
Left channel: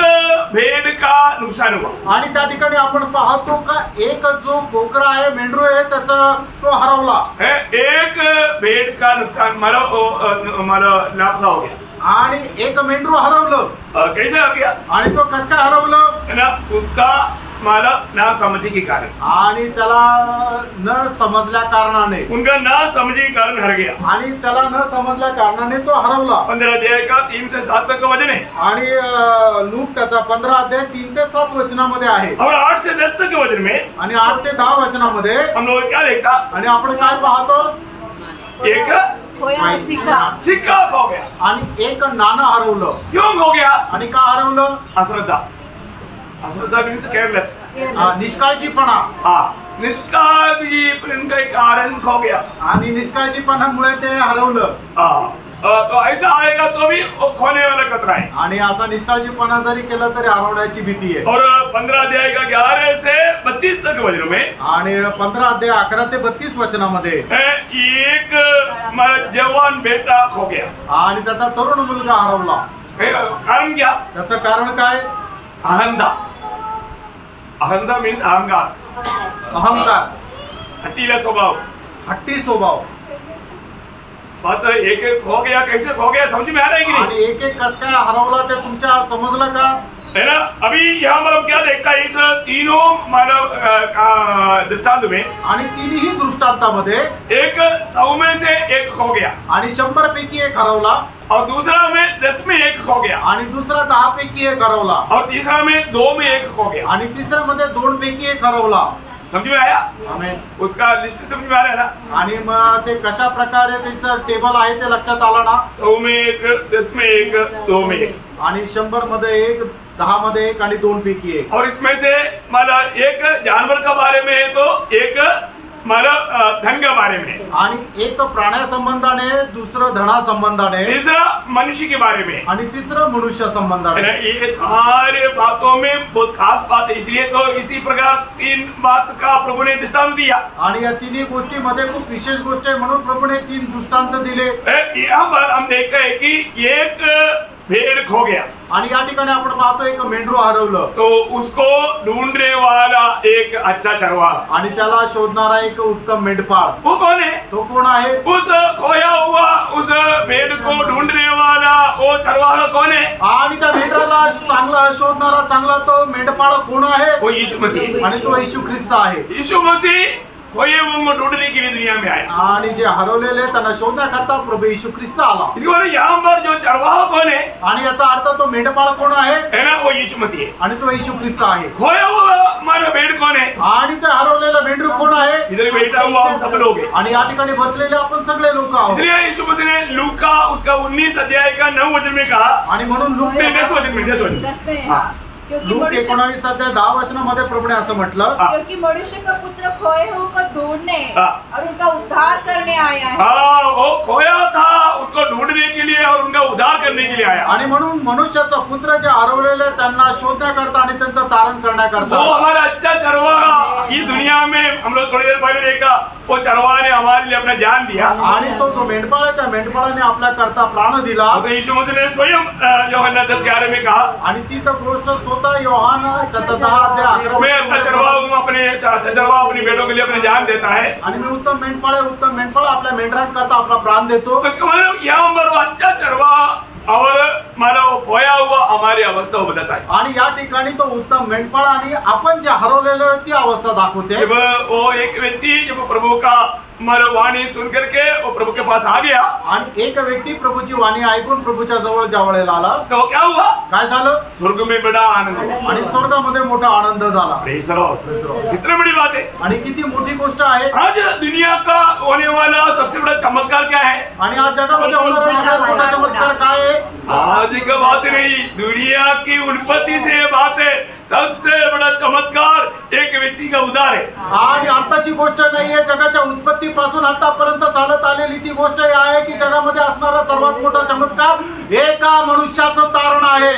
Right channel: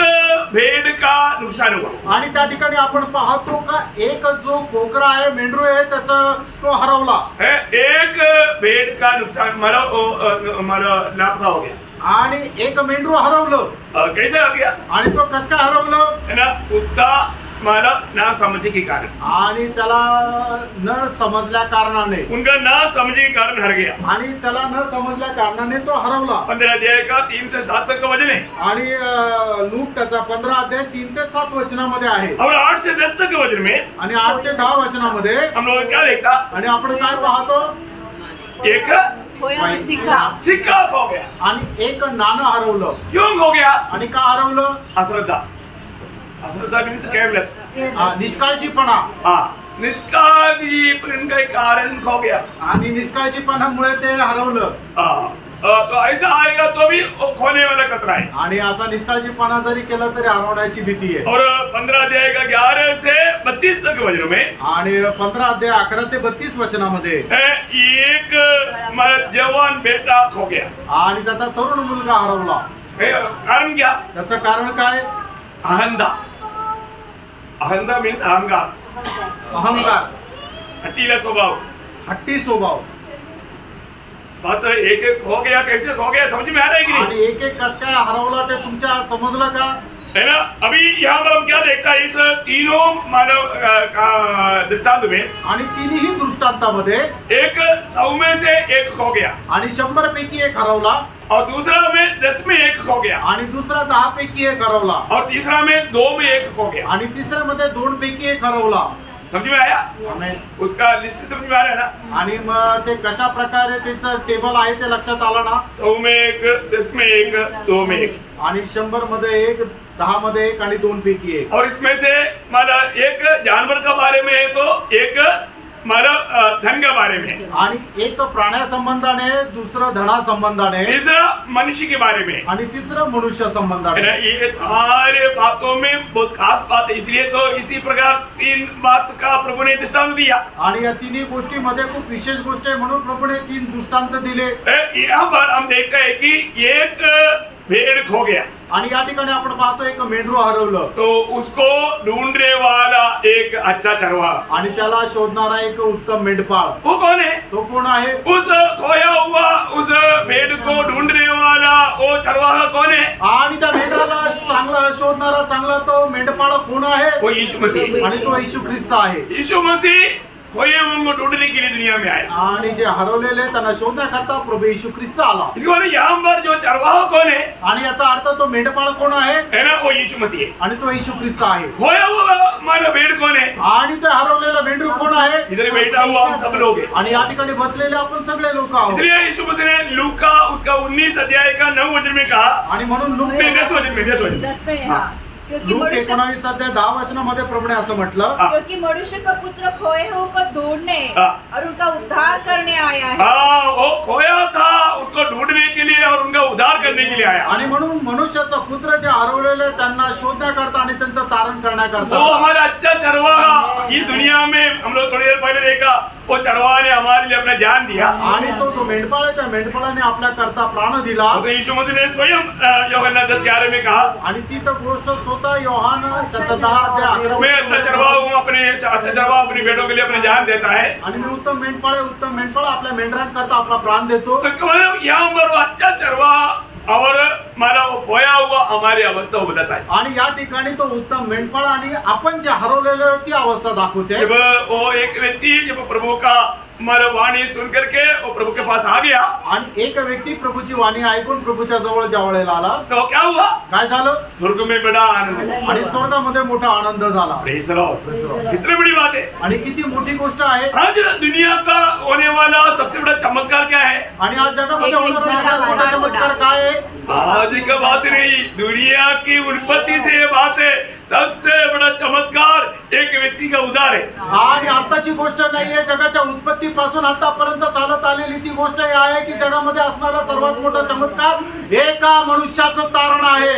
भेड़ का नुकसान हुआ, आणि त्या ठिकाणी आपण पाहतो का एक जो कोकरा आहे, मेंढरू आहे, त्याचा तो हरवला। एक भेड़ का नुकसान मला लापता हो गया। आणि एक मेंढरू हरवलं। कैसे हो गया? आणि तो कसं काय हरवलं? है ना, उसका माला ना समझे के कारण, आणि त्याला न समजल्या कारणाने, उनका ना समझे के कारण हर गया। आणि त्याला न समजल्या कारणाने तो हरवला। 15 अध्याय का 3 से 7 तक का वचन है। आणि लूक त्याचा 15 अध्याय 3 ते 7 वचनामध्ये आहे। और 8 से 10 तक के वचन में, आणि 8 ते 10 वचनामध्ये हम लोग क्या देखता? आणि आपण काय पाहतो? एक सिक्का खो गया। आणि एक नाणं हरवलं। क्यों खो गया? आणि का हरवलं? अश्रद्धा। अश्रद्धा मीन्स केयरलेस, निष्काळजीपणा। निष्काळजीपण के कारण खो गया। आणि निष्काळजीपणामुळे ते हरवलं। तो ऐसा आएगा तो भी खोने वाला खतरा है। आणि असा निष्काळजीपणा जरी केला तरी हरवण्याची भीती आहे। और 15 अध्याय का 11 से 32 तक वचनों में, आणि 15 अध्याय 11 ते 32 वचनामध्ये एक जवान बेटा खो गया। आणि त्याचा तरुण मुलगा हरवला। कारण क्या? त्याचं कारण काय? अहंता। अहंता मीन्स अहंकार, अहंकार, हटीला स्वभाव, हट्टी स्वभाव। बात एक एक खो गया, कैसे खो गया समझ में आ रहा है कि नहीं? आणि एक एक कस काय हरवला ते तुमच्या समजलं का? है ना। अभी यहाँ पर हम क्या देखता है इस तीनों मानव दृष्टांत में, आणि तिन्ही दृष्टांतामध्ये एक 100 में से एक खो गया, आणि 100 पैकी एक हरवला, और दूसरा में 10 में एक खो गया, आणि दुसरा 10 पैकी एक हरवला, और तीसरा में 2 में एक खो गया, आणि तिसऱ्यामध्ये 2 पैकी एक हरवला। समझ में आया? आमेन। उसका लिस्ट समझ में आ रहा है ना? आणि मग ते कशा प्रकारे त्याचं टेबल आहे ते लक्षात आलं ना? 100 में एक, 10 में एक, 2 में एक, आणि 100 मध्ये एक, 10 मध्ये एक, आणि 2 पैकी एक। और इसमें से माना एक जानवर का बारे में है तो एक मतलब धन के बारे में, आणि एक प्राण्या संबंधाने, दुसरं धना संबंधाने, तीसरा मनुष्य के बारे में, आणि तिसरं मनुष्य संबंधाने। ये सारे बातों में बहुत खास बात है, इसलिए तो इसी प्रकार 3 बात का प्रभु ने दृष्टांत दिया। आणि या तिन्ही गोष्टीमध्ये खूप विशेष गोष्ट आहे म्हणून प्रभूने 3 दृष्टांत दिले। यहाँ पर हम देखते हैं कि एक भेड़ खो गया, आणि या ठिकाणी आपण पाहतो एक मेंढरू हरवलं, तो उसको ढूंढने वाला एक अच्छा चरवाहा, आणि त्याला शोधणारा एक उत्तम मेंढपाळ, वो कौन है? तो कोण आहे? उस खोया हुआ उस भेड़ को ढूंढने वाला वो चरवाहा कौन है? आणि त्या मेंढराला चांगला शोधणारा चांगला तो मेंढपाळ कोण आहे? वो यीशु मसीह, आणि तो येशू ख्रिस्त आहे। यीशु मसीह खोए हुए को ढूंढने के लिए दुनिया में आया, आणि जे हरवलेले त्यांना शोधण्याकरता प्रभु येशू ख्रिस्त आला। इसके बाद यहाँ पर जो चरवाहा कौन है? आणि याचा अर्थ तो मेंढपाळ कोण आहे? है ना, वो यीशु मसीह है। आणि तो येशू ख्रिस्त आहे। खोया हुआ हमारा भेड़ कौन है? आणि ते हरवलेलं मेंढरू कोण आहे? इधर बैठा हुआ हम सब लोग हैं, आणि या ठिकाणी बसलेले आपण सगळे लोक आहोत। इसलिए यीशु मसीह ने लूका उसका 19 अध्याय का 9 वचन में कहा, आणि म्हणून लूक 10 वचन में 10 वचन, 10 में, हाँ। क्योंकि लूक मनुष्य 19 अध्याय 10 वचनामध्ये प्रभूने असं म्हटलं, क्योंकि मनुष्य का पुत्र खोए हुए को ढूंढने और उनका उद्धार करने आया है। हाँ, वो खोया था उसको ढूंढने के लिए और उनका उद्धार करने के लिए आया। आणि म्हणून मनुष्याचा पुत्र जे हरवलेले त्यांना शोधण्याकरता आणि त्यांचं तारण करण्याकरता, वो हमारा अच्छा चरवाहा, ये दुनिया में हम लोग थोड़ी देर पहले देखा, वो चरवाहा ने हमारे लिए अपना जान दिया, आणि तो जो मेंढपाळ आहे त्या मेंढपाळाने आपल्या करता प्राण दिला। तो यीशु मसीह ने स्वयं यूहन्ना 10:11 में कहा, आणि ती तर गोष्ट स्वतः योहान त्याचा 10 अध्याय 11 मैं अच्छा चरवाहा हूँ, अपने अच्छा चरवाहा अपनी बेटों के लिए अपनी जान देता है। आणि मी उत्तम मेंढपाळ आहे, उत्तम मेंढपाळ आपल्या मेंढरांकरता आपला प्राण देतो। तो इसका मतलब यहाँ पर वो अच्छा चरवाहा और हमारा वो खोया हुआ हमारी अवस्था को बताता है। आणि या ठिकाणी तो उत्तम मेंढपाळ आणि आपण जे हरवलेलो ती अवस्था दाखवते। जब वो एक व्यक्ति जब प्रभु का वाणी सुन करके वो प्रभु के पास आ गया, आणि एक व्यक्ती प्रभूची वाणी ऐकून प्रभूच्या जवळ ज्यावेळेला आला, तो क्या हुआ? काय झालं? स्वर्ग में बड़ा आनंद हुआ। आणि स्वर्गामध्ये मोठा आनंद झाला। Praise the Lord. कितनी बड़ी बात है, आणि किती मोठी गोष्ट आहे। आज दुनिया का होने वाला सबसे बड़ा चमत्कार क्या है? आणि आज जगामध्ये होणारा सगळ्यात मोठा चमत्कार काय आहे? आज का बात नहीं, दुनिया की उत्पत्ति से ये बात है, सबसे बड़ा चमत्कार एक व्यक्ति का उद्धार है। आणि आताची गोष्ट नाहीये, जगाच्या उत्पत्तीपासून आतापर्यंत चालत आलेली ती गोष्ट आहे की जगामध्ये असणारा सर्वात मोठा चमत्कार एका मनुष्याचं तारण आहे।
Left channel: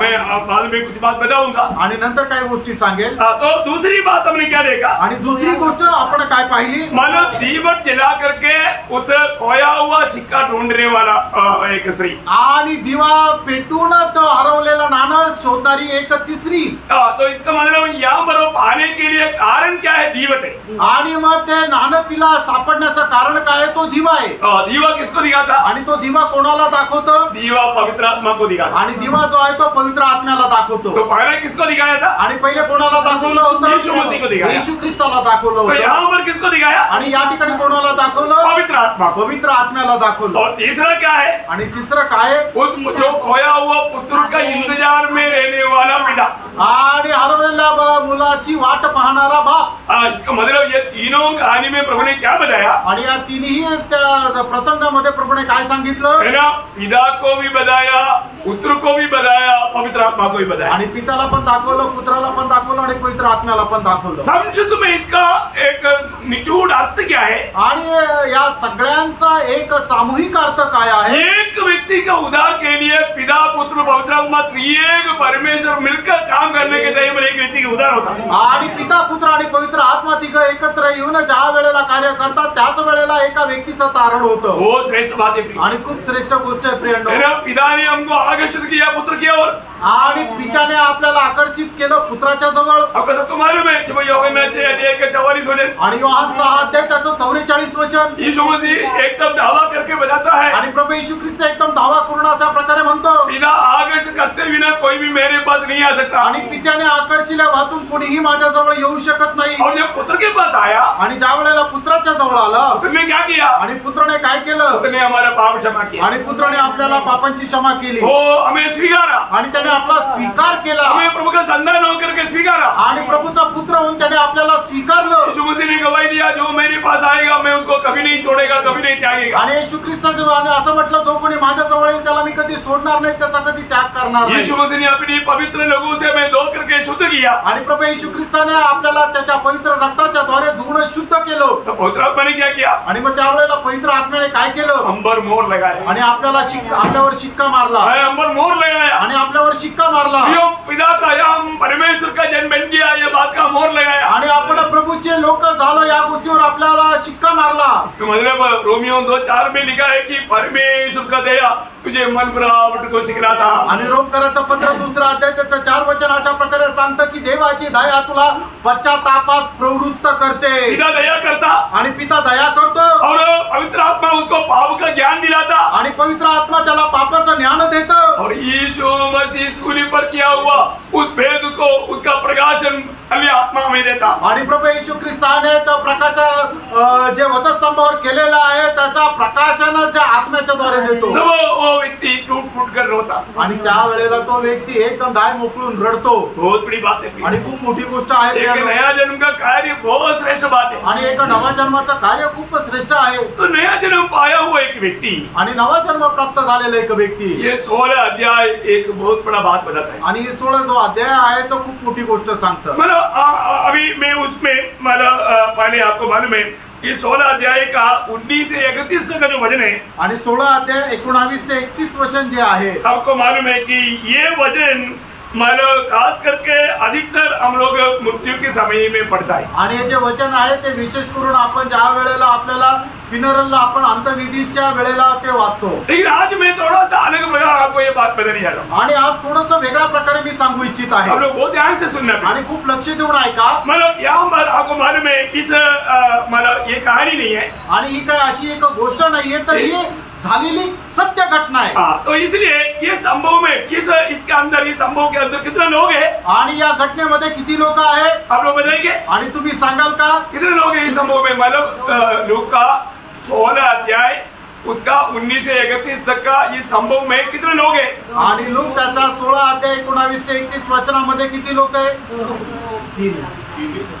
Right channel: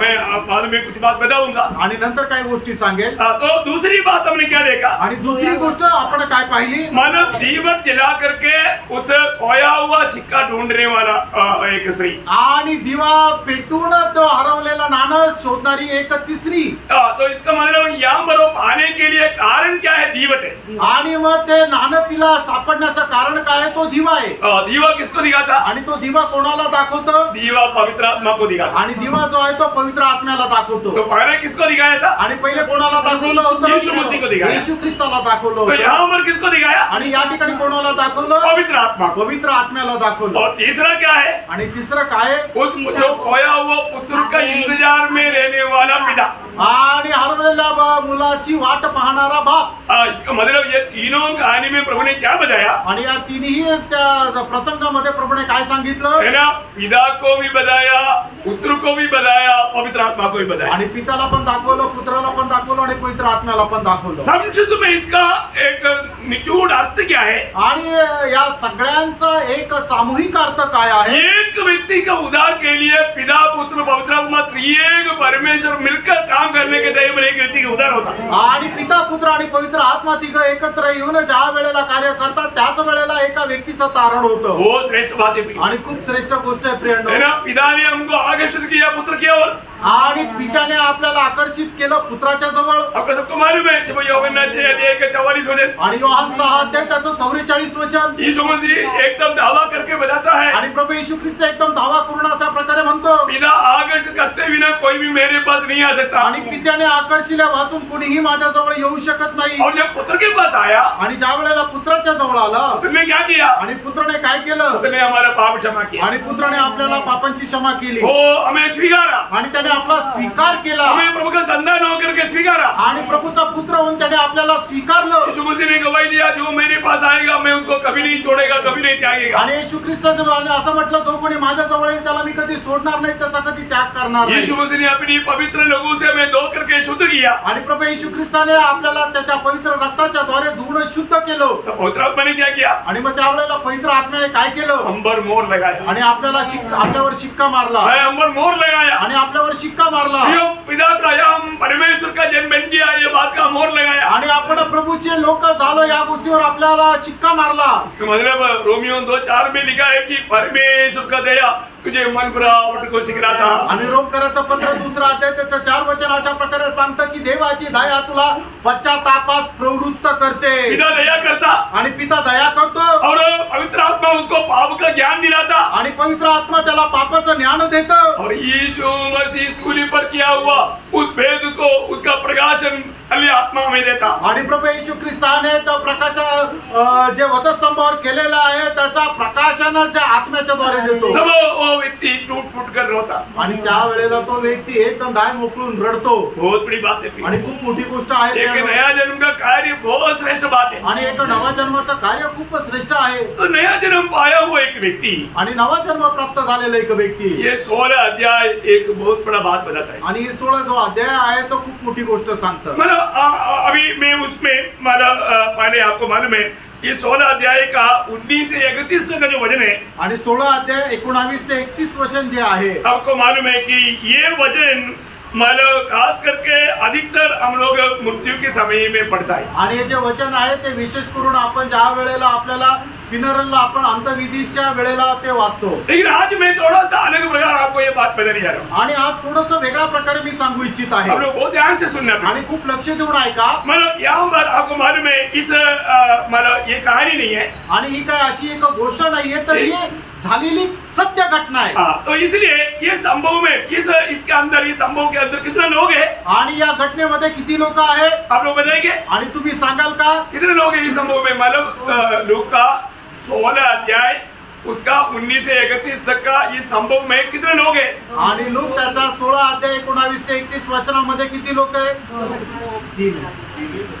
मैं बाद में कुछ बात बताऊंगा, आणि नंतर काही गोष्टी सांगेल। तो दूसरी बात हमने क्या देखा? आणि दुसरी गोष्ट आपण काय पाहिली? मानो दीपक जला करके उस खोया हुआ सिक्का ढूंढने वाला एक स्त्री, आणि दिवा पेटून तो हरवलेला नाणं शोधणारी एक तिसरी। तो इसका मतलब यहाँ पर वो पाने के लिए कारण क्या है? दीवट है। आणि मग ते नाणं तिला सापडण्याचं कारण काय आहे? तो दिवा आहे। दीवा किसको दिखाता? आणि तो दिवा कोणाला दाखवतो? दीवा पवित्र आत्मा को दिखाता। आणि दिवा जो आहे तो पवित्र आत्म्याला दाखवतो। तो पहले किसको दिखाया था? आणि पहिले कोणाला दाखवलं होतं? यीशु मसीह को दिखाया। येशू ख्रिस्ताला दाखवलं तो होतं। यहाँ पर किसको दिखाया? आणि या ठिकाणी कोणाला दाखवलं? पवित्र आत्मा को। पवित्र आत्म्याला दाखवलं। और तीसरा क्या है? आणि तिसरं काय? उस जो खोया हुआ पुत्र का इंतजार में रहने वाला पिता, आणि हरवलेल्या मुलाची वाट पाहणारा बाप। इसका मतलब ये तीनों कहानी में प्रभु ने क्या बताया? आणि या तिन्ही त्या प्रसंगामध्ये प्रभूने काय सांगितलं? है ना, पिता को भी बताया, पुत्र को भी बताया, पवित्र आत्मा को भी बताया। आणि पिताला पण दाखवलं, पुत्राला पण दाखवलं आणि पवित्र आत्म्याला पण दाखवलं। संक्षिप्त में इसका एक निचोड़ अर्थ क्या है? आणि या सगळ्यांचा एक सामूहिक अर्थ काय आहे? एक व्यक्ति का उद्धार के लिए पिता पुत्र पवित्र आत्मा त्रिएक परमेश्वर मिलकर काम करने के टाइम एक व्यक्ति का उद्धार होता। आणि पिता पुत्र आणि पवित्र आत्मा तिघं एकत्र येऊन ज्या वेळेला कार्य करतात त्याच वेळेला एका व्यक्तीचं तारण होतं। वो श्रेष्ठ बात है। आणि खूप श्रेष्ठ गोष्ट आहे प्रियंडो। है ना, पिता ने हमको आकर्षित किया पुत्र की ओर, आणि पित्याने आपल्याला आकर्षित केलं पुत्राच्या जवळ। आपको सबको मालूम है जब यूहन्ना 6:44 वचन आणि योहान 6 अध्याय त्याचं 44 वचन यीशु मसीह एकदम दावा करके बताता है, आणि प्रभू येशू ख्रिस्त एकदम दावा करून अशा प्रकारे म्हणतो, पिता आकर्षित करते बिना कोई भी मेरे पास नहीं आ सकता। आणि पित्याने आकर्षिल्या वाचून कोणीही माझ्याजवळ येऊ शकत नाही। और जब पुत्र के पास आया, आणि ज्या वेळेला पुत्राच्या जवळ आला, उसने क्या किया? आणि पुत्राने काय केलं? उसने हमारा पाप क्षमा किया, आणि पुत्राने आपल्याला पापांची क्षमा केली, वो हमें स्वीकारा, आणि त्याने त्याने आपला स्वीकार केला, हमें प्रभु का संतान होकर के स्वीकारा आणि प्रभूचा पुत्र होऊन त्याने आपल्याला स्वीकारलं. यीशु मसीह ने गवाही दिया, जो मेरे पास आएगा मैं उसको कभी नहीं छोड़ेगा, कभी नहीं त्यागेगा. आणि येशू ख्रिस्ताने असं म्हटलं, जो कोणी माझ्या जवळ येईल त्याला मी कधी सोडणार नाही, त्याचा कधी त्याग करणार नाही. यीशु मसीह ने अपनी पवित्र लोगों से मैं धो करके शुद्ध किया. आणि प्रभू येशू ख्रिस्ताने आपल्याला त्याच्या पवित्र रक्ताच्या द्वारे धुवून शुद्ध केलं. तो पवित्र आत्मा ने क्या किया? आणि मग त्यावेळेला पवित्र आत्म्याने काय केलं? अंबर मोहर लगाया. आणि आपल्यावर शिक्का मारला. अंबर मोहर लगाया आणि आपल्यावर शिक्का मारला. पिता का या परमेश्वर का जन्म बन गया, ये बात का मोहर लगाया. आणि आपण प्रभूचे लोक झालो या गोष्टीवर आपल्याला शिक्का मारला. इसका मतलब रोमियो 2:4 में लिखा है कि परमेश्वर का दया तुझे मन बनावट को सिखला था. आणि रोमकराचं पत्र 2 अध्याय त्याचं 4 वचन अशा प्रकारे सांगतं की देवाची दया तुला पश्चातापात प्रवृत्त करते. पिता दया करता आणि पिता दया करतो. और पवित्र आत्मा उसको पाप का ज्ञान दिलाता. आणि पवित्र आत्मा त्याला पापाचं ज्ञान देतो. और यीशु मसीह सूली पर किया हुआ उस भेद को, उसका प्रकाशन अन्य आत्मा में देता. आणि प्रभू येशू ख्रिस्ताने तो प्रकाश जे वधस्तंभावर केलेला आहे त्याचा प्रकाशनाच्या आत्म्याच्या द्वारे देतो. वो व्यक्ति टूट फूट कर रोता. आणि त्यावेळेला तो व्यक्ती एकदम दाय मोकळून रडतो. बहुत बड़ी बात है. आणि खूप मोठी गोष्ट आहे. एक नया जन्म का कार्य बहुत श्रेष्ठ बात है. आणि एक नवा जन्माचं कार्य खूप श्रेष्ठ आहे. तो नया जन्म पाया हुआ एक व्यक्ति, आणि नवा जन्म प्राप्त झालेला एक व्यक्ती, ये 16 अध्याय एक बहुत बड़ा बात बताता है. आणि 16 जो अध्याय आहे तो खूप मोठी गोष्ट सांगतो. मतलब अभी मैं उसमें मतलब पहले आपको मालूम है ये 16 अध्याय का 19 से 31 तक का जो वचन है, आणि 16 अध्याय 19 ते 31 वचन जे आहे, आपको मालूम है कि ये वचन मतलब खास करके अधिकतर हम लोग मृत्यु के समय में पढ़ता है. आणि हे जे वचन आहे ते विशेष करून आपण ज्या वेळेला आपल्याला फिनरलला आपण अंतविधीच्या वेळेला ते वाचतो. लेकिन आज मैं थोड़ा सा अलग प्रकार आपको ये बात बताने जा रहा हूँ. आणि आज थोडंसं वेगळ्या प्रकारे मी सांगू इच्छित आहे. आप लोग बहुत ध्यान से सुनना. आणि खूप लक्ष देऊन ऐका. मतलब यहाँ पर आपको मालूम है इस मतलब ये कहानी नहीं है, आणि ही काय अशी एक गोष्ट नाहीये, तर ही झालेली सत्य घटना आहे. तो इसलिए ये संभव में इसके अंदर, इस संभव के अंदर कितने लोग हैं, आणि या घटनेमध्ये किती लोक आहेत आप लोग बताएंगे? आणि तुम्ही सांगाल का कितने लोग हैं इस संभव में? मतलब लूका 16 अध्याय उसका 19 से 31 तक का ये संभव में कितने लोग हैं? आणि लोक त्याचा 16 अध्याय 19 ते 31 वचनामध्ये किती लोक आहेत? 3.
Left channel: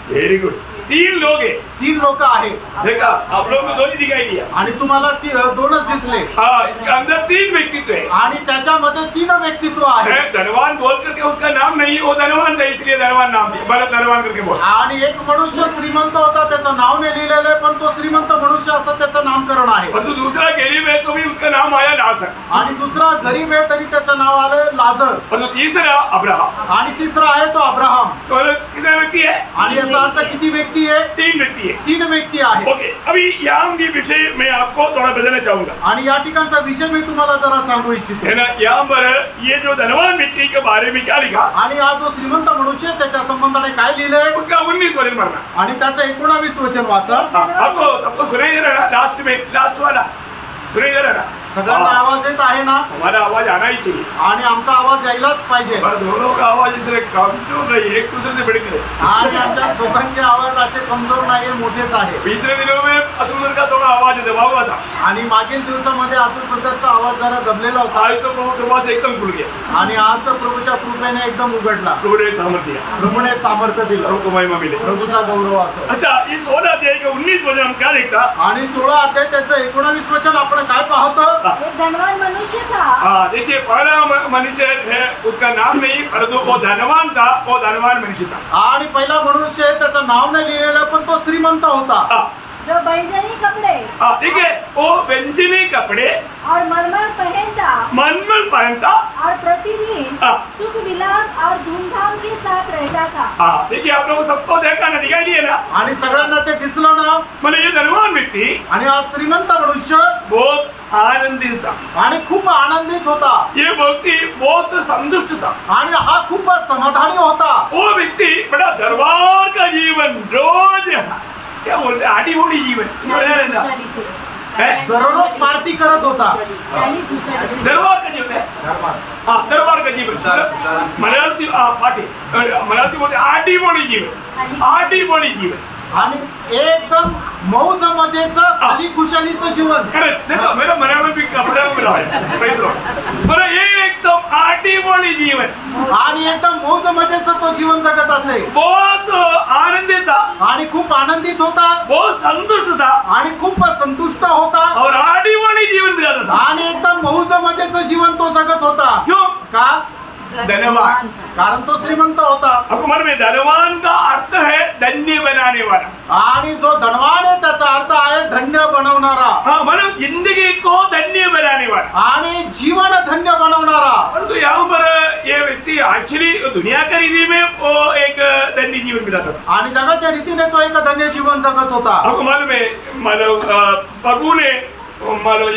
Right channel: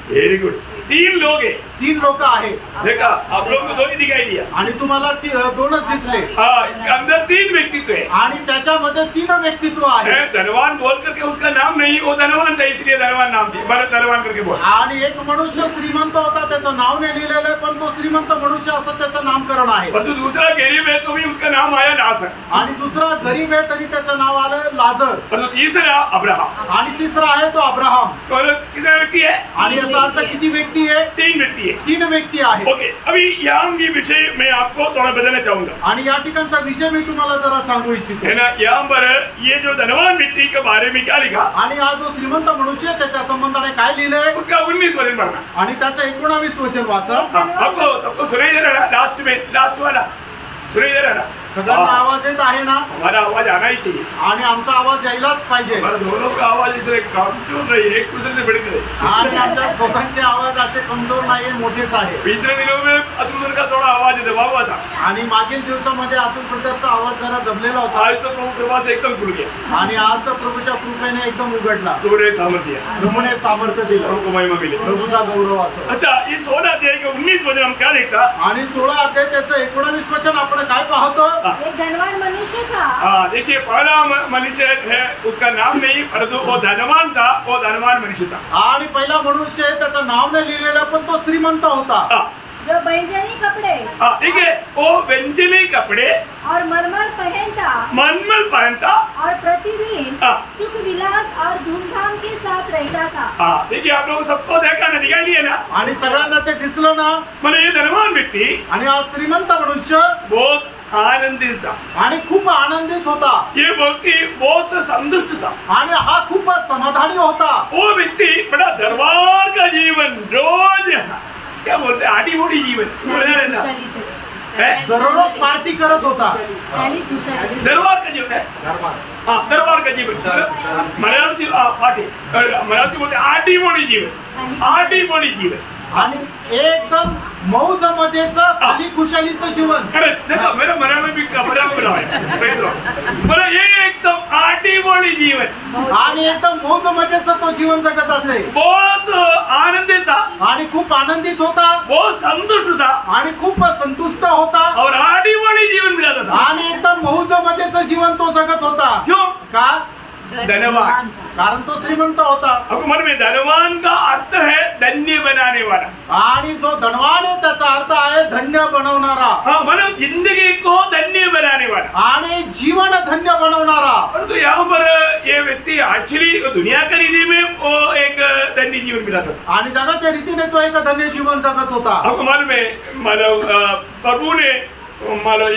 Very good. 3 लोग हैं. 3 लोक आहेत. देखा आप लोगों को 2 ही दिखाई दिया. आणि तुम्हाला 2च दिसले. हाँ, इसके अंदर 3 व्यक्तित्व है. आणि त्याच्यामध्ये 3 व्यक्तित्व आहेत. धनवान बोल करके उसका नाम नहीं, वो धनवान था इसलिए धनवान नाम दिया. बरं, धनवान करके बोल. आणि एक मनुष्य श्रीमंत होता, त्याचं नाव नाही लिहिलेलं आहे, पण तो श्रीमंत मनुष्य असं त्याचं नामकरण आहे. परंतु दूसरा गरीब है तो भी उसका नाम आया नासर. आणि दुसरा गरीब आहे तरी त्याचं नाव आलं लाजर. परंतु तीसरा अब्राहम. आणि तिसरा आहे तो अब्राहम. तो कितना व्यक्ति है? आणि याचा अर्थ किती व्यक्ती आहे? 3 व्यक्ति है. 3 व्यक्ती आहे. ओके, अभी यहाँ के विषय मैं आपको थोड़ा बताना चाहूंगा. आणि या ठिकाणचा विषय मी तुम्हाला जरा सांगू इच्छितो. है ना, यहाँ पर ये जो धनवान व्यक्ति के बारे में क्या लिखा, आणि हा जो श्रीमंत मनुष्य आहे त्याच्या संबंधाने काय लिहिलंय? उसका 19 वचन पढ़ना. आणि त्याचं 19 वचन वाचा. आपको सबको सुनाई दे रहा है? लास्ट में लास्ट वाला सुनाई दे रहा है? सगळ्यांना आवाज येत आहे ना? हमारा आवाज आना ही चाहिए. आणि आमचा आवाज यायलाच पाहिजे. दोनों का आवाज इधर कमजोर नहीं, एक दूसरे से बढ़कर है. आणि आमच्या दोघांचे आवाज असे कमजोर नाहीये, मोठेच आहे. पिछले दिनों में अतुल का थोड़ा आवाज दबा हुआ था. आणि मागील दिवसामध्ये अतुल ब्रदरचा आवाज जरा दबलेला होता. आज तो प्रभु कृपा से एकदम खुल गया. आणि आज तर प्रभूच्या कृपेने एकदम उघडला. प्रभु ने सामर्थ्य दिया. प्रभूने सामर्थ्य दिलं. प्रभु को महिमा मिले. प्रभूचा गौरव असो. अच्छा, इस 16 अध्याय के 19 वचन हम क्या देखता? आणि 16 अध्याय त्याचं 19 वचन आपण काय पाहतो? एक धनवान मनुष्य था. हाँ, देखिए पहला मनुष्य है, उसका नाम नहीं, परंतु वो धनवान था, वो धनवान मनुष्य था. आणि पहिला मनुष्य आहे, त्याचं नाव नाही लिहिलेलं, पण तो श्रीमंत होता. जो बैंगनी कपड़े, देखिए वो व्यंजनी कपड़े और मलमल पहनता और प्रतिदिन सुख विलास और धूमधाम के साथ रहता था. देखिए आप लोगों सबको देखा ना, दिखाई दिए ना, आणि सगळ्यांना ते दिसलं ना. मतलब ये धनवान व्यक्ति आणि हा श्रीमंत मनुष्य बहुत आनंदित था. आणि खूप आनंदित होता. ये व्यक्ति बहुत संतुष्ट था. आणि हा खूप समाधानी होता. वो व्यक्ति बड़ा दरबार का जीवन, रोज क्या बोलते हैं, आटी मोटी जीवन दररोज पार्टी करत होता. दरबार का जीवन है. हाँ, दरबार का जीवन. मलयालती पार्टी, मलयालती बोलते आटी मोटी जीवन, आटी मोटी जीवन. आणि एकदम मौज मजेचं खाली खुशालीचं जीवन. करेक्ट. देखो मेरा मलयालम भी मलयालम में रहा है. मतलब ये एकदम आटीबोली जीवन आणि एकदम मौज मजेचं तो जीवन जगत असे, बहुत आनंदित था आणि खूप आनंदित होता, बहुत संतुष्ट था आणि खूप संतुष्ट होता, और आटीबोली जीवन बिताता था। आणि एकदम मौज मजेचं जीवन तो जगत होता। क्यों? का? धनवान। कारण तो श्रीमंत होता। आपको मालूम है धनवान का अर्थ है धन्य बनाने वाला, आणि जो धनवान आहे त्याचा अर्थ आहे धन्य बनवणारा। हाँ, मतलब जिंदगी को धन्य बनाने वाला आणि जीवन धन्य बनवणारा। परंतु यहाँ पर ये व्यक्ति एक्चुअली दुनिया की रीति में वो एक धन्य जीवन बिताता था। आणि जगाच्या रीतीने तो एक धन्य जीवन जगत होता। आपको मालूम है, प्रभु ने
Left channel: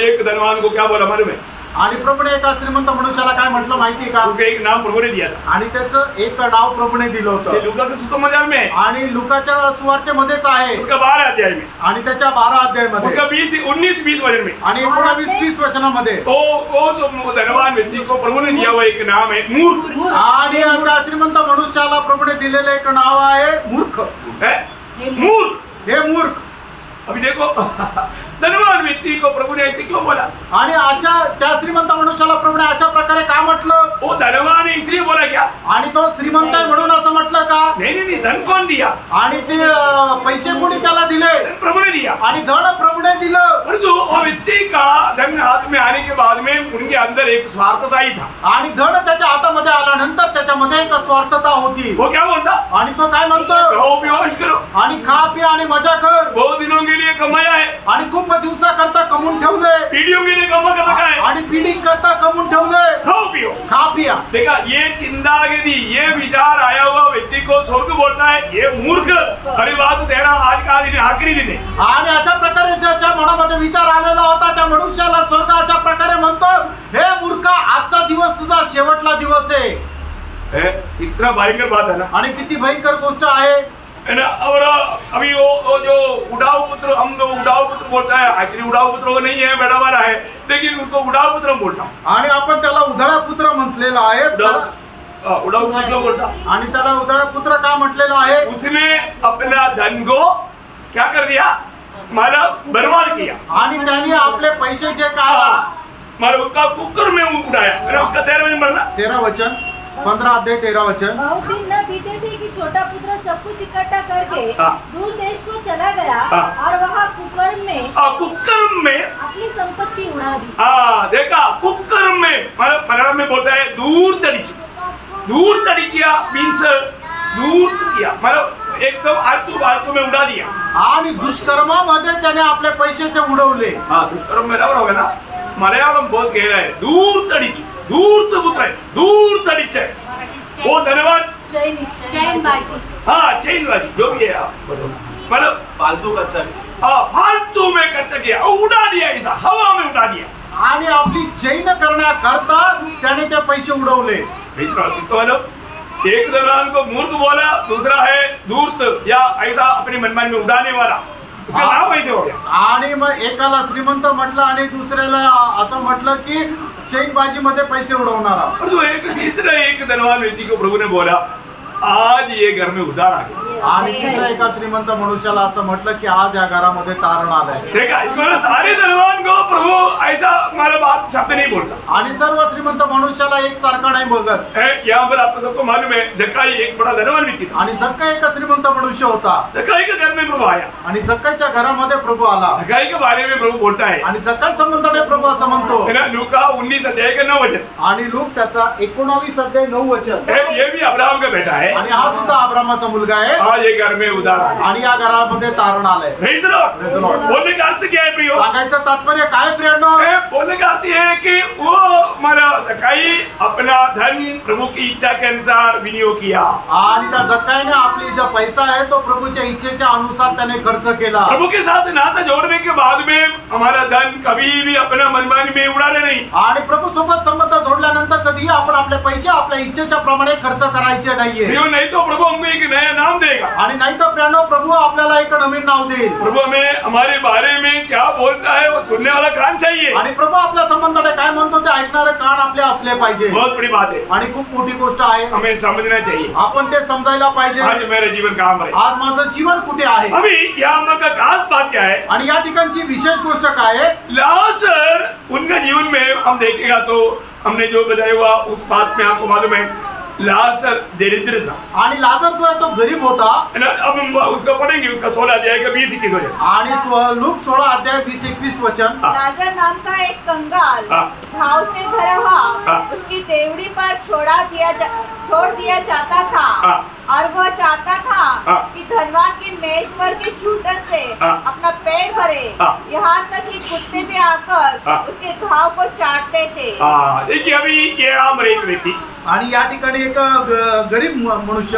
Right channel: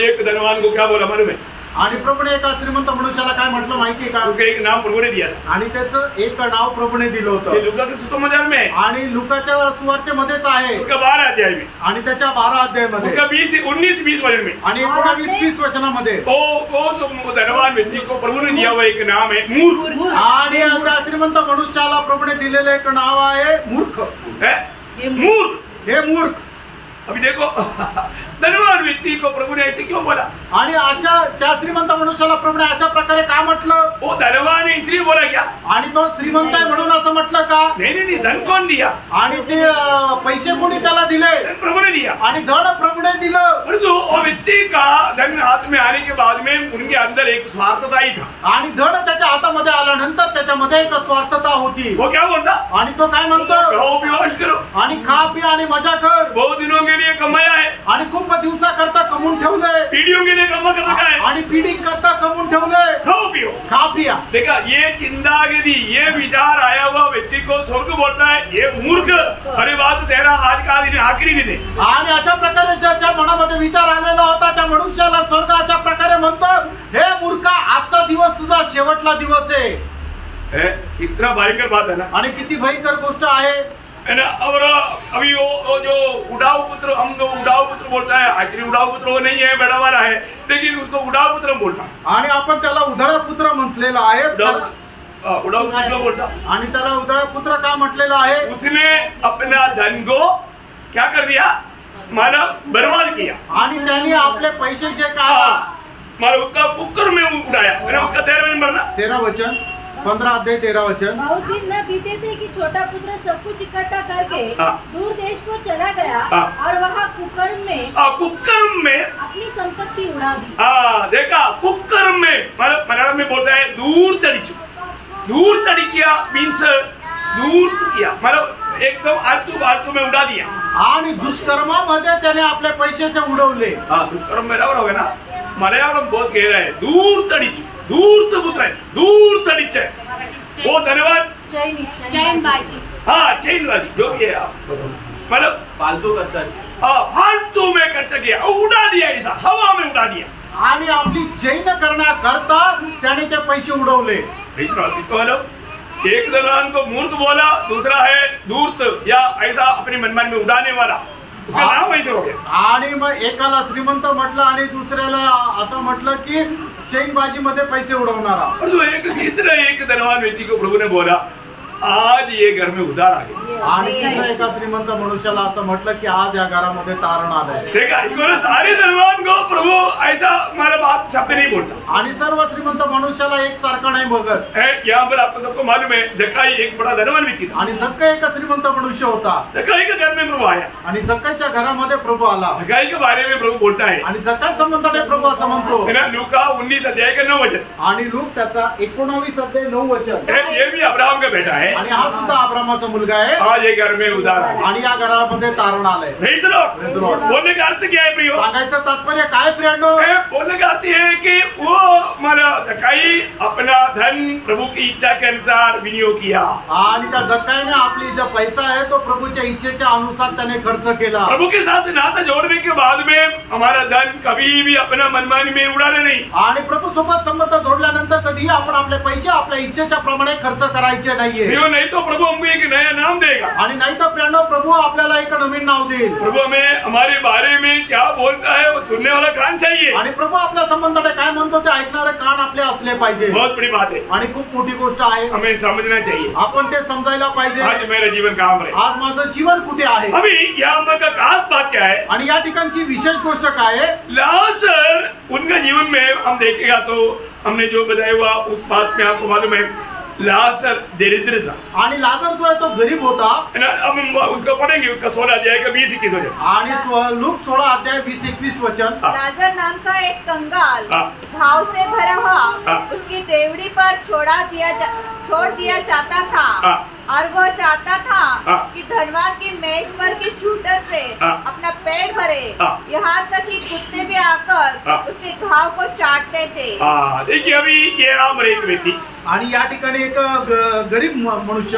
एक धनवान को क्या बोला मालूम है? आणि प्रभूने एका श्रीमंत मनुष्याला काय म्हटलं माहिती का? उसका एक नाम प्रभु ने दिया था, आणि त्याचं एक नाव प्रभूने दिलं ये होतं। लूका के सुसमाचार में है, आणि लुकाच्या सुवार्तेमध्येच आहे, उसका 12 अध्याय में, आणि त्याच्या 12 अध्यायामध्ये, उसका 19-20 वचन में, आणि 19-20 वचनामध्ये वो धनवान व्यक्ति को प्रभु ने दिया हुआ एक नाम है मूर्ख। आणि त्या श्रीमंत मनुष्याला प्रभूने दिलेलं एक नाव आहे मूर्ख। है मूर्ख, हे मूर्ख। अभी देखो धनवान व्यक्ति को प्रभु ने ऐसे क्यों बोला? आणि अशा त्या श्रीमंत मनुष्याला प्रभूने अशा प्रकारे का म्हटलं? वो धनवान है इसलिए बोला क्या? आणि तो श्रीमंत आहे म्हणून असं म्हटलं का? नहीं, धन कौन दिया? आणि ते पैसे कोणी त्याला दिले? धन प्रभु ने दिया। आणि धन प्रभूने दिलं। परंतु वो व्यक्ति का धन हाथ में आने के बाद में उनके अंदर एक स्वार्थता ही था। आणि धन त्याच्या हातामध्ये आल्यानंतर त्याच्यामध्ये एक स्वार्थता होती। वो क्या बोलता? आणि तो काय म्हणतो? खाओ पिओ ऐश करो, आणि खा पी आणि मजा कर। बहुत दिनों के लिए कमाया है, आणि खूप दिवसा करता कमवून ठेवले, पीढ़ियों के लिए कमा कर रखा है, आणि पिढी करता कमवून ठेवले। खाओ पिओ, खा पिया। देखा ये चिंता यदि ये विचार आया हुआ व्यक्ति को स्वर्ग बोलता है ये मूर्ख, अरे बात तेरा आज का दिन आखिरी दिन है। आणि अशा प्रकारे ज्याच्या मनामध्ये विचार आलेला होता त्या मनुष्याला स्वर्ग अशा प्रकारे म्हणतो, हे मूर्खा आजचा दिवस तुझा शेवटला दिवस आहे। इतना भयंकर बात है ना, आणि किती भयंकर गोष्ट आहे है ना। और अभी वो जो उड़ाऊ पुत्र, हम लोग उड़ाऊ पुत्र बोलता है, एक्चुअली उड़ाऊ पुत्र वो नहीं है, बड़ा वाला है, लेकिन उसको उड़ाऊ पुत्र बोलता हूँ। आणि आपण त्याला उधळा पुत्र म्हटलेला आहे। उड़ाऊ पुत्र बोलता, आणि त्याला उधळा पुत्र का म्हटलेला आहे? उसने अपना धन को क्या कर दिया, मतलब बर्बाद किया। आणि त्याने आपले पैसे जे का मतलब उसका कुकर में उड़ाया, है ना। उसका 13 वचन पढ़ना, 13 वचन, 15 अध्याय 13 वचन। बहुत दिन न बीते थे कि छोटा पुत्र सब कुछ इकट्ठा करके दूर देश को चला गया और वहाँ कुकर्म में अपनी संपत्ति उड़ा दी। देखा, कुकर्म में मतलब मलयालम में बोलता है दूर तड़िकिया मीन्स दूर किया, मतलब एकदम आलतू में उड़ा दिया। आणि दुष्कर्मामध्ये त्याने आपले पैसे ते उडवले। दुष्कर्म में बराबर होगा ना। मलयालम बहुत गहरा है, दूर पुत्र है, दूर तड़िच है वो धन्यवाद चैनबाजी जो भी है, मतलब फालतू खर्च, फालतू में खर्च किया, उड़ा दिया, ऐसा हवा में उड़ा दिया। आणि आपली चैन करण्याकरता त्याने ते पैसे उडवले। एक धनवान को मूर्ख बोला, दूसरा है धूर्त या ऐसा अपनी मनमानी में उड़ाने वाला, उसका नाम ऐसे हो गया। आणि मग एकाला श्रीमंत म्हटलं आणि दुसऱ्याला असं म्हटलं की चैनबाजी मध्ये पैसे उडवणारा। और तो एक तीसरा एक धनवान व्यक्ति को प्रभु ने बोला, आज ये घर में उधार आ गया। आणि तिसऱ्या एका श्रीमंत मनुष्याला असं म्हटलं की आज या घरामध्ये तारण आलंय। देखा, इसमें सारे धनवान को प्रभु ऐसा मतलब बात शब्द नहीं बोलता। आणि सर्व श्रीमंत मनुष्याला एक सारखा नाही बघत। यहाँ पर आपको सबको मालूम है, जक्काई एक बड़ा धनवान व्यक्ति था। आणि जक्काई एक श्रीमंत मनुष्य होता। जक्काई के घर में प्रभु आया, आणि जक्काईच्या घरामध्ये प्रभु आला। जक्काई के बारे में प्रभु बोलता है, आणि जक्काई संबंधाने प्रभु असं म्हणतो, है ना, लूका 19 अध्याय का 9 वचन। आणि लूक त्याचा 19 अध्याय 9 वचन। ये भी अब्राहम का बेटा है, आणि हा सुद्धा अब्राहमाचा मुलगा आहे। आज ये घर में उधार आ गया, आणि या घरामध्ये तारण आलंय। Praise the Lord. बोलने का अर्थ क्या है प्रियो? सांगायचं तात्पर्य काय प्रियांनो? बोलने का अर्थ है कि वो हमारा जक्काई अपना धन प्रभु की इच्छा के अनुसार विनियोग किया। आणि त्या जक्काईने आपली जो पैसा आहे तो प्रभूच्या इच्छेच्या अनुसार त्याने खर्च केला। प्रभु के साथ नाता जोड़ने के बाद में हमारा धन कभी भी अपना मनमानी में उड़ाना नहीं। आणि प्रभू सोबत संबंध जोडल्यानंतर कधीही आपण आपले पैसे आपल्या इच्छेच्या प्रमाणे खर्च करायचे नाहीये। नहीं तो प्रभु हमको एक नया नाम देगा। आणि नाही तर प्रियांनो प्रभू आपल्याला एक नवीन नाव देईल। प्रभु हमें हमारे बारे में क्या बोलता है वो सुनने वाला कान चाहिए। आणि प्रभू आपल्या संबंधाने काय म्हणतो ते ऐकणारे कान आपले असले पाहिजे। बहुत बड़ी बात है, आणि खूप मोठी गोष्ट आहे, हमें समझना चाहिए। आपण ते समजायला पाहिजे। आज मेरा जीवन कहाँ पर है, आज माझं जीवन कुठे आहे। अभी यहाँ का खास बात क्या है, आणि या ठिकाणची विशेष गोष्ट काय आहे? लाजर उनका जीवन में हम देखेगा तो हमने जो बताया हुआ उस बात में आपको मालूम है लाजर दरिद्र था आणि लाजर जो आहे तो गरीब होता। अब हम उसको पढ़ेंगे, उसका 16 अध्याय का 20-21 वचन आणि लूक 16 अध्याय 20-21 वचन। लाजर नाम का एक कंगाल घाव से भरा हुआ उसकी देवड़ी पर छोड़ दिया जाता था और वह चाहता था कि धनवान की मेज पर के चूटन से अपना पेट भरे, यहाँ तक कि कुत्ते भी आकर उसके घाव को चाटते थे। देखिए अभी ये आम एक व्यक्ति आणि या ठिकाणी एक गरीब मनुष्य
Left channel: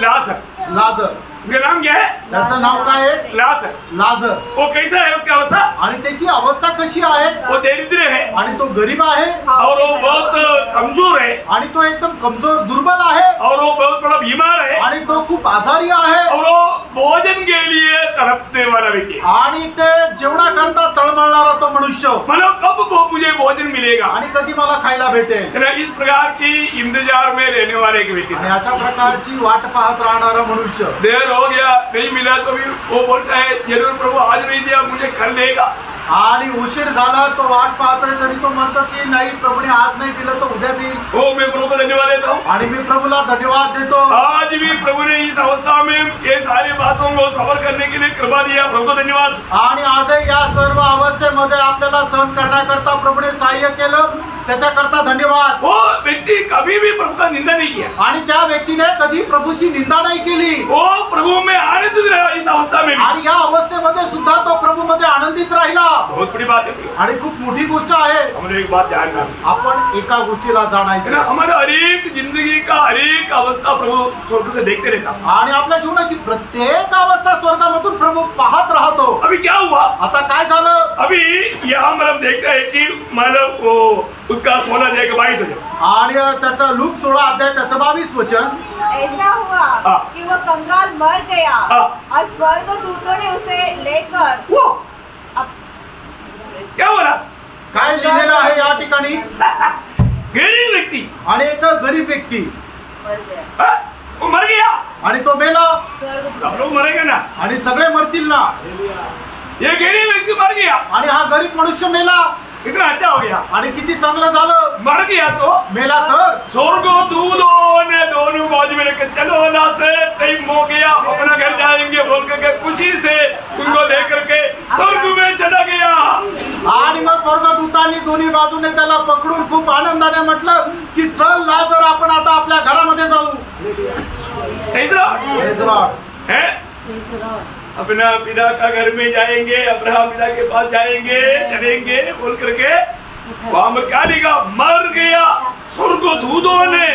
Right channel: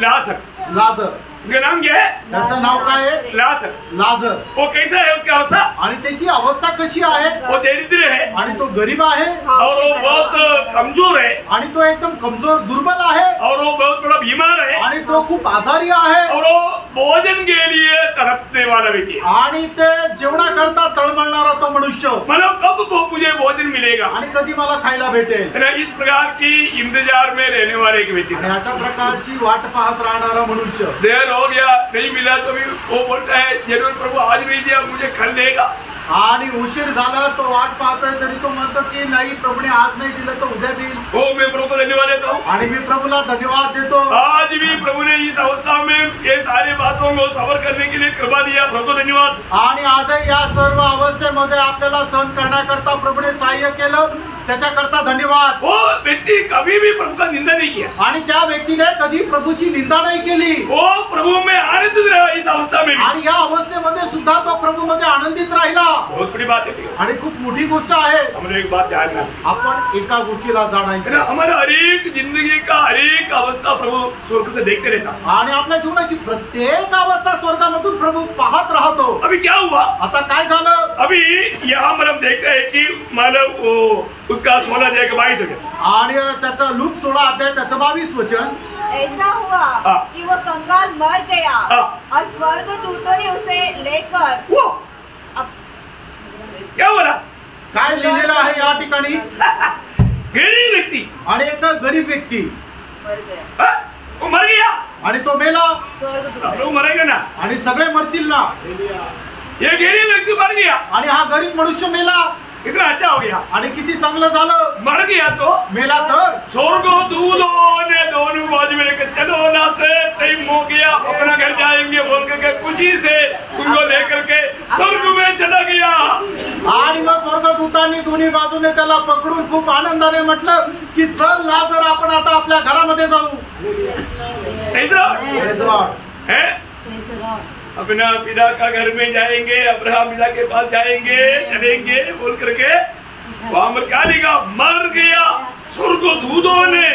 लाजर, उसका नाम क्या है? त्याचं नाव काय आहे? लाजर। वो कैसा है उसकी अवस्था? आणि त्याची अवस्था कशी आहे? वो दरिद्र है आणि तो गरीब आहे और वो बहुत कमजोर है आणि तो एकदम कमजोर दुर्बल आहे और वो बहुत बड़ा बीमार है आणि तो खूप आजारी आहे और वो भोजन के लिए तड़पने वाला व्यक्ति है आणि ते जेवणा करता तळमळणारा तो मनुष्य, मतलब कब वो मुझे भोजन मिलेगा आणि कधी मला खायला भेटेल, इस प्रकार की इंतजार में रहने वाले एक व्यक्ति आणि अशा प्रकारची वाट पाहत राहणारा मनुष्य। देर हो गया, नहीं मिला तो भी वो बोलता है जरूर प्रभु आज नहीं दिया मुझे कल देगा, आणि उशीर झाला तो वाट पाहतोय तरी तो म्हणतो की नाही प्रभूने आज नाही दिलं तर उद्या देईल। हो मैं प्रभु को धन्यवाद देता हूँ, आणि मी प्रभूला धन्यवाद देतो। आज भी प्रभु ने इस अवस्था में ये सारी बातों को सफर करने के लिए कृपा दिया, प्रभु को धन्यवाद। आणि आजही या सर्व अवस्थेमध्ये आपल्याला सहन करण्याकरता प्रभूने सहाय्य केलं, त्याच्याकरता धन्यवाद। वो व्यक्ति कभी भी प्रभु का निंदा नहीं किया आणि त्या व्यक्तीने कधी प्रभूची निंदा नाही केली, वो प्रभू में आनंदित रहा इस अवस्था में भी। आणि या अवस्थेमध्ये सुद्धा तो प्रभू मध्ये आनंदित राहिला। बहुत बड़ी बात है आणि खूप मोठी गोष्ट आहे। हमें एक बात ध्यान में आपण एका गोष्टीला जाणायचं, हमारे हरेक जिंदगी का हरेक अवस्था प्रभु स्वर्ग से देखते रहता, आणि आपल्या जीवनाची प्रत्येक अवस्था स्वर्गामधून प्रभू पाहत राहतो। अभी क्या हुआ? आता काय झालं? अभी यहाँ मतलब देखते हैं कि मतलब वो उसका 16 अध्याय का 22 वचन आणि त्याचं लूक 16 अध्याय त्याचं 22 वचन। ऐसा हुआ कि वो कंगाल मर गया और स्वर्गदूतों ने उसे लेकर क्या बोला? काय लिहिलेलं आहे या ठिकाणी? गरीब व्यक्ति आणि एक गरीब व्यक्ती वो मर गया आणि तो मेला। सब लोग मरेंगे ना, आणि सगळे मरतील ना। ये गरीब व्यक्ति मर गया आणि हा गरीब मनुष्य मेला, कितना अच्छा हो गया। आणि किती चांगलं झालं। मर गया तो मेला तर स्वर्गदूतों ने दोनों बाजू में लेकर चलो ना से टाइम हो गया अपना घर जाएंगे बोल करके खुशी से उनको लेकर के स्वर्ग में चला गया। आणि मग स्वर्गदूतांनी दोन्ही बाजूने त्याला पकडून खूप आनंदाने म्हटलं की चल लाजर आपण आता आपल्या घरामध्ये जाऊ। अपना पिता का घर में जाएंगे, अब्राहम पिता के पास जाएंगे, चलेंगे बोल करके वहां पर क्या लिखा? मर गया स्वर्गदूतों ने,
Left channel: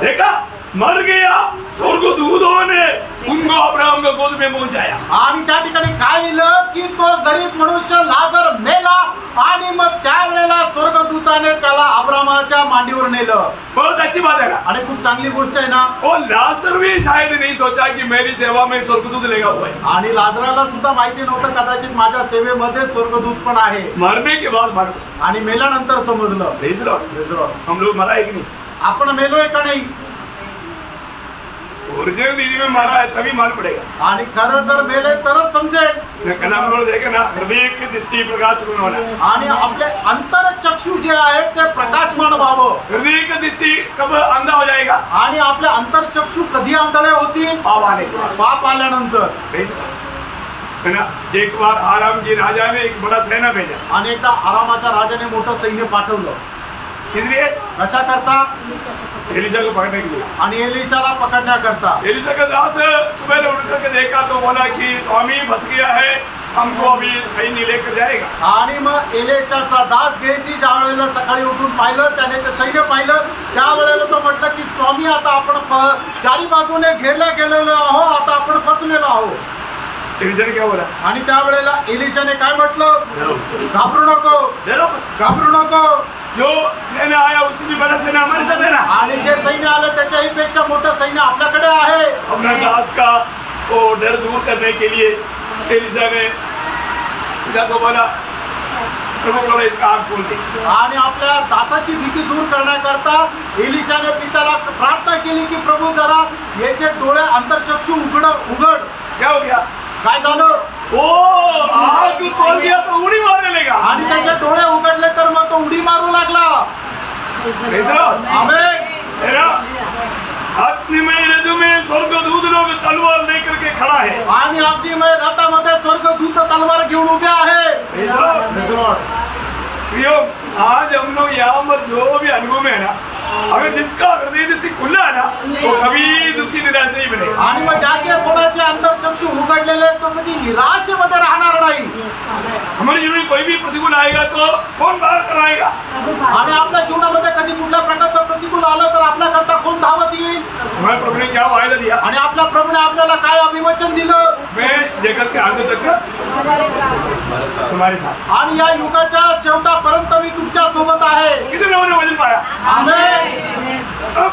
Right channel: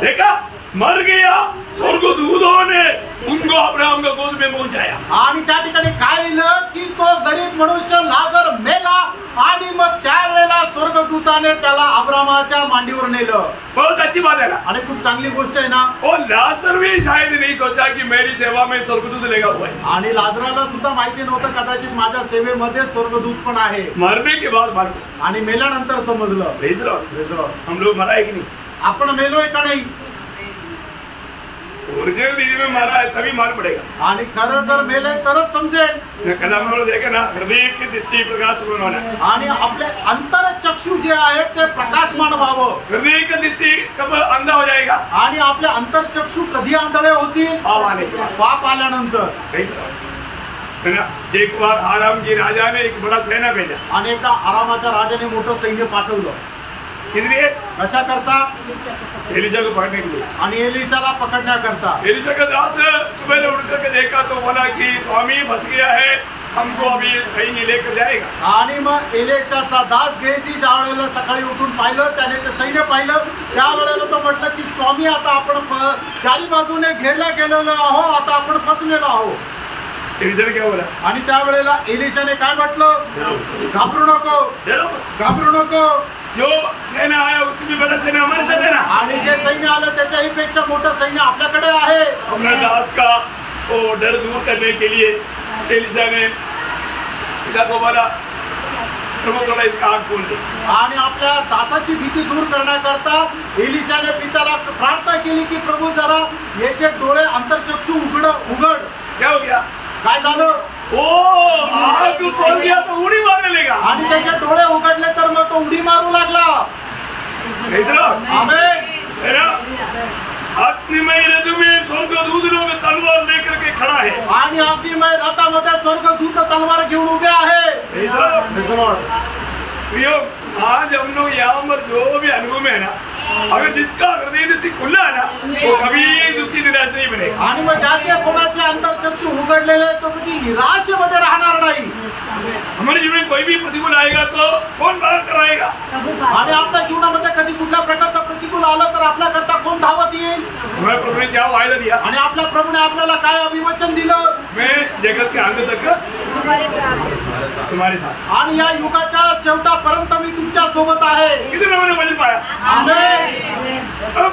देखा मर गया स्वर्गदूतों ने उनको अब्राहम के गोद में पहुंचाया। आणि त्या ठिकाणी काय लिहिलं की तो गरीब मनुष्य लाजर मेला आणि मग त्यावेळेला स्वर्गदूताने त्याला अब्राहमाच्या मांडीवर नेलं। बहुत अच्छी बात है ना, आणि खूप चांगली गोष्ट आहे ना। वो लाजर भी शायद नहीं सोचा कि मेरी सेवा में स्वर्गदूत लेगा हुआ है, आणि लाजराला सुद्धा माहिती नव्हतं कदाचित माझ्या सेवेमध्ये स्वर्गदूत पण आहे। मरने के बाद मालूम, आणि मेल्यानंतर समजलं। प्रेज लॉर्ड, हम लोग मरा है कि नहीं? आपण मेलोय का नाही? ओरिजिनल रीति में मारा है तभी मालूम पड़ेगा। आणि खरं जर मेलय तरच समजेल। कल हम लोग देखे ना हृदय की दृष्टि प्रकाश होना, आणि आपले अंतर चक्षु जे आहेत ते प्रकाशमान व्हावं। हृदय की दृष्टि कब अंधा हो जाएगा? आणि आपले अंतर चक्षु कधी आंधळे होतील? पाप आने के बाद, पाप आल्यानंतर। है ना, एक बार आराम जी राजा ने एक बड़ा सेना भेजा, आणि एकदा आरामाच्या राजाने मोठं सैन्य पाठवलं। इसलिए कशा करता? एलिशा को पकड़ने के लिए। आणि एलिशाला पकडण्याकरता। एलिशा का दास सुबह उठ करके देखा तो बोला कि स्वामी फंस गया है, हमको अभी सैन्य लेकर जाएगा। आणि मग एलिशाचा दास गेजी ज्या वेळेला सकाळी उठून पाहिलं, त्याने ते सैन्य पाहिलं, त्यावेळेला तो म्हटलं की स्वामी आता आपण चारी बाजूने घेरल्या गेलेलो आहो, आता आपण फसलेलो आहो। एलिशा ने क्या बोला? आणि त्यावेळेला एलिशाने काय म्हटलं? घाबरू नको, घाबरू नको, जो सेना आया उससे भी बड़ा सेना हमारे साथ है ना, आणि जे सैन्य आलं त्याच्याही पेक्षा मोठं सैन्य आपल्याकडे आहे। अपना दास का वो डर दूर करने के लिए एलिशा ने पिता को बोला प्रभु थोड़ा इसका आँख खोल दे, आणि आपल्या दासाची भीती दूर करण्याकरता एलिशाने पित्याला प्रार्थना केली की प्रभू जरा याचे डोळे अंतरचक्षु उघड। क्या हो गया? काय झालं? ओ आँख खोल दिया तो उड़ी मारने लगा, आणि त्याचे डोळे उघडले तर मग तो उडी मारू लागला। अग्निमय रथ में स्वर्गदूत लोग तलवार लेकर के खड़ा है आणि अग्निमय रथामध्ये स्वर्गदूत तलवार घेऊन उभे आहे। आज हम लोग यहाँ पर जो भी अनुभव में है ना, अगर जिसका हृदय खुला है ना वो कभी दुखी निराश नहीं बने। आणि मग ज्याचे कोणाचे अंतरचक्षु उघडलेले तो कधी निराशेमध्ये राहणार नाही। हमारे जीवन में कोई भी प्रतिकूल आएगा तो कौन बाहर कराएगा? आणि आपल्या जीवनामध्ये कधी कुठल्या प्रकारचं प्रतिकूल आलं तर आपल्या करता कोण धावत येईल? हमारे प्रभु ने क्या वायदा दिया आणि आपल्या प्रभूने आपल्याला काय अभिवचन दिलं? मैं जगत के अंत तक तुम्हारे साथ, आणि या युगाच्या शेवटापर्यंत मी तुमच्या सोबत आहे। कितने लोगों ने वचन पाया? आमेन।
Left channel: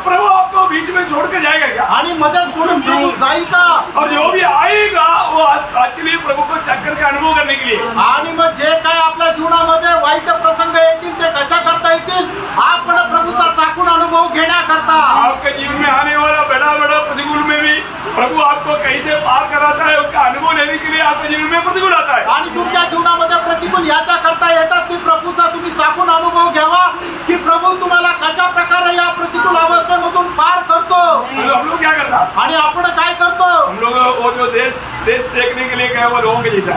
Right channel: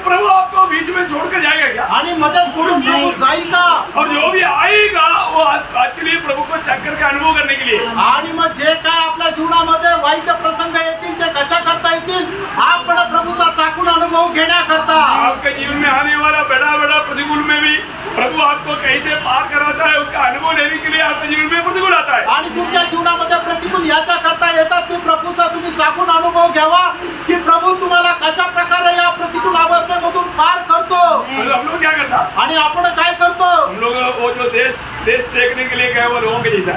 प्रभु आपको बीच में छोड़ के जाएगा क्या? आणि मदत सोडून प्रभू जाईल का? और जो भी आएगा वो एक्चुअली प्रभु को चक्कर का अनुभव करने के लिए। आणि मग जे काय आपल्या जीवनामध्ये वाईट प्रसंग येतील ते कशा करता येतील? आपण प्रभूचा चाकून अनुभव घेण्याकरता। आपके जीवन में आने वाला बड़ा बड़ा प्रतिकूल में भी प्रभु आपको कैसे पार कराता है उसका अनुभव लेने के लिए आपके जीवन में प्रतिकूल आता है। आणि तुमच्या जीवनामध्ये प्रतिकूल याच्या करता येतात की प्रभूचा तुम्ही चाकून अनुभव घ्यावा की प्रभू तुम्हाला कशा प्रकारे या प्रतिकूल अवस्थेमधून पार करतो। हम लोग क्या करता? आणि आपण काय करतो? हम लोग वो जो देश देखने के लिए गए वो लोगों के जैसा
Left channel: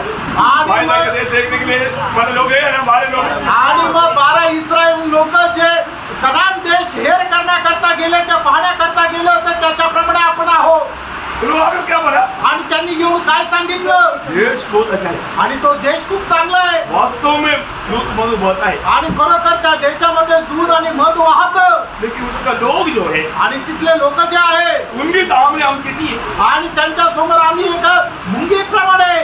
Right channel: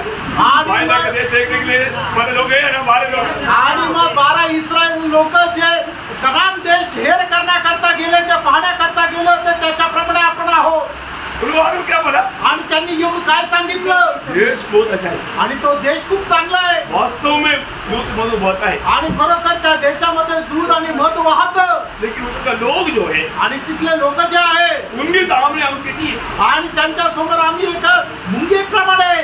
वायदा का देश देखने के लिए हमारे लोग है ना, हमारे लोग। आणि मग 12 इस्रायल लोक जे कनान देश हेर करण्याकरता गेले ते पाहण्याकरता गेले होते त्याच्याप्रमाणे आपण आहोत। क्या बोला? आणि त्यांनी येऊन काय सांगितलं? देश बहुत अच्छा है आणि तो देश खूप चांगला आहे। वास्तव में दूध मधु बहता है आणि खरोखर त्या देशामध्ये दूध आणि मध वाहतं। लेकिन उसका लोग जो है आणि तिथले लोक जे आहे उनके सामने हम किती है आणि त्यांच्या समोर आम्ही एक मुंगीप्रमाणे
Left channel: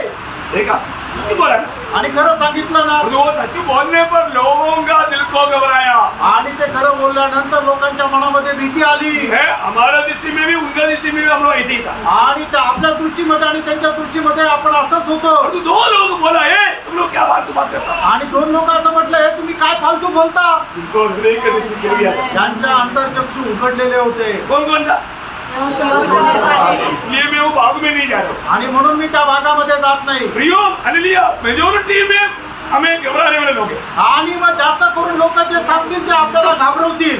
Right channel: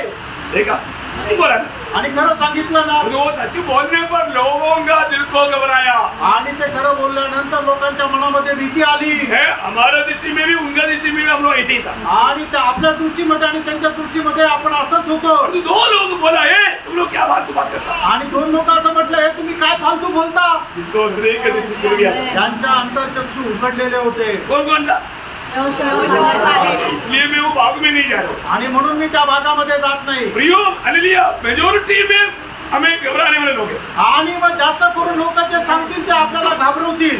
देखा सच्ची बोला ना। आणि खरं सांगितलं ना, वो सच बोलने पर लोगों का दिल को घबराया। आणि ते खरं बोलल्यानंतर लोकांच्या मनामध्ये भीती आली है। हमारा दृष्टि में भी उनका दृष्टि में भी हम लोग ऐसे ही था। आणि त्या आपल्या दृष्टीमध्ये आणि त्यांच्या दृष्टीमध्ये आपण असंच होतो। और दो लोग बोला है तुम लोग क्या फालतू बात करता? आणि 2 लोक असं म्हटलं हे तुम्ही काय फालतू बोलता? जिनको हृदय के दृष्टि खुल गया त्यांच्या अंतरचक्षु उघडलेले होते। कौन कौन था? इसलिए मैं वो भाग में नहीं जा रहा हूँ आणि म्हणून मी त्या भागामध्ये जात नाही। प्रियो हालेलुया, मेजॉरिटी में हमें घबराने वाले लोग हैं। आणि मग जास्त करून लोक जे सांगतील ते आपल्याला घाबरवतील।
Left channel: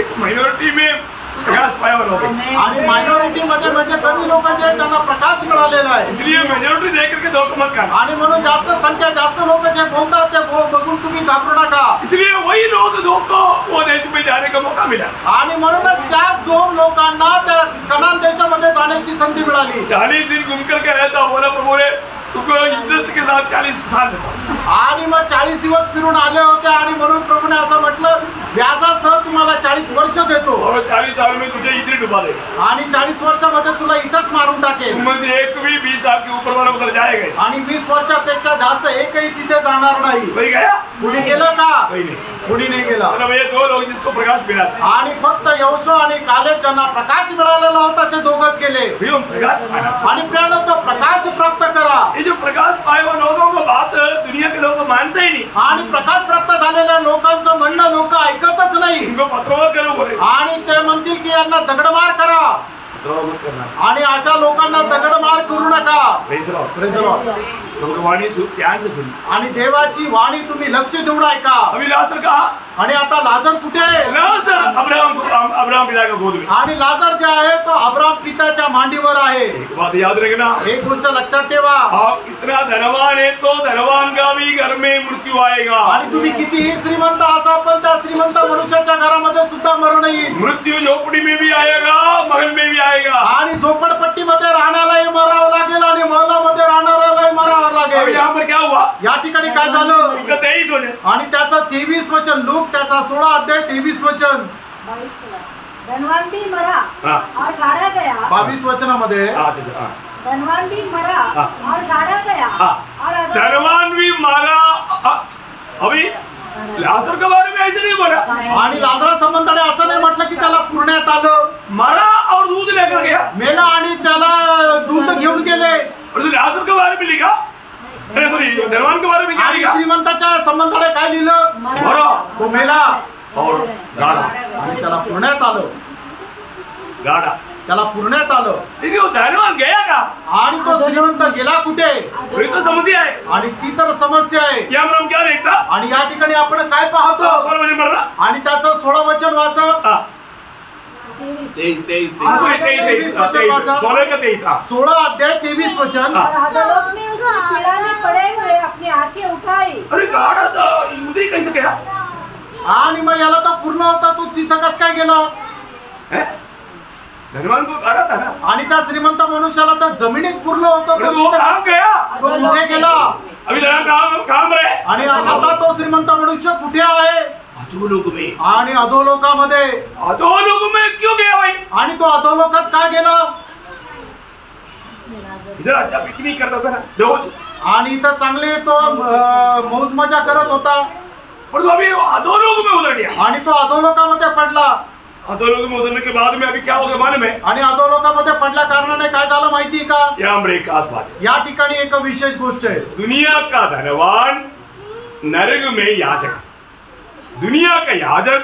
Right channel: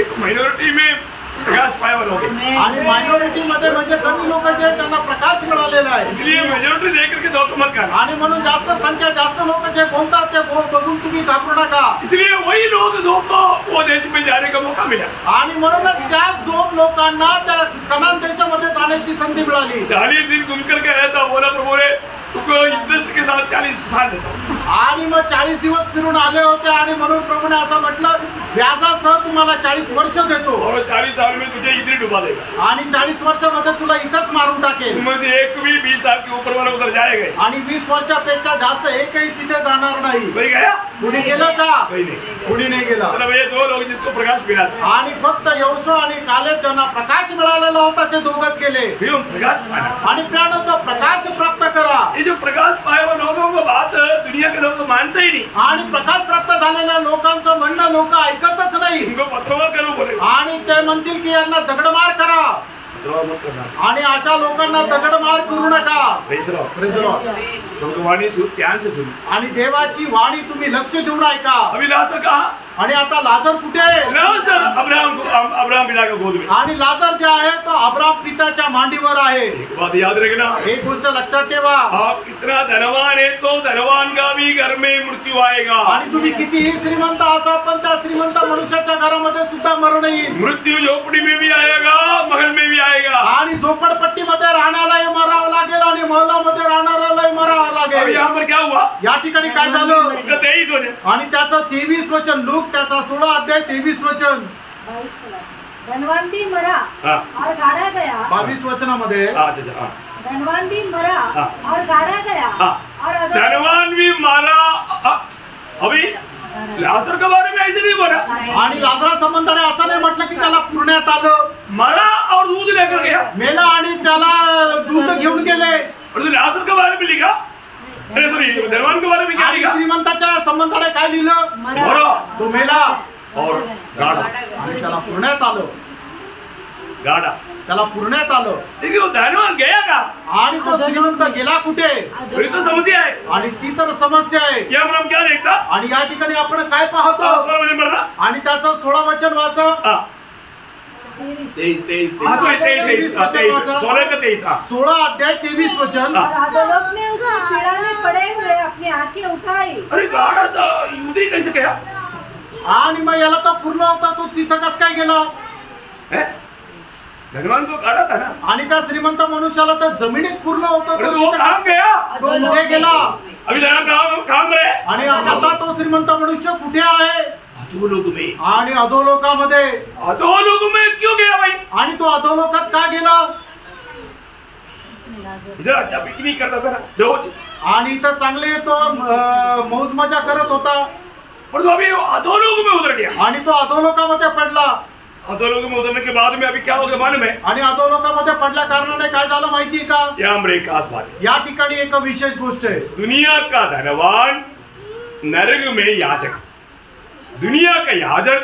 एक माइनॉरिटी में प्रकाश पाया हुआ लोग हैं। आणि मायनॉरिटी मध्ये म्हणजे कमी लोक जे आहेत त्यांना प्रकाश मिळालेला आहे। इसलिए मेजॉरिटी देख करके धोखा मत करना। आणि म्हणून जास्त संख्या जास्त लोक जे बोलतात ते बघून तुम्ही घाबरू नका। इसलिए वही लोग धोखा वो देश में जाने का मौका मिला। आणि म्हणूनच त्या 2 लोकांना त्या कनान देशामध्ये जाण्याची संधी मिळाली। 40 दिन घूम करके आया था, बोला प्रभु ने तुमको इंटरेस्ट के साथ 40 साल देता हूं। आणि मग 40 दिवस फिरून आले होते आणि म्हणून प्रभूने असं म्हटलं व्याजासह तुम्हाला 40 वर्ष देतो और 40 साल में तुझे इधर डुबा देगा। आणि 40 वर्षामध्ये तुला इथंच मारून टाकेल। तुम में से एक भी 20 साल के ऊपर वाला उधर जाएगा आणि 20 वर्षापेक्षा जास्त एकही तिथे जाणार नाही। कोई गया? कुणी गेलं का? कोई नहीं। कुणी नाही गेला। मतलब ये 2 लोग जिसको प्रकाश मिला था। आणि फक्त यहोशू आणि कालेब ज्यांना प्रकाश मिळालेला होता ते दोघंच गेले। प्रकाश पाना आणि प्रियानो तो प्रकाश प्राप्त करा। ये जो प्रकाश पाए हुए लोगों को बात दुनिया के लोग मानते ही नहीं। आणि प्रकाश प्राप्त झालेल्या लोकांचं म्हणणं लोक ऐकतच नाही। इनको पत्थरों करो बोले आणि ते म्हणतील की यांना दगडमार करा। पत्थरों मत करना। आणि अशा लोकांना दगडमार करू नका। Praise the Lord. Praise the Lord. तुमको वाणी ध्यान से सुन। आणि देवाची वाणी तुम्ही लक्ष देऊन ऐका। अभी लाजर कहा? आणि आता लाजर कुठे आहे? लाजर अब्राहम पिता के गोद में। आणि लाजर जे आहे तो अब्राहम पिताच्या मांडीवर आहे। एक बात याद रखना, एक गोष्ट लक्षात ठेवा, आप इतना धनवान है तो धनवान का भी घर में मृत्यू आएगा। आणि तुम्ही कितीही श्रीमंत असा पण त्या श्रीमंत मनुष्याच्या घरामध्ये सुद्धा मरण येईल। मृत्यू झोपड़ी में भी आएगा, महल में भी आएगा। आणि झोपडपट्टीमध्ये राहण्यालाही मरावं लागेल आणि महलामध्ये राहणाऱ्यालाही मरावं अभी लागेल। यहाँ पर क्या हुआ? या ठिकाणी काय झालं? उसका 23 वचन आणि त्याचं 23 वचन, लूक त्याचा 16 अध्याय 23 वचन। 22 धनवान भी मरा हाँ। और गाड़ा गया। 22 वचनामध्ये धनवान भी मरा हाँ। और गाड़ा गया हाँ। और धनवान भी मारा। अभी लाजर के बारे में ऐसे नहीं बोला। आणि लाजरा संबंधाने असं नाही म्हटलं की त्याला पुरण्यात आलं, मरा और दूध लेकर गया। मेला आणि त्याला दूध घेऊन गेले। और तो लाजर के बारे में लिखा, अरे सॉरी धनवान के बारे में क्या आणि लिखा? श्रीमंताच्या संबंधाने काय लिहिलं? मरा तो मेला और गाड़ा। आणि त्याला पुरण्यात आलं, गाड़ा त्याला पुरण्यात आलं। लेकिन वो धनवान गया का? आणि तो श्रीमंत गेला कुठे? वही तो समस्या है। आणि ती तर समस्या आहे। यहाँ पर हम क्या देखता? आणि या ठिकाणी आपण काय पाहतो? सोळा वचन पढ़ रहा। आणि त्याचं 16 वचन वाचा. 16 अध्याय 23 वचन. अधोलोक में उसकी पीड़ा में पड़े हुए अपनी आंखें उठाई. अरे गाडा तर युदी कैसे क्या. आणि मग याला तर पूर्ण होता, तो तिथं कसं काय गेला. धनवान को गाडा था ना. आणि त्या श्रीमंत मनुष्याला तर जमिनीत पूर्ण होतं, वो काम गया. तो कुठे गेला. अभी जरा काम रे. आणि आता तो श्रीमंत मनुष्य कुठे आहे. अधोलोक में. आणि अधोलोकामध्ये. अधोलोक में क्यों गया भाई. आणि तो अधोलोकात का गेला. इधर अच्छा पिकनिक करता था ना रोज. आणि इथं चांगले तो मौज मजा करत होता. पर तो अभी अधोलोक में उतर गया. आणि तो अधोलोकामध्ये पडला. अधोलोक में उतरने के बाद में अभी क्या हो गया मालूम है. आणि अधोलोकामध्ये पडल्या कारणाने काय झालं माहितीये का. यहाँ एक खास बात. या ठिकाणी एक विशेष गोष्ट आहे. दुनिया का धनवान नरक में याजक. दुनिया का याजक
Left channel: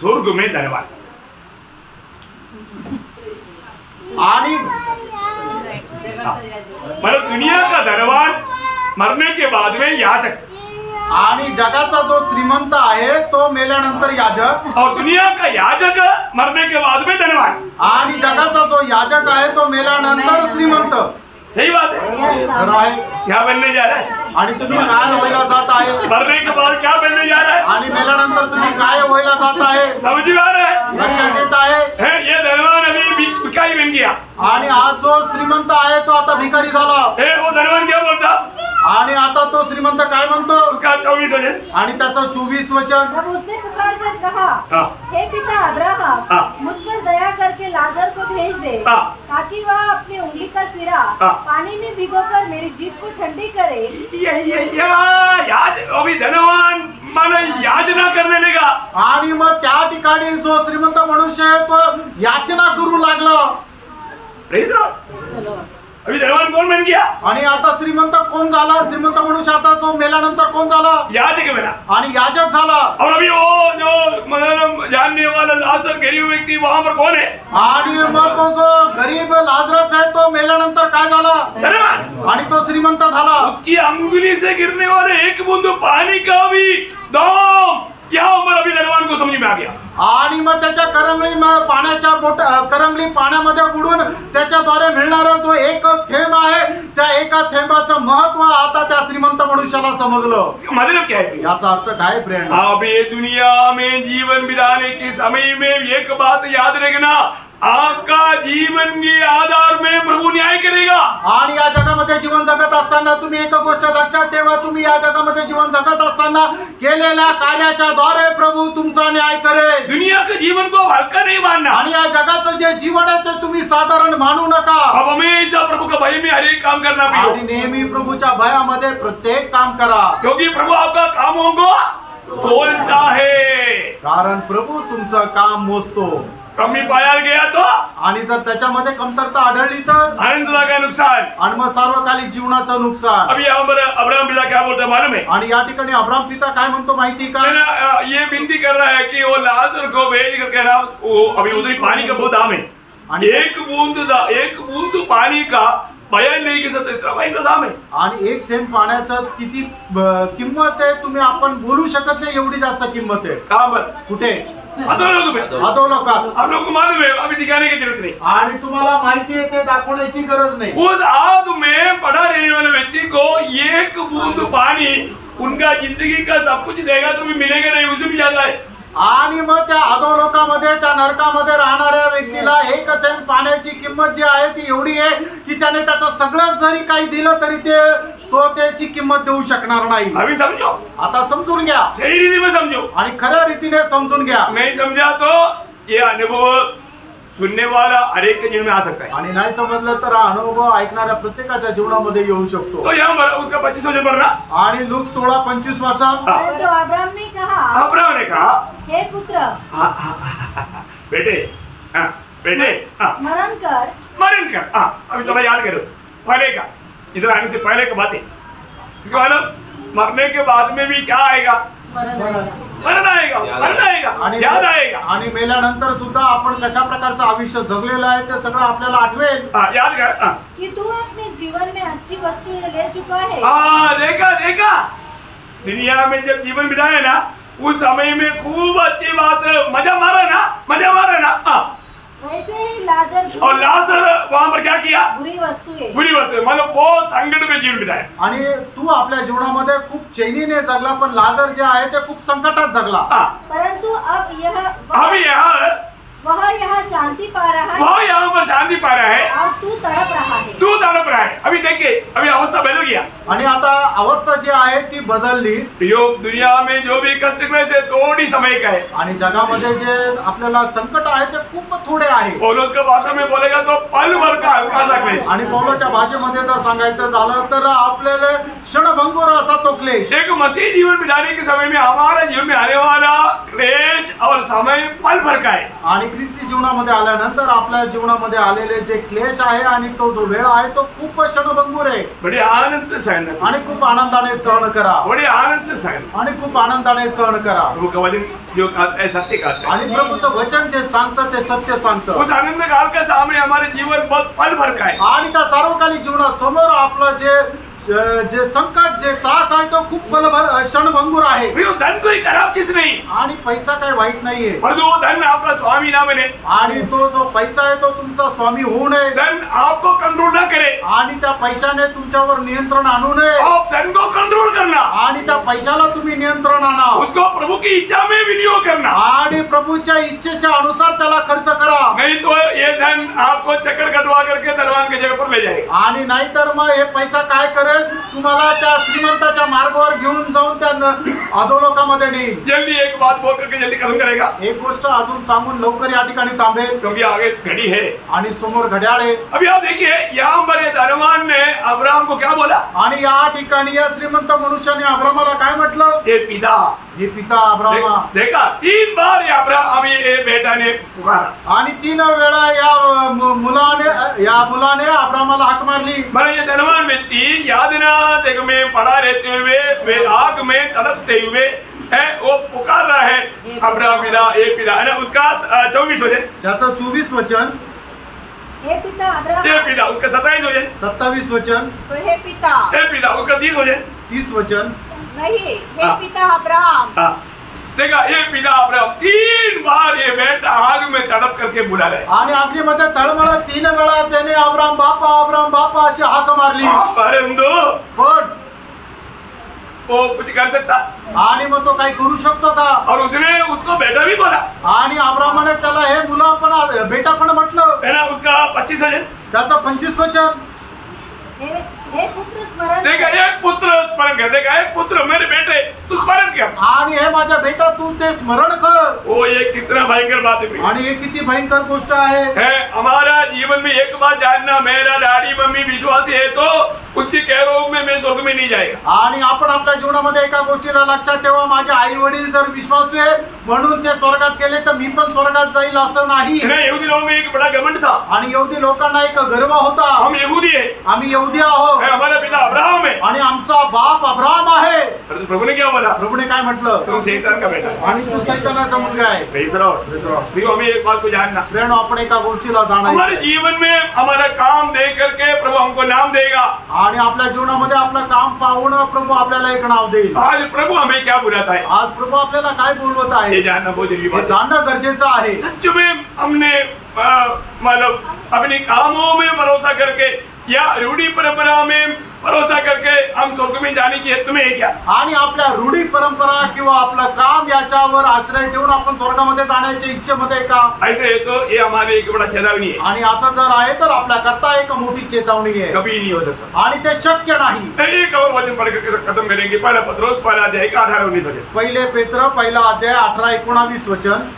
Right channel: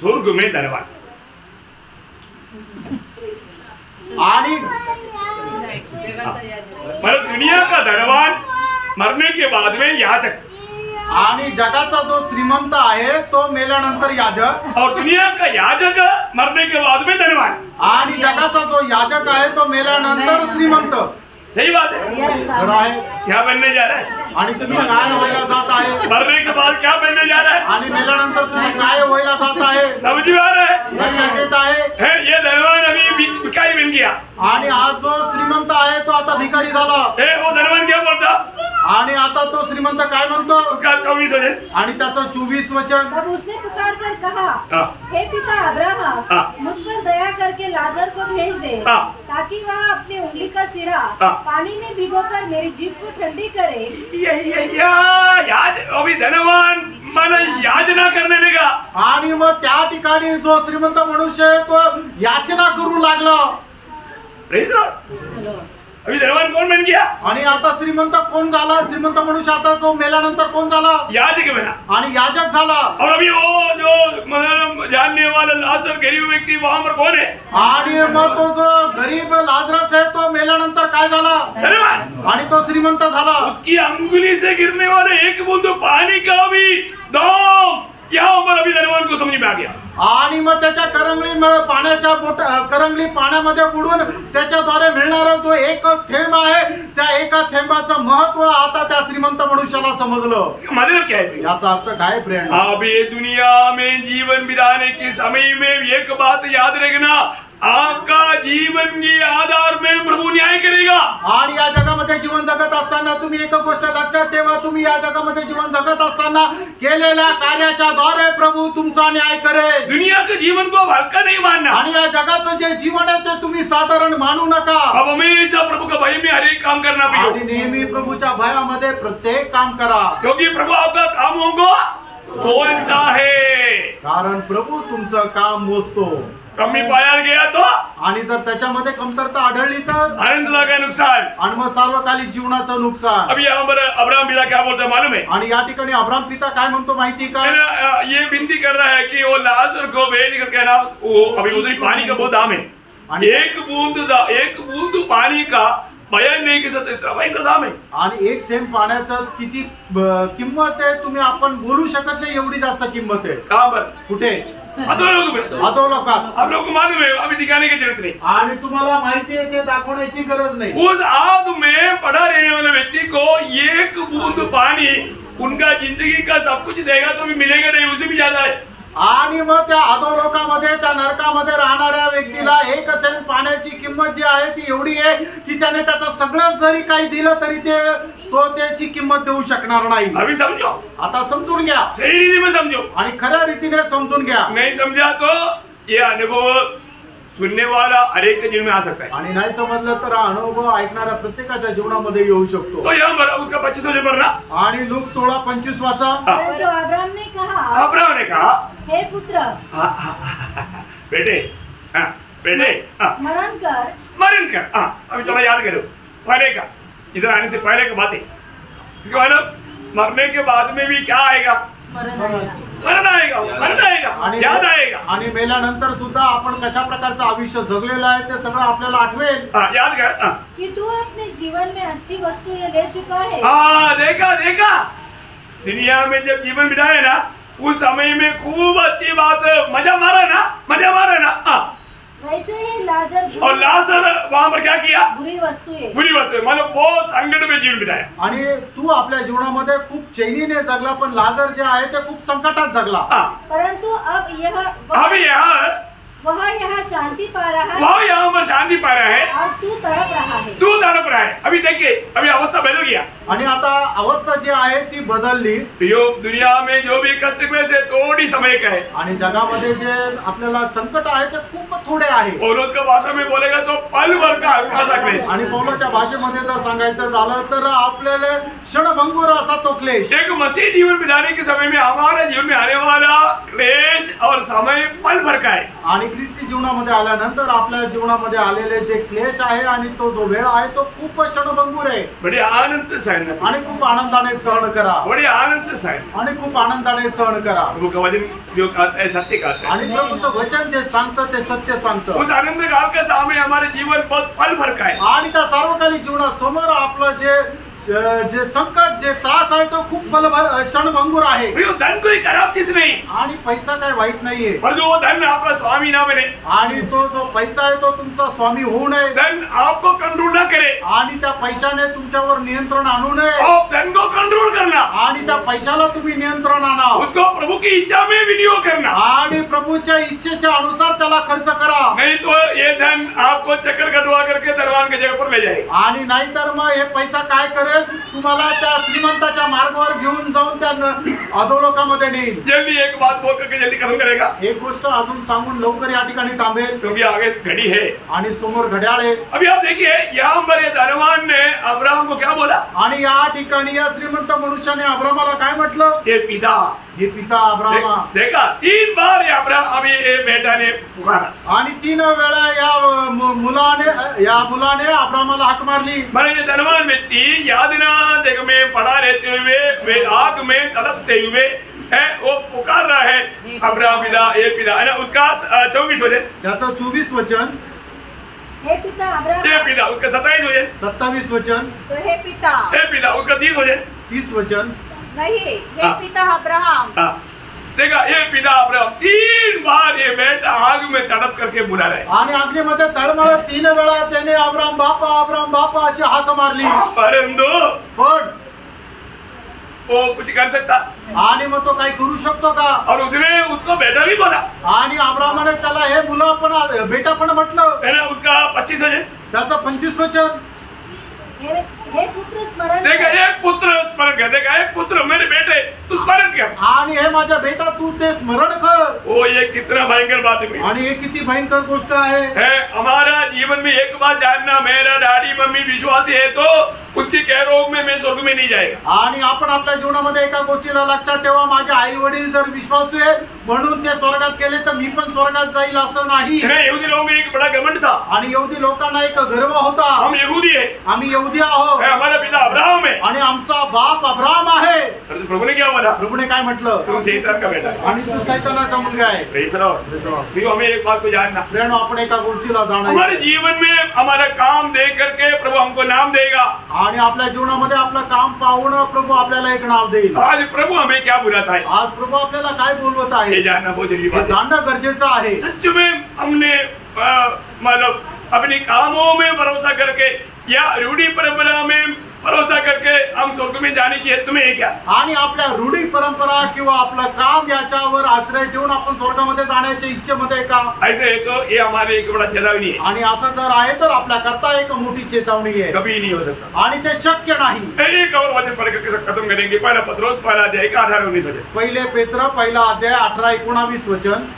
स्वर्ग में धनवान. आणि मतलब दुनिया का धनवान मरने के बाद में याजक. आणि जगाचा जो श्रीमंत आहे तो मेल्यानंतर याजक. और दुनिया का याजक मरने के बाद में धनवान. आणि जगाचा जो याजक आहे तो मेल्यानंतर श्रीमंत. सही बात है. क्या बनने जा रहा है. आणि तुम्ही काय व्हायला जात आहे. मरने के बाद क्या बनने जा रहा है. आणि मेल्यानंतर तुम्ही काय व्हायला जात आहे. समझ में आ रहा है. लक्षात येत आहे. ये धनवान अभी भिखारी बन गया. आणि हा जो श्रीमंत आहे तो आता भिकारी झाला. वो धनवान क्या बोलता. आणि आता तो श्रीमंत काय म्हणतो. उसका 24 वचन. आणि त्याचं 24 वचन. तब उसने पुकार कर कहा, हे पिता अब्राहम, मुझ पर दया करके लाजर को भेज दे, ताकि वह अपनी उंगली का सिरा पानी में भिगोकर मेरी जीभ को ठंडी करे. याद अभी धनवान मन याचना करने लगा. आणि मग त्या ठिकाणी जो श्रीमंत मनुष्य आहे तो याचना करू लागला. अभी धनवान कौन बन गया. आणि आता श्रीमंत कोण झाला. श्रीमंत मनुष्य आता तो मेल्यानंतर कोण झाला. याजक बना. आणि याजक झाला. और अभी वो जो मतलब जानने वाला लाजर गरीब व्यक्ति वहां पर कौन है. आणि मग तो जो गरीब लाजरस है तो मेल्यानंतर काय झाला. धनवान. आणि तो श्रीमंत झाला. उसकी अंगुली से गिरने वाले एक बूंद पानी का भी दाम यहाँ पर अभी धनवान को समझ में आ गया. आणि मग त्याच्या करंगली पाण्यामध्ये बुडून त्याच्याद्वारे मिळणारा जो एक थेंब आहे त्या एका थेंबाचं महत्व आता त्या श्रीमंत मनुष्याला समजलं. मतलब क्या है. याचा अर्थ काय फ्रेंड. अभी दुनिया में जीवन बिताने के समय में एक बात याद रखना. आपका जीवन के आधार में प्रभु न्याय करेगा. आणि या जगामध्ये जीवन जगत असताना तुम्ही एक गोष्ट लक्षात ठेवा. तुम्ही या जगामध्ये जीवन जगत असताना केलेल्या कार्याच्या द्वारे प्रभु तुमचा न्याय करेल. दुनिया के जीवन को हल्का नहीं मानना. आणि या जगाचं जे जीवन आहे ते तुम्ही साधारण मानू नका. अब हमेशा प्रभु का भय में हर एक काम करना भी. आणि नेहमी प्रभूच्या भयामध्ये प्रत्येक काम करा. क्योंकि प्रभु आपका कामों को तोलता है. कारण प्रभू तुमचं काम मोजतो. कमी पाया गया तो. आणि जर त्याच्यामध्ये कमतरता आढळली तर आनंदा का नुकसान. आणि मग सार्वकालिक जीवनाचं नुकसान. अभी यहाँ पर अब्राहम पिता क्या बोलता है मालूम है. आणि या ठिकाणी अब्राहम पिता काय म्हणतो माहिती का. ये विनती कर रहा है कि वो लाजर को भेज कर कहना. वो अभी उधर पानी का बहुत दाम है. एक बूंद पानी का बयान नहीं कर सकते इतना महंगा दाम है. आणि एक थेंब पाण्याचं किती किंमत आहे तुम्ही आपण बोलू शकत नाही. एवढी जास्त किंमत आहे. कहाँ पर. कुठे. अधोलोक में. अधोलोकात. आप लोग को मालूम है अभी दिखाने की जरूरत नहीं. आणि तुम्हाला माहिती आहे ते दाखवण्याची गरज नाही. उस आग में पड़ा रहने वाले व्यक्ति को एक बूंद पानी उनका जिंदगी का सब कुछ देगा तो भी मिलेगा नहीं. उससे भी ज्यादा है. आणि मग त्या अधोलोकामध्ये त्या नरकामध्ये राहणाऱ्या व्यक्तीला एक थेंब पाण्याची किंमत जी आहे ती एवढी आहे की त्याने त्याचं सगळं जरी काही दिलं तरी तो त्याची किंमत देऊ शकणार नाही. अभी समझो. आता समजून घ्या. सही रीति में समझो. आणि खऱ्या रीतीने समजून घ्या. नहीं समझा तो ये अनुभव सुनने वाला हर एक के जीवन में आ सकता है. आणि नाही समजलं तर हा अनुभव ऐकणाऱ्या प्रत्येकाच्या जीवनामध्ये येऊ शकतो. तो यहाँ पर उसका 25 वचन पढ़ना. आणि लूक 16:25 वाचा. तो अब्राहम ने कहा. अब्राहम ने कहा. हे पुत्र. बेटे. स्मरण कर. अभी थोड़ा याद करो पहले का. इधर आने से पहले का बातें. मरने के बाद में भी क्या आएगा. स्मरण आएगा. याद आएगा. आणि मेल्यानंतर सुद्धा आपण कशा प्रकारचं आयुष्य जगलेलं आहे ते सगळं आपल्याला आठवेल. याद कर. कि तू अपने जीवन में अच्छी वस्तु ये ले चुका है. देखा. दुनिया में जब जीवन बिताए ना उस समय में खूब अच्छी बात, मजा मारा ना। वैसे ही लाजर, और लाजर वहां पर क्या किया? बुरी वस्तू है, मतलब बहुत संकट में जीवन बिताया। आणि तू आपल्या जीवनामध्ये खूप चैनीने जगला, पण लाजर जे आहे ते खूप संकटात जगला। परंतु अब वह यहाँ शांति पा रहा है, वह यहाँ पर शांति पा रहा है, और तू तड़प रहा है। अभी देखिए, अभी अवस्था बदल गया। आणि आता अवस्था जी आहे ती बदलली। दुनिया में जो भी कष्ट में से थोड़ी समय का है, आणि जगामध्ये जे आपल्याला संकट आहे ते खूप थोडे आहे। पौलुस का भाषा में बोलेगा तो पल भर का हल्का सा क्लेश। आणि पौलुसच्या भाषेमध्ये जर सांगायचं झालं तर आपल्याला क्षणभंगुर असा तो क्लेश। एक मसीह जीवन बिताने के समय में हमारा जीवन में आने वाला क्लेश और समय पल भर का है। आणि ख्रिस्ती जीवनामध्ये आल्यानंतर आपल्या जीवनामध्ये आलेले जे क्लेश आहे आणि तो जो वेळ आहे तो खूप क्षणभंगुर आहे। बड़े आनंद से सहन, आणि खूप आनंदाने सहन करा, बड़े आनंद से सहन, आणि खूप आनंदाने सहन करा। प्रभु का वचन जो कहता है सत्य कहता है, आणि प्रभूचं वचन जे सांगतं ते सत्य सांगतं। उस आनंद काल के सामने हमारे जीवन बहुत पल भर का है। आणि त्या सार्वकालिक जीवनासमोर आपलं जे संकट, जे त्रास आहे तो खूप क्षणभंगुर आहे। धन कोई खराब चीज नहीं, आणि पैसा काही वाईट नाहीये, परंतु वो धन आपका स्वामी ना बने। आणि तो जो पैसा आहे तो तुमचा स्वामी होऊ नये, धन आपको कंट्रोल ना करे, आणि त्या पैशाने तुमच्यावर नियंत्रण आणू नये। आप धन को कंट्रोल करना, आणि त्या पैशाला तुम्ही नियंत्रण आणा, उसको प्रभु की इच्छा में विनियोग करना, आणि प्रभूच्या इच्छेच्या अनुसार त्याला खर्च करा। नहीं तो ये धन आपको चक्कर कटवा करके धनवान की जगह पर ले जाएगा। आणि नाहीतर मग हे पैसा काय करेल, तुम्हाला त्या श्रीमंताच्या मार्गावर घेऊन जाऊन त्या अधोलोकामध्ये नेईल। जल्दी एक बात बोल करके जल्दी खत्म करेगा। एक गोष्ट अजून सांगून लवकर या ठिकाणी थांबेल, क्योंकि आगे घड़ी है आणि समोर घड्याळ आहे। अभी आप देखिए, यहाँ पर ये धनवान ने अब्राहम को क्या बोला? आणि या ठिकाणी या श्रीमंत मनुष्याने अब्राहमाला काय म्हटलं? हे पिता, हे पिता अब्राहमा। देखा 3 बार ये अब्राहम, अभी ये बेटा ने पुकारा, आणि 3 वेळा या मुलाने अब्राहमाला हाक मारली। मैंने ये धनवान व्यक्ति याद ना देख में पड़ा रहते हुए, वे आग में तड़पते हुए है, वो पुकार रहा है अब्राहम पिता, ये पिता है ना। उसका 24 वचन, त्याचं 24 वचन, हे पिता अब्राहम, हे पिता। उसका 27 वचन, 27 वचन, तो हे पिता, हे पिता। उसका 30 वचन, 30 वचन, नहीं, हे पिता अब्राहम। देखा, ये पिता अब्राहम 3 बार ये बेटा आग में तड़प करके बुला रहे, आणि अग्नीमध्ये तळमळत 3 वेळा त्याने अब्राहम बापा अशी हाक मारली। परंतु पण वो कुछ कर सकता, आणि मग तो काही करू शकतो का? और उसने उसको बेटा भी बोला, आणि अब्राहमाने त्याला हे मुला पण बेटा पण म्हटलं, है ना। उसका 25 वचन, त्याचं 25 वचन, हे पुत्र स्मरण, देखा एक पुत्र स्मरण कर, देखा एक पुत्र, मेरे बेटे तू स्मरण कर, आणि हे माझ्या बेटा तू ते स्मरण कर। वो ये कितना भयंकर बात है। आणि हे किती भयंकर गोष्ट आहे। हमारा जीवन में एक बात जानना, मेरा डैडी मम्मी विश्वासी है तो उसकी कह में मैं स्वर्ग में नहीं जाएगा। आणि आपण आपल्या जीवनामध्ये एका गोष्टीला लक्षात ठेवा, माझे आई वडील जर विश्वासू आहे म्हणून ते स्वर्गात गेले तर मी पण स्वर्गात जाईल असं नाही। यहूदी लोगों में एक बड़ा घमंड था, आणि यहूदी लोकांना एक गर्व होता, हम यहूदी है, आम्ही यहूदी आहोत, हमारा पिता अब्राहम है, आणि आमचा बाप अब्राहम आहे। तो प्रभु ने क्या बोला? प्रभुने काय म्हटलं? तुम शैतान का बेटा है, आणि तू सैतानाचा मुलगा आहे। Praise Lord. हमें एक बात को जानना, प्रेरणा आपण एका गोष्टीला जाणायचं, हमारे जीवन में हमारा काम देख करके प्रभु हमको नाम देगा, आणि आपल्या जीवनामध्ये आपलं काम पाहून प्रभु आपल्याला एक नाव देईल। आज प्रभु हमें क्या बुलाता है, आज प्रभु आपल्याला काय बोलवत आहे ये जानना बहुत जरूरी हे बात है। जाणणं गरजेचं आहे। सच में हमने मतलब अपने कामों में भरोसा करके या रूढ़ी परंपरा में भरोसा करके हम स्वर्ग में जाने की हेतु में है क्या? आणि आपल्या रूढी परंपरा किंवा आपलं काम याच्यावर आश्रय ठेवून आपण स्वर्गामध्ये जाण्याच्या इच्छेमध्ये का? ऐसे है तो ये हमारे एक बड़ा चेतावनी है, आणि असं जर आहे तर आपल्या करता एक मोठी चेतावणी आहे, कभी नहीं हो सकता। आणि ते शक्य नाही। एक और वचन पढ़ करके खत्म करेंगे, पहला पत्रोस पहला अध्याय का 18-19 वचन। पहिले पेत्र पहिला अध्याय 18-19 वचन।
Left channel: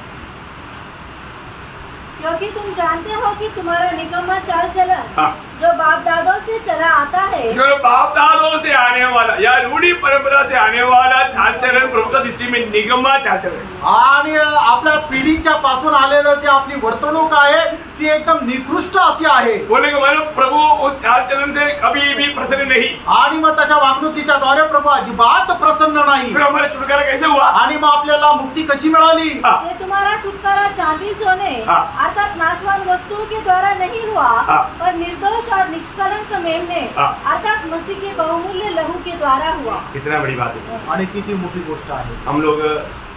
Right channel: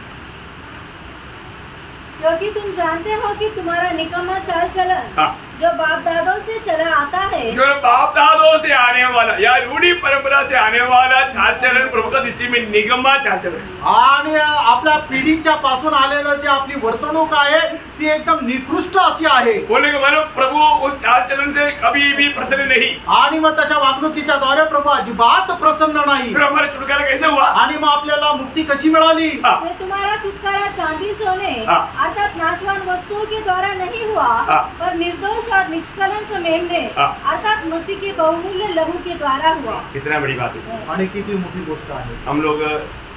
क्योंकि तुम जानते हो कि तुम्हारा निकम्मा चाल चलन जो बाप दादों से चला आता है, जो बाप दादों से आने वाला या रूढ़ी परंपरा से आने वाला चाल चलन प्रभु का दृष्टि में निगम्मा चाल चलन, आणि आपल्या पिढीच्या पासून आलेलं जे आपली वर्तणूक आहे ती एकदम निकृष्ट अशी आहे। बोले कि मतलब प्रभु उस चाल चलन से कभी भी प्रसन्न नहीं, आणि मग तशा वागणुकीच्या द्वारे प्रभु अजिबात प्रसन्न नाही। फिर हमारा छुटकारा कैसे हुआ? आणि मग आपल्याला मुक्ती कशी मिळाली? से तुम्हारा छुटकारा चांदी सोने अर्थात नाशवान वस्तुओं के द्वारा नहीं हुआ, पर निर्दोष और निष्कलंक मेमने अर्थात मसीह के बहुमूल्य लहू के द्वारा हुआ। कितना बड़ी बात है आणि किती मोठी गोष्ट आहे। हम लोग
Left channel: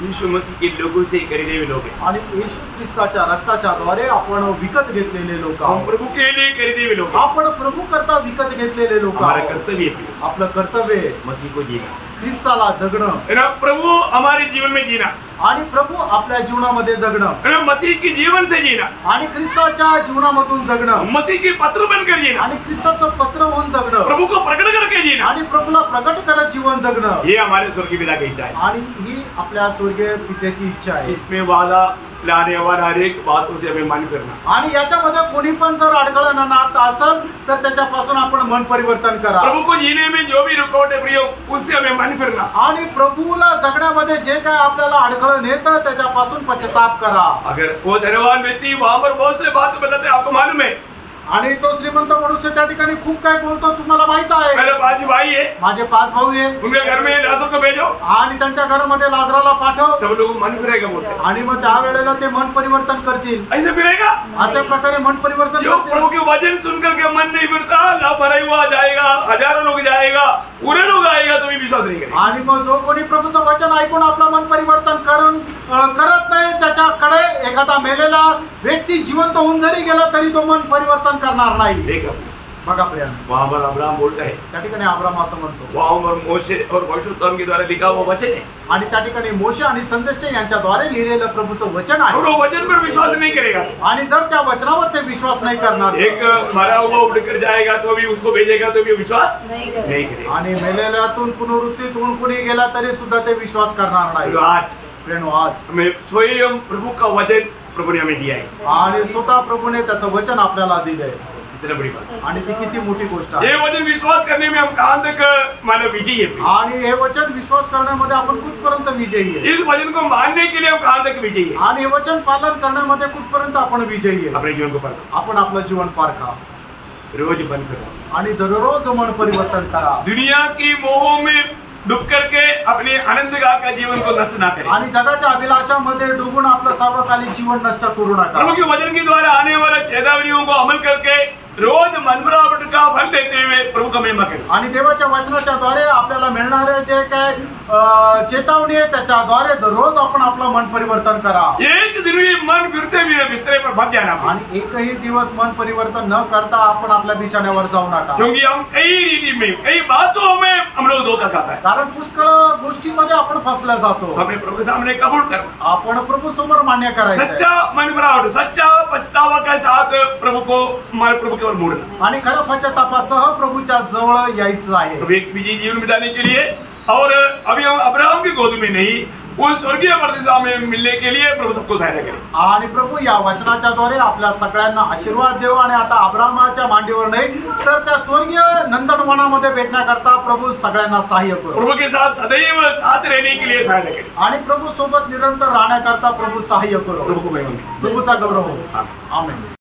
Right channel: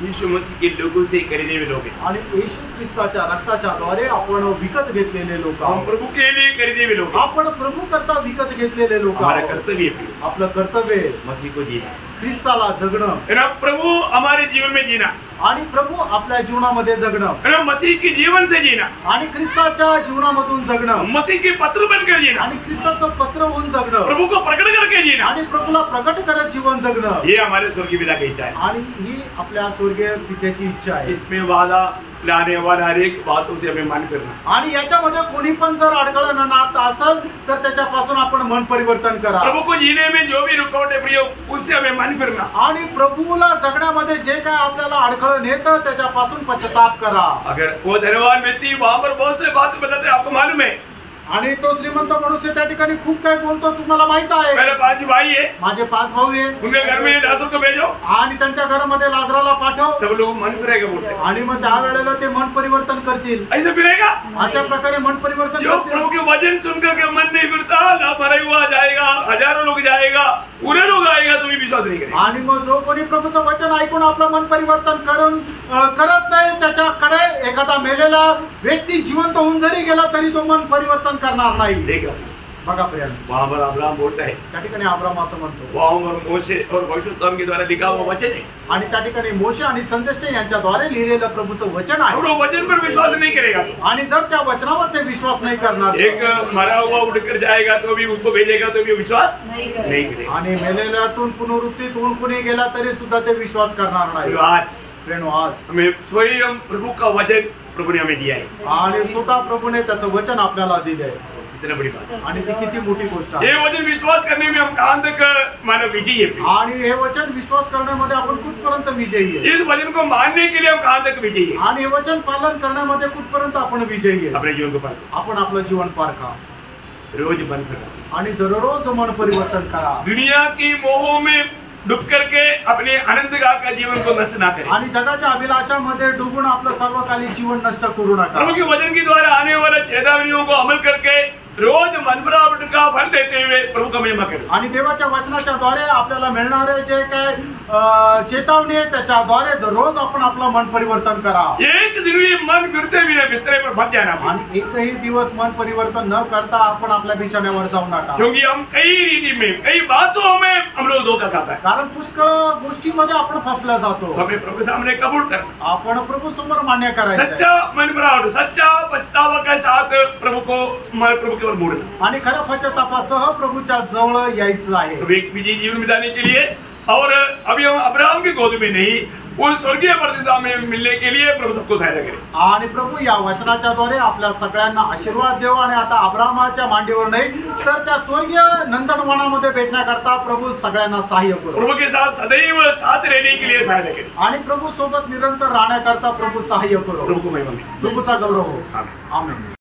यीशु मसीह के लोगों से खरीदे हुए लोग हैं आणि येशू ख्रिस्ताच्या रक्ताच्या द्वारे आपण विकत घेतलेले लोक हम आहोत। प्रभु के लिए खरीदे हुए लोग हैं। आपण प्रभू करता विकत घेतलेले लोक हमारा आहोत। कर्तव्य है आपलं कर्तव्य आहे मसीह को जीना ख्रिस्ताला जगणं है ना, प्रभु हमारे जीवन में जीना आणि प्रभू आपल्या जीवनामध्ये जगणं है ना, मसीह के जीवन से जीना, आणि ख्रिस्ताच्या जीवनामधून जगणं मसीह के पत्र बनकर जीना, आणि ख्रिस्ताचं पत्र होऊन जगणं प्रभु को प्रकट करके जीना, आणि प्रभूला प्रकट करत जीवन जगणं ये हमारे स्वर्गीय पिता की इच्छा है। आणि ही आपल्या स्वर्गीय पित्याची इच्छा आहे। इसमें वादा लाने वाला हर एक बातों से हमें मान करना। आणि याच्यामध्ये कोणी पण जर अडकळण नात असेल तर त्याच्यापासून आपण मन परिवर्तन करा। प्रभु को जीने में जो भी रुकावट है प्रिय उससे हमें मान करना। आणि प्रभूला जगण्यामध्ये जे काय आपल्याला अडकळण येतं त्याच्यापासून पश्चाताप करा। अगर वो धनवान व्यक्ति वहां पर बहुत से बात बताते आपको मालूम है, आणि तो श्रीमंत मनुष्य त्या ठिकाणी खूप काय बोलतो तुम्हाला माहित आहे। मेरे 5 भाई है, माझे 5 भाऊ आहे, उनके घर में लाजर को भेजो, आणि त्यांच्या घरामध्ये लाजराला पाठव, तब लोग मन फिरेगा बोलते हैं। आणि मग त्यावेळेला ते मन परिवर्तन करतील। ऐसे फिरेगा अशा प्रकारे मन परिवर्तन जो करतील। प्रभु के वचन सुनकर के मन नहीं फिरता, ना भरा हुआ जाएगा, हजारों लोग जाएगा, पूरे लोग आएगा तो भी विश्वास नहीं करेगा। आणि मग जो कोणी प्रभूचं वचन ऐकून आपलं मन परिवर्तन करत नाही त्याच्याकडे एखादा मेलेला व्यक्ती जिवंत होऊन जरी गेला तरी तो मन परिवर्तन करणार नाही। देखो बघा प्रियांनो, वहां पर अब्राहम बोलता है, त्या ठिकाणी अब्राहम असं म्हणतो, वहां पर मोशे और भविष्यवक्ताओं के द्वारा लिखा हुआ वचन है, आणि त्या ठिकाणी मोशे आणि संदेष्टे यांच्याद्वारे लिहिलेलं प्रभूचं वचन और आहे। वो वचन पर विश्वास नहीं करेगा। आणि जर त्या वचनावर ते विश्वास नाही करणार, एक मरा हुआ उठकर जाएगा तो भी उसको भेजेगा तो भी विश्वास नहीं नहीं करेगा। आणि मेलेल्यातून पुनरुत्थित होऊन कुणी गेला तरी सुद्धा ते विश्वास करणार नाही। आज प्रियांनो, आज हमें स्वयं प्रभु का वचन प्रभु ने हमें दिया है। आणि स्वतः प्रभूने त्याचं वचन आपल्याला दिलंय, कितना बड़ी बात है। आणि ती किती मोठी गोष्ट आहे। ये वचन विश्वास करने में हम कहां तक मानव विजयी है। आणि हे वचन विश्वास करण्यामध्ये आपण कुठपर्यंत विजयी आहे। इस वचन को मानने के लिए हम कहां तक विजयी है। आणि हे वचन पालन करण्यामध्ये कुठपर्यंत आपण विजयी आहे। अपने जीवन को पालो, आपण आपलं जीवन पारखा रोज बंद करो आणि दररोज मन परिवर्तन करा। दुनिया की मोह में डूब करके अपने आनंदगार का जीवन को नष्ट ना करें। आणि जगाच्या अभिलाषामध्ये डुबून आपलं सार्वकालिक जीवन नष्ट करू नका। प्रभु के वचन के द्वारा आने वाले चेतावनियों को अमल करके रोज मनभरावट का फल देते हुए प्रभु का महिमा करो। आणि देवाच्या वचनाच्या द्वारे आपल्याला मिळणारे जे काय चेतावणी आहे त्याच्याद्वारे दररोज आपण आपलं मन परिवर्तन करा। एक दिन भी मन फिरते भी बिस्तरे पर मत जाना, आणि एकही दिवस मन परिवर्तन न करता आपण आपल्या बिछाण्यावर जाऊ नका। क्योंकि हम कई रीति में कई बातों में हम लोग धोखा खाता है। कारण पुष्कळ गोष्टीमध्ये आपण फसला जातो। हमें प्रभु के सामने कबूल करना, आपण प्रभू समोर मान्य करायचं, सच्चा मनभरावट सच्चा पछतावा के साथ प्रभु को हमारे प्रभु के ओर मोड़ना, आणि खरं पश्चातापासह प्रभूच्या जवळ यायचं आहे। प्रभु एक विजयी जीवन बिताने के लिए। और अभी हम अब्राहम की गोद में नहीं, उस स्वर्गीय प्रतिष्ठा में मिलने के लिए प्रभु सबको सहायता करे। आणि प्रभू या वचनाच्या द्वारे आपल्या सगळ्यांना आशीर्वाद देव, आणि आता अब्राहमाच्या मांडीवर नाही तर त्या स्वर्गीय नंदनवनामध्ये भेटण्याकरता प्रभू सगळ्यांना सहाय्य करो। प्रभु के साथ सदैव साथ रहने के लिए सहायता करे। आणि प्रभू सोबत निरंतर राहण्याकरता प्रभू सहाय्य करो। प्रभु को महिमा मिले। प्रभूचा गौरव हो। आमीन। आमेन।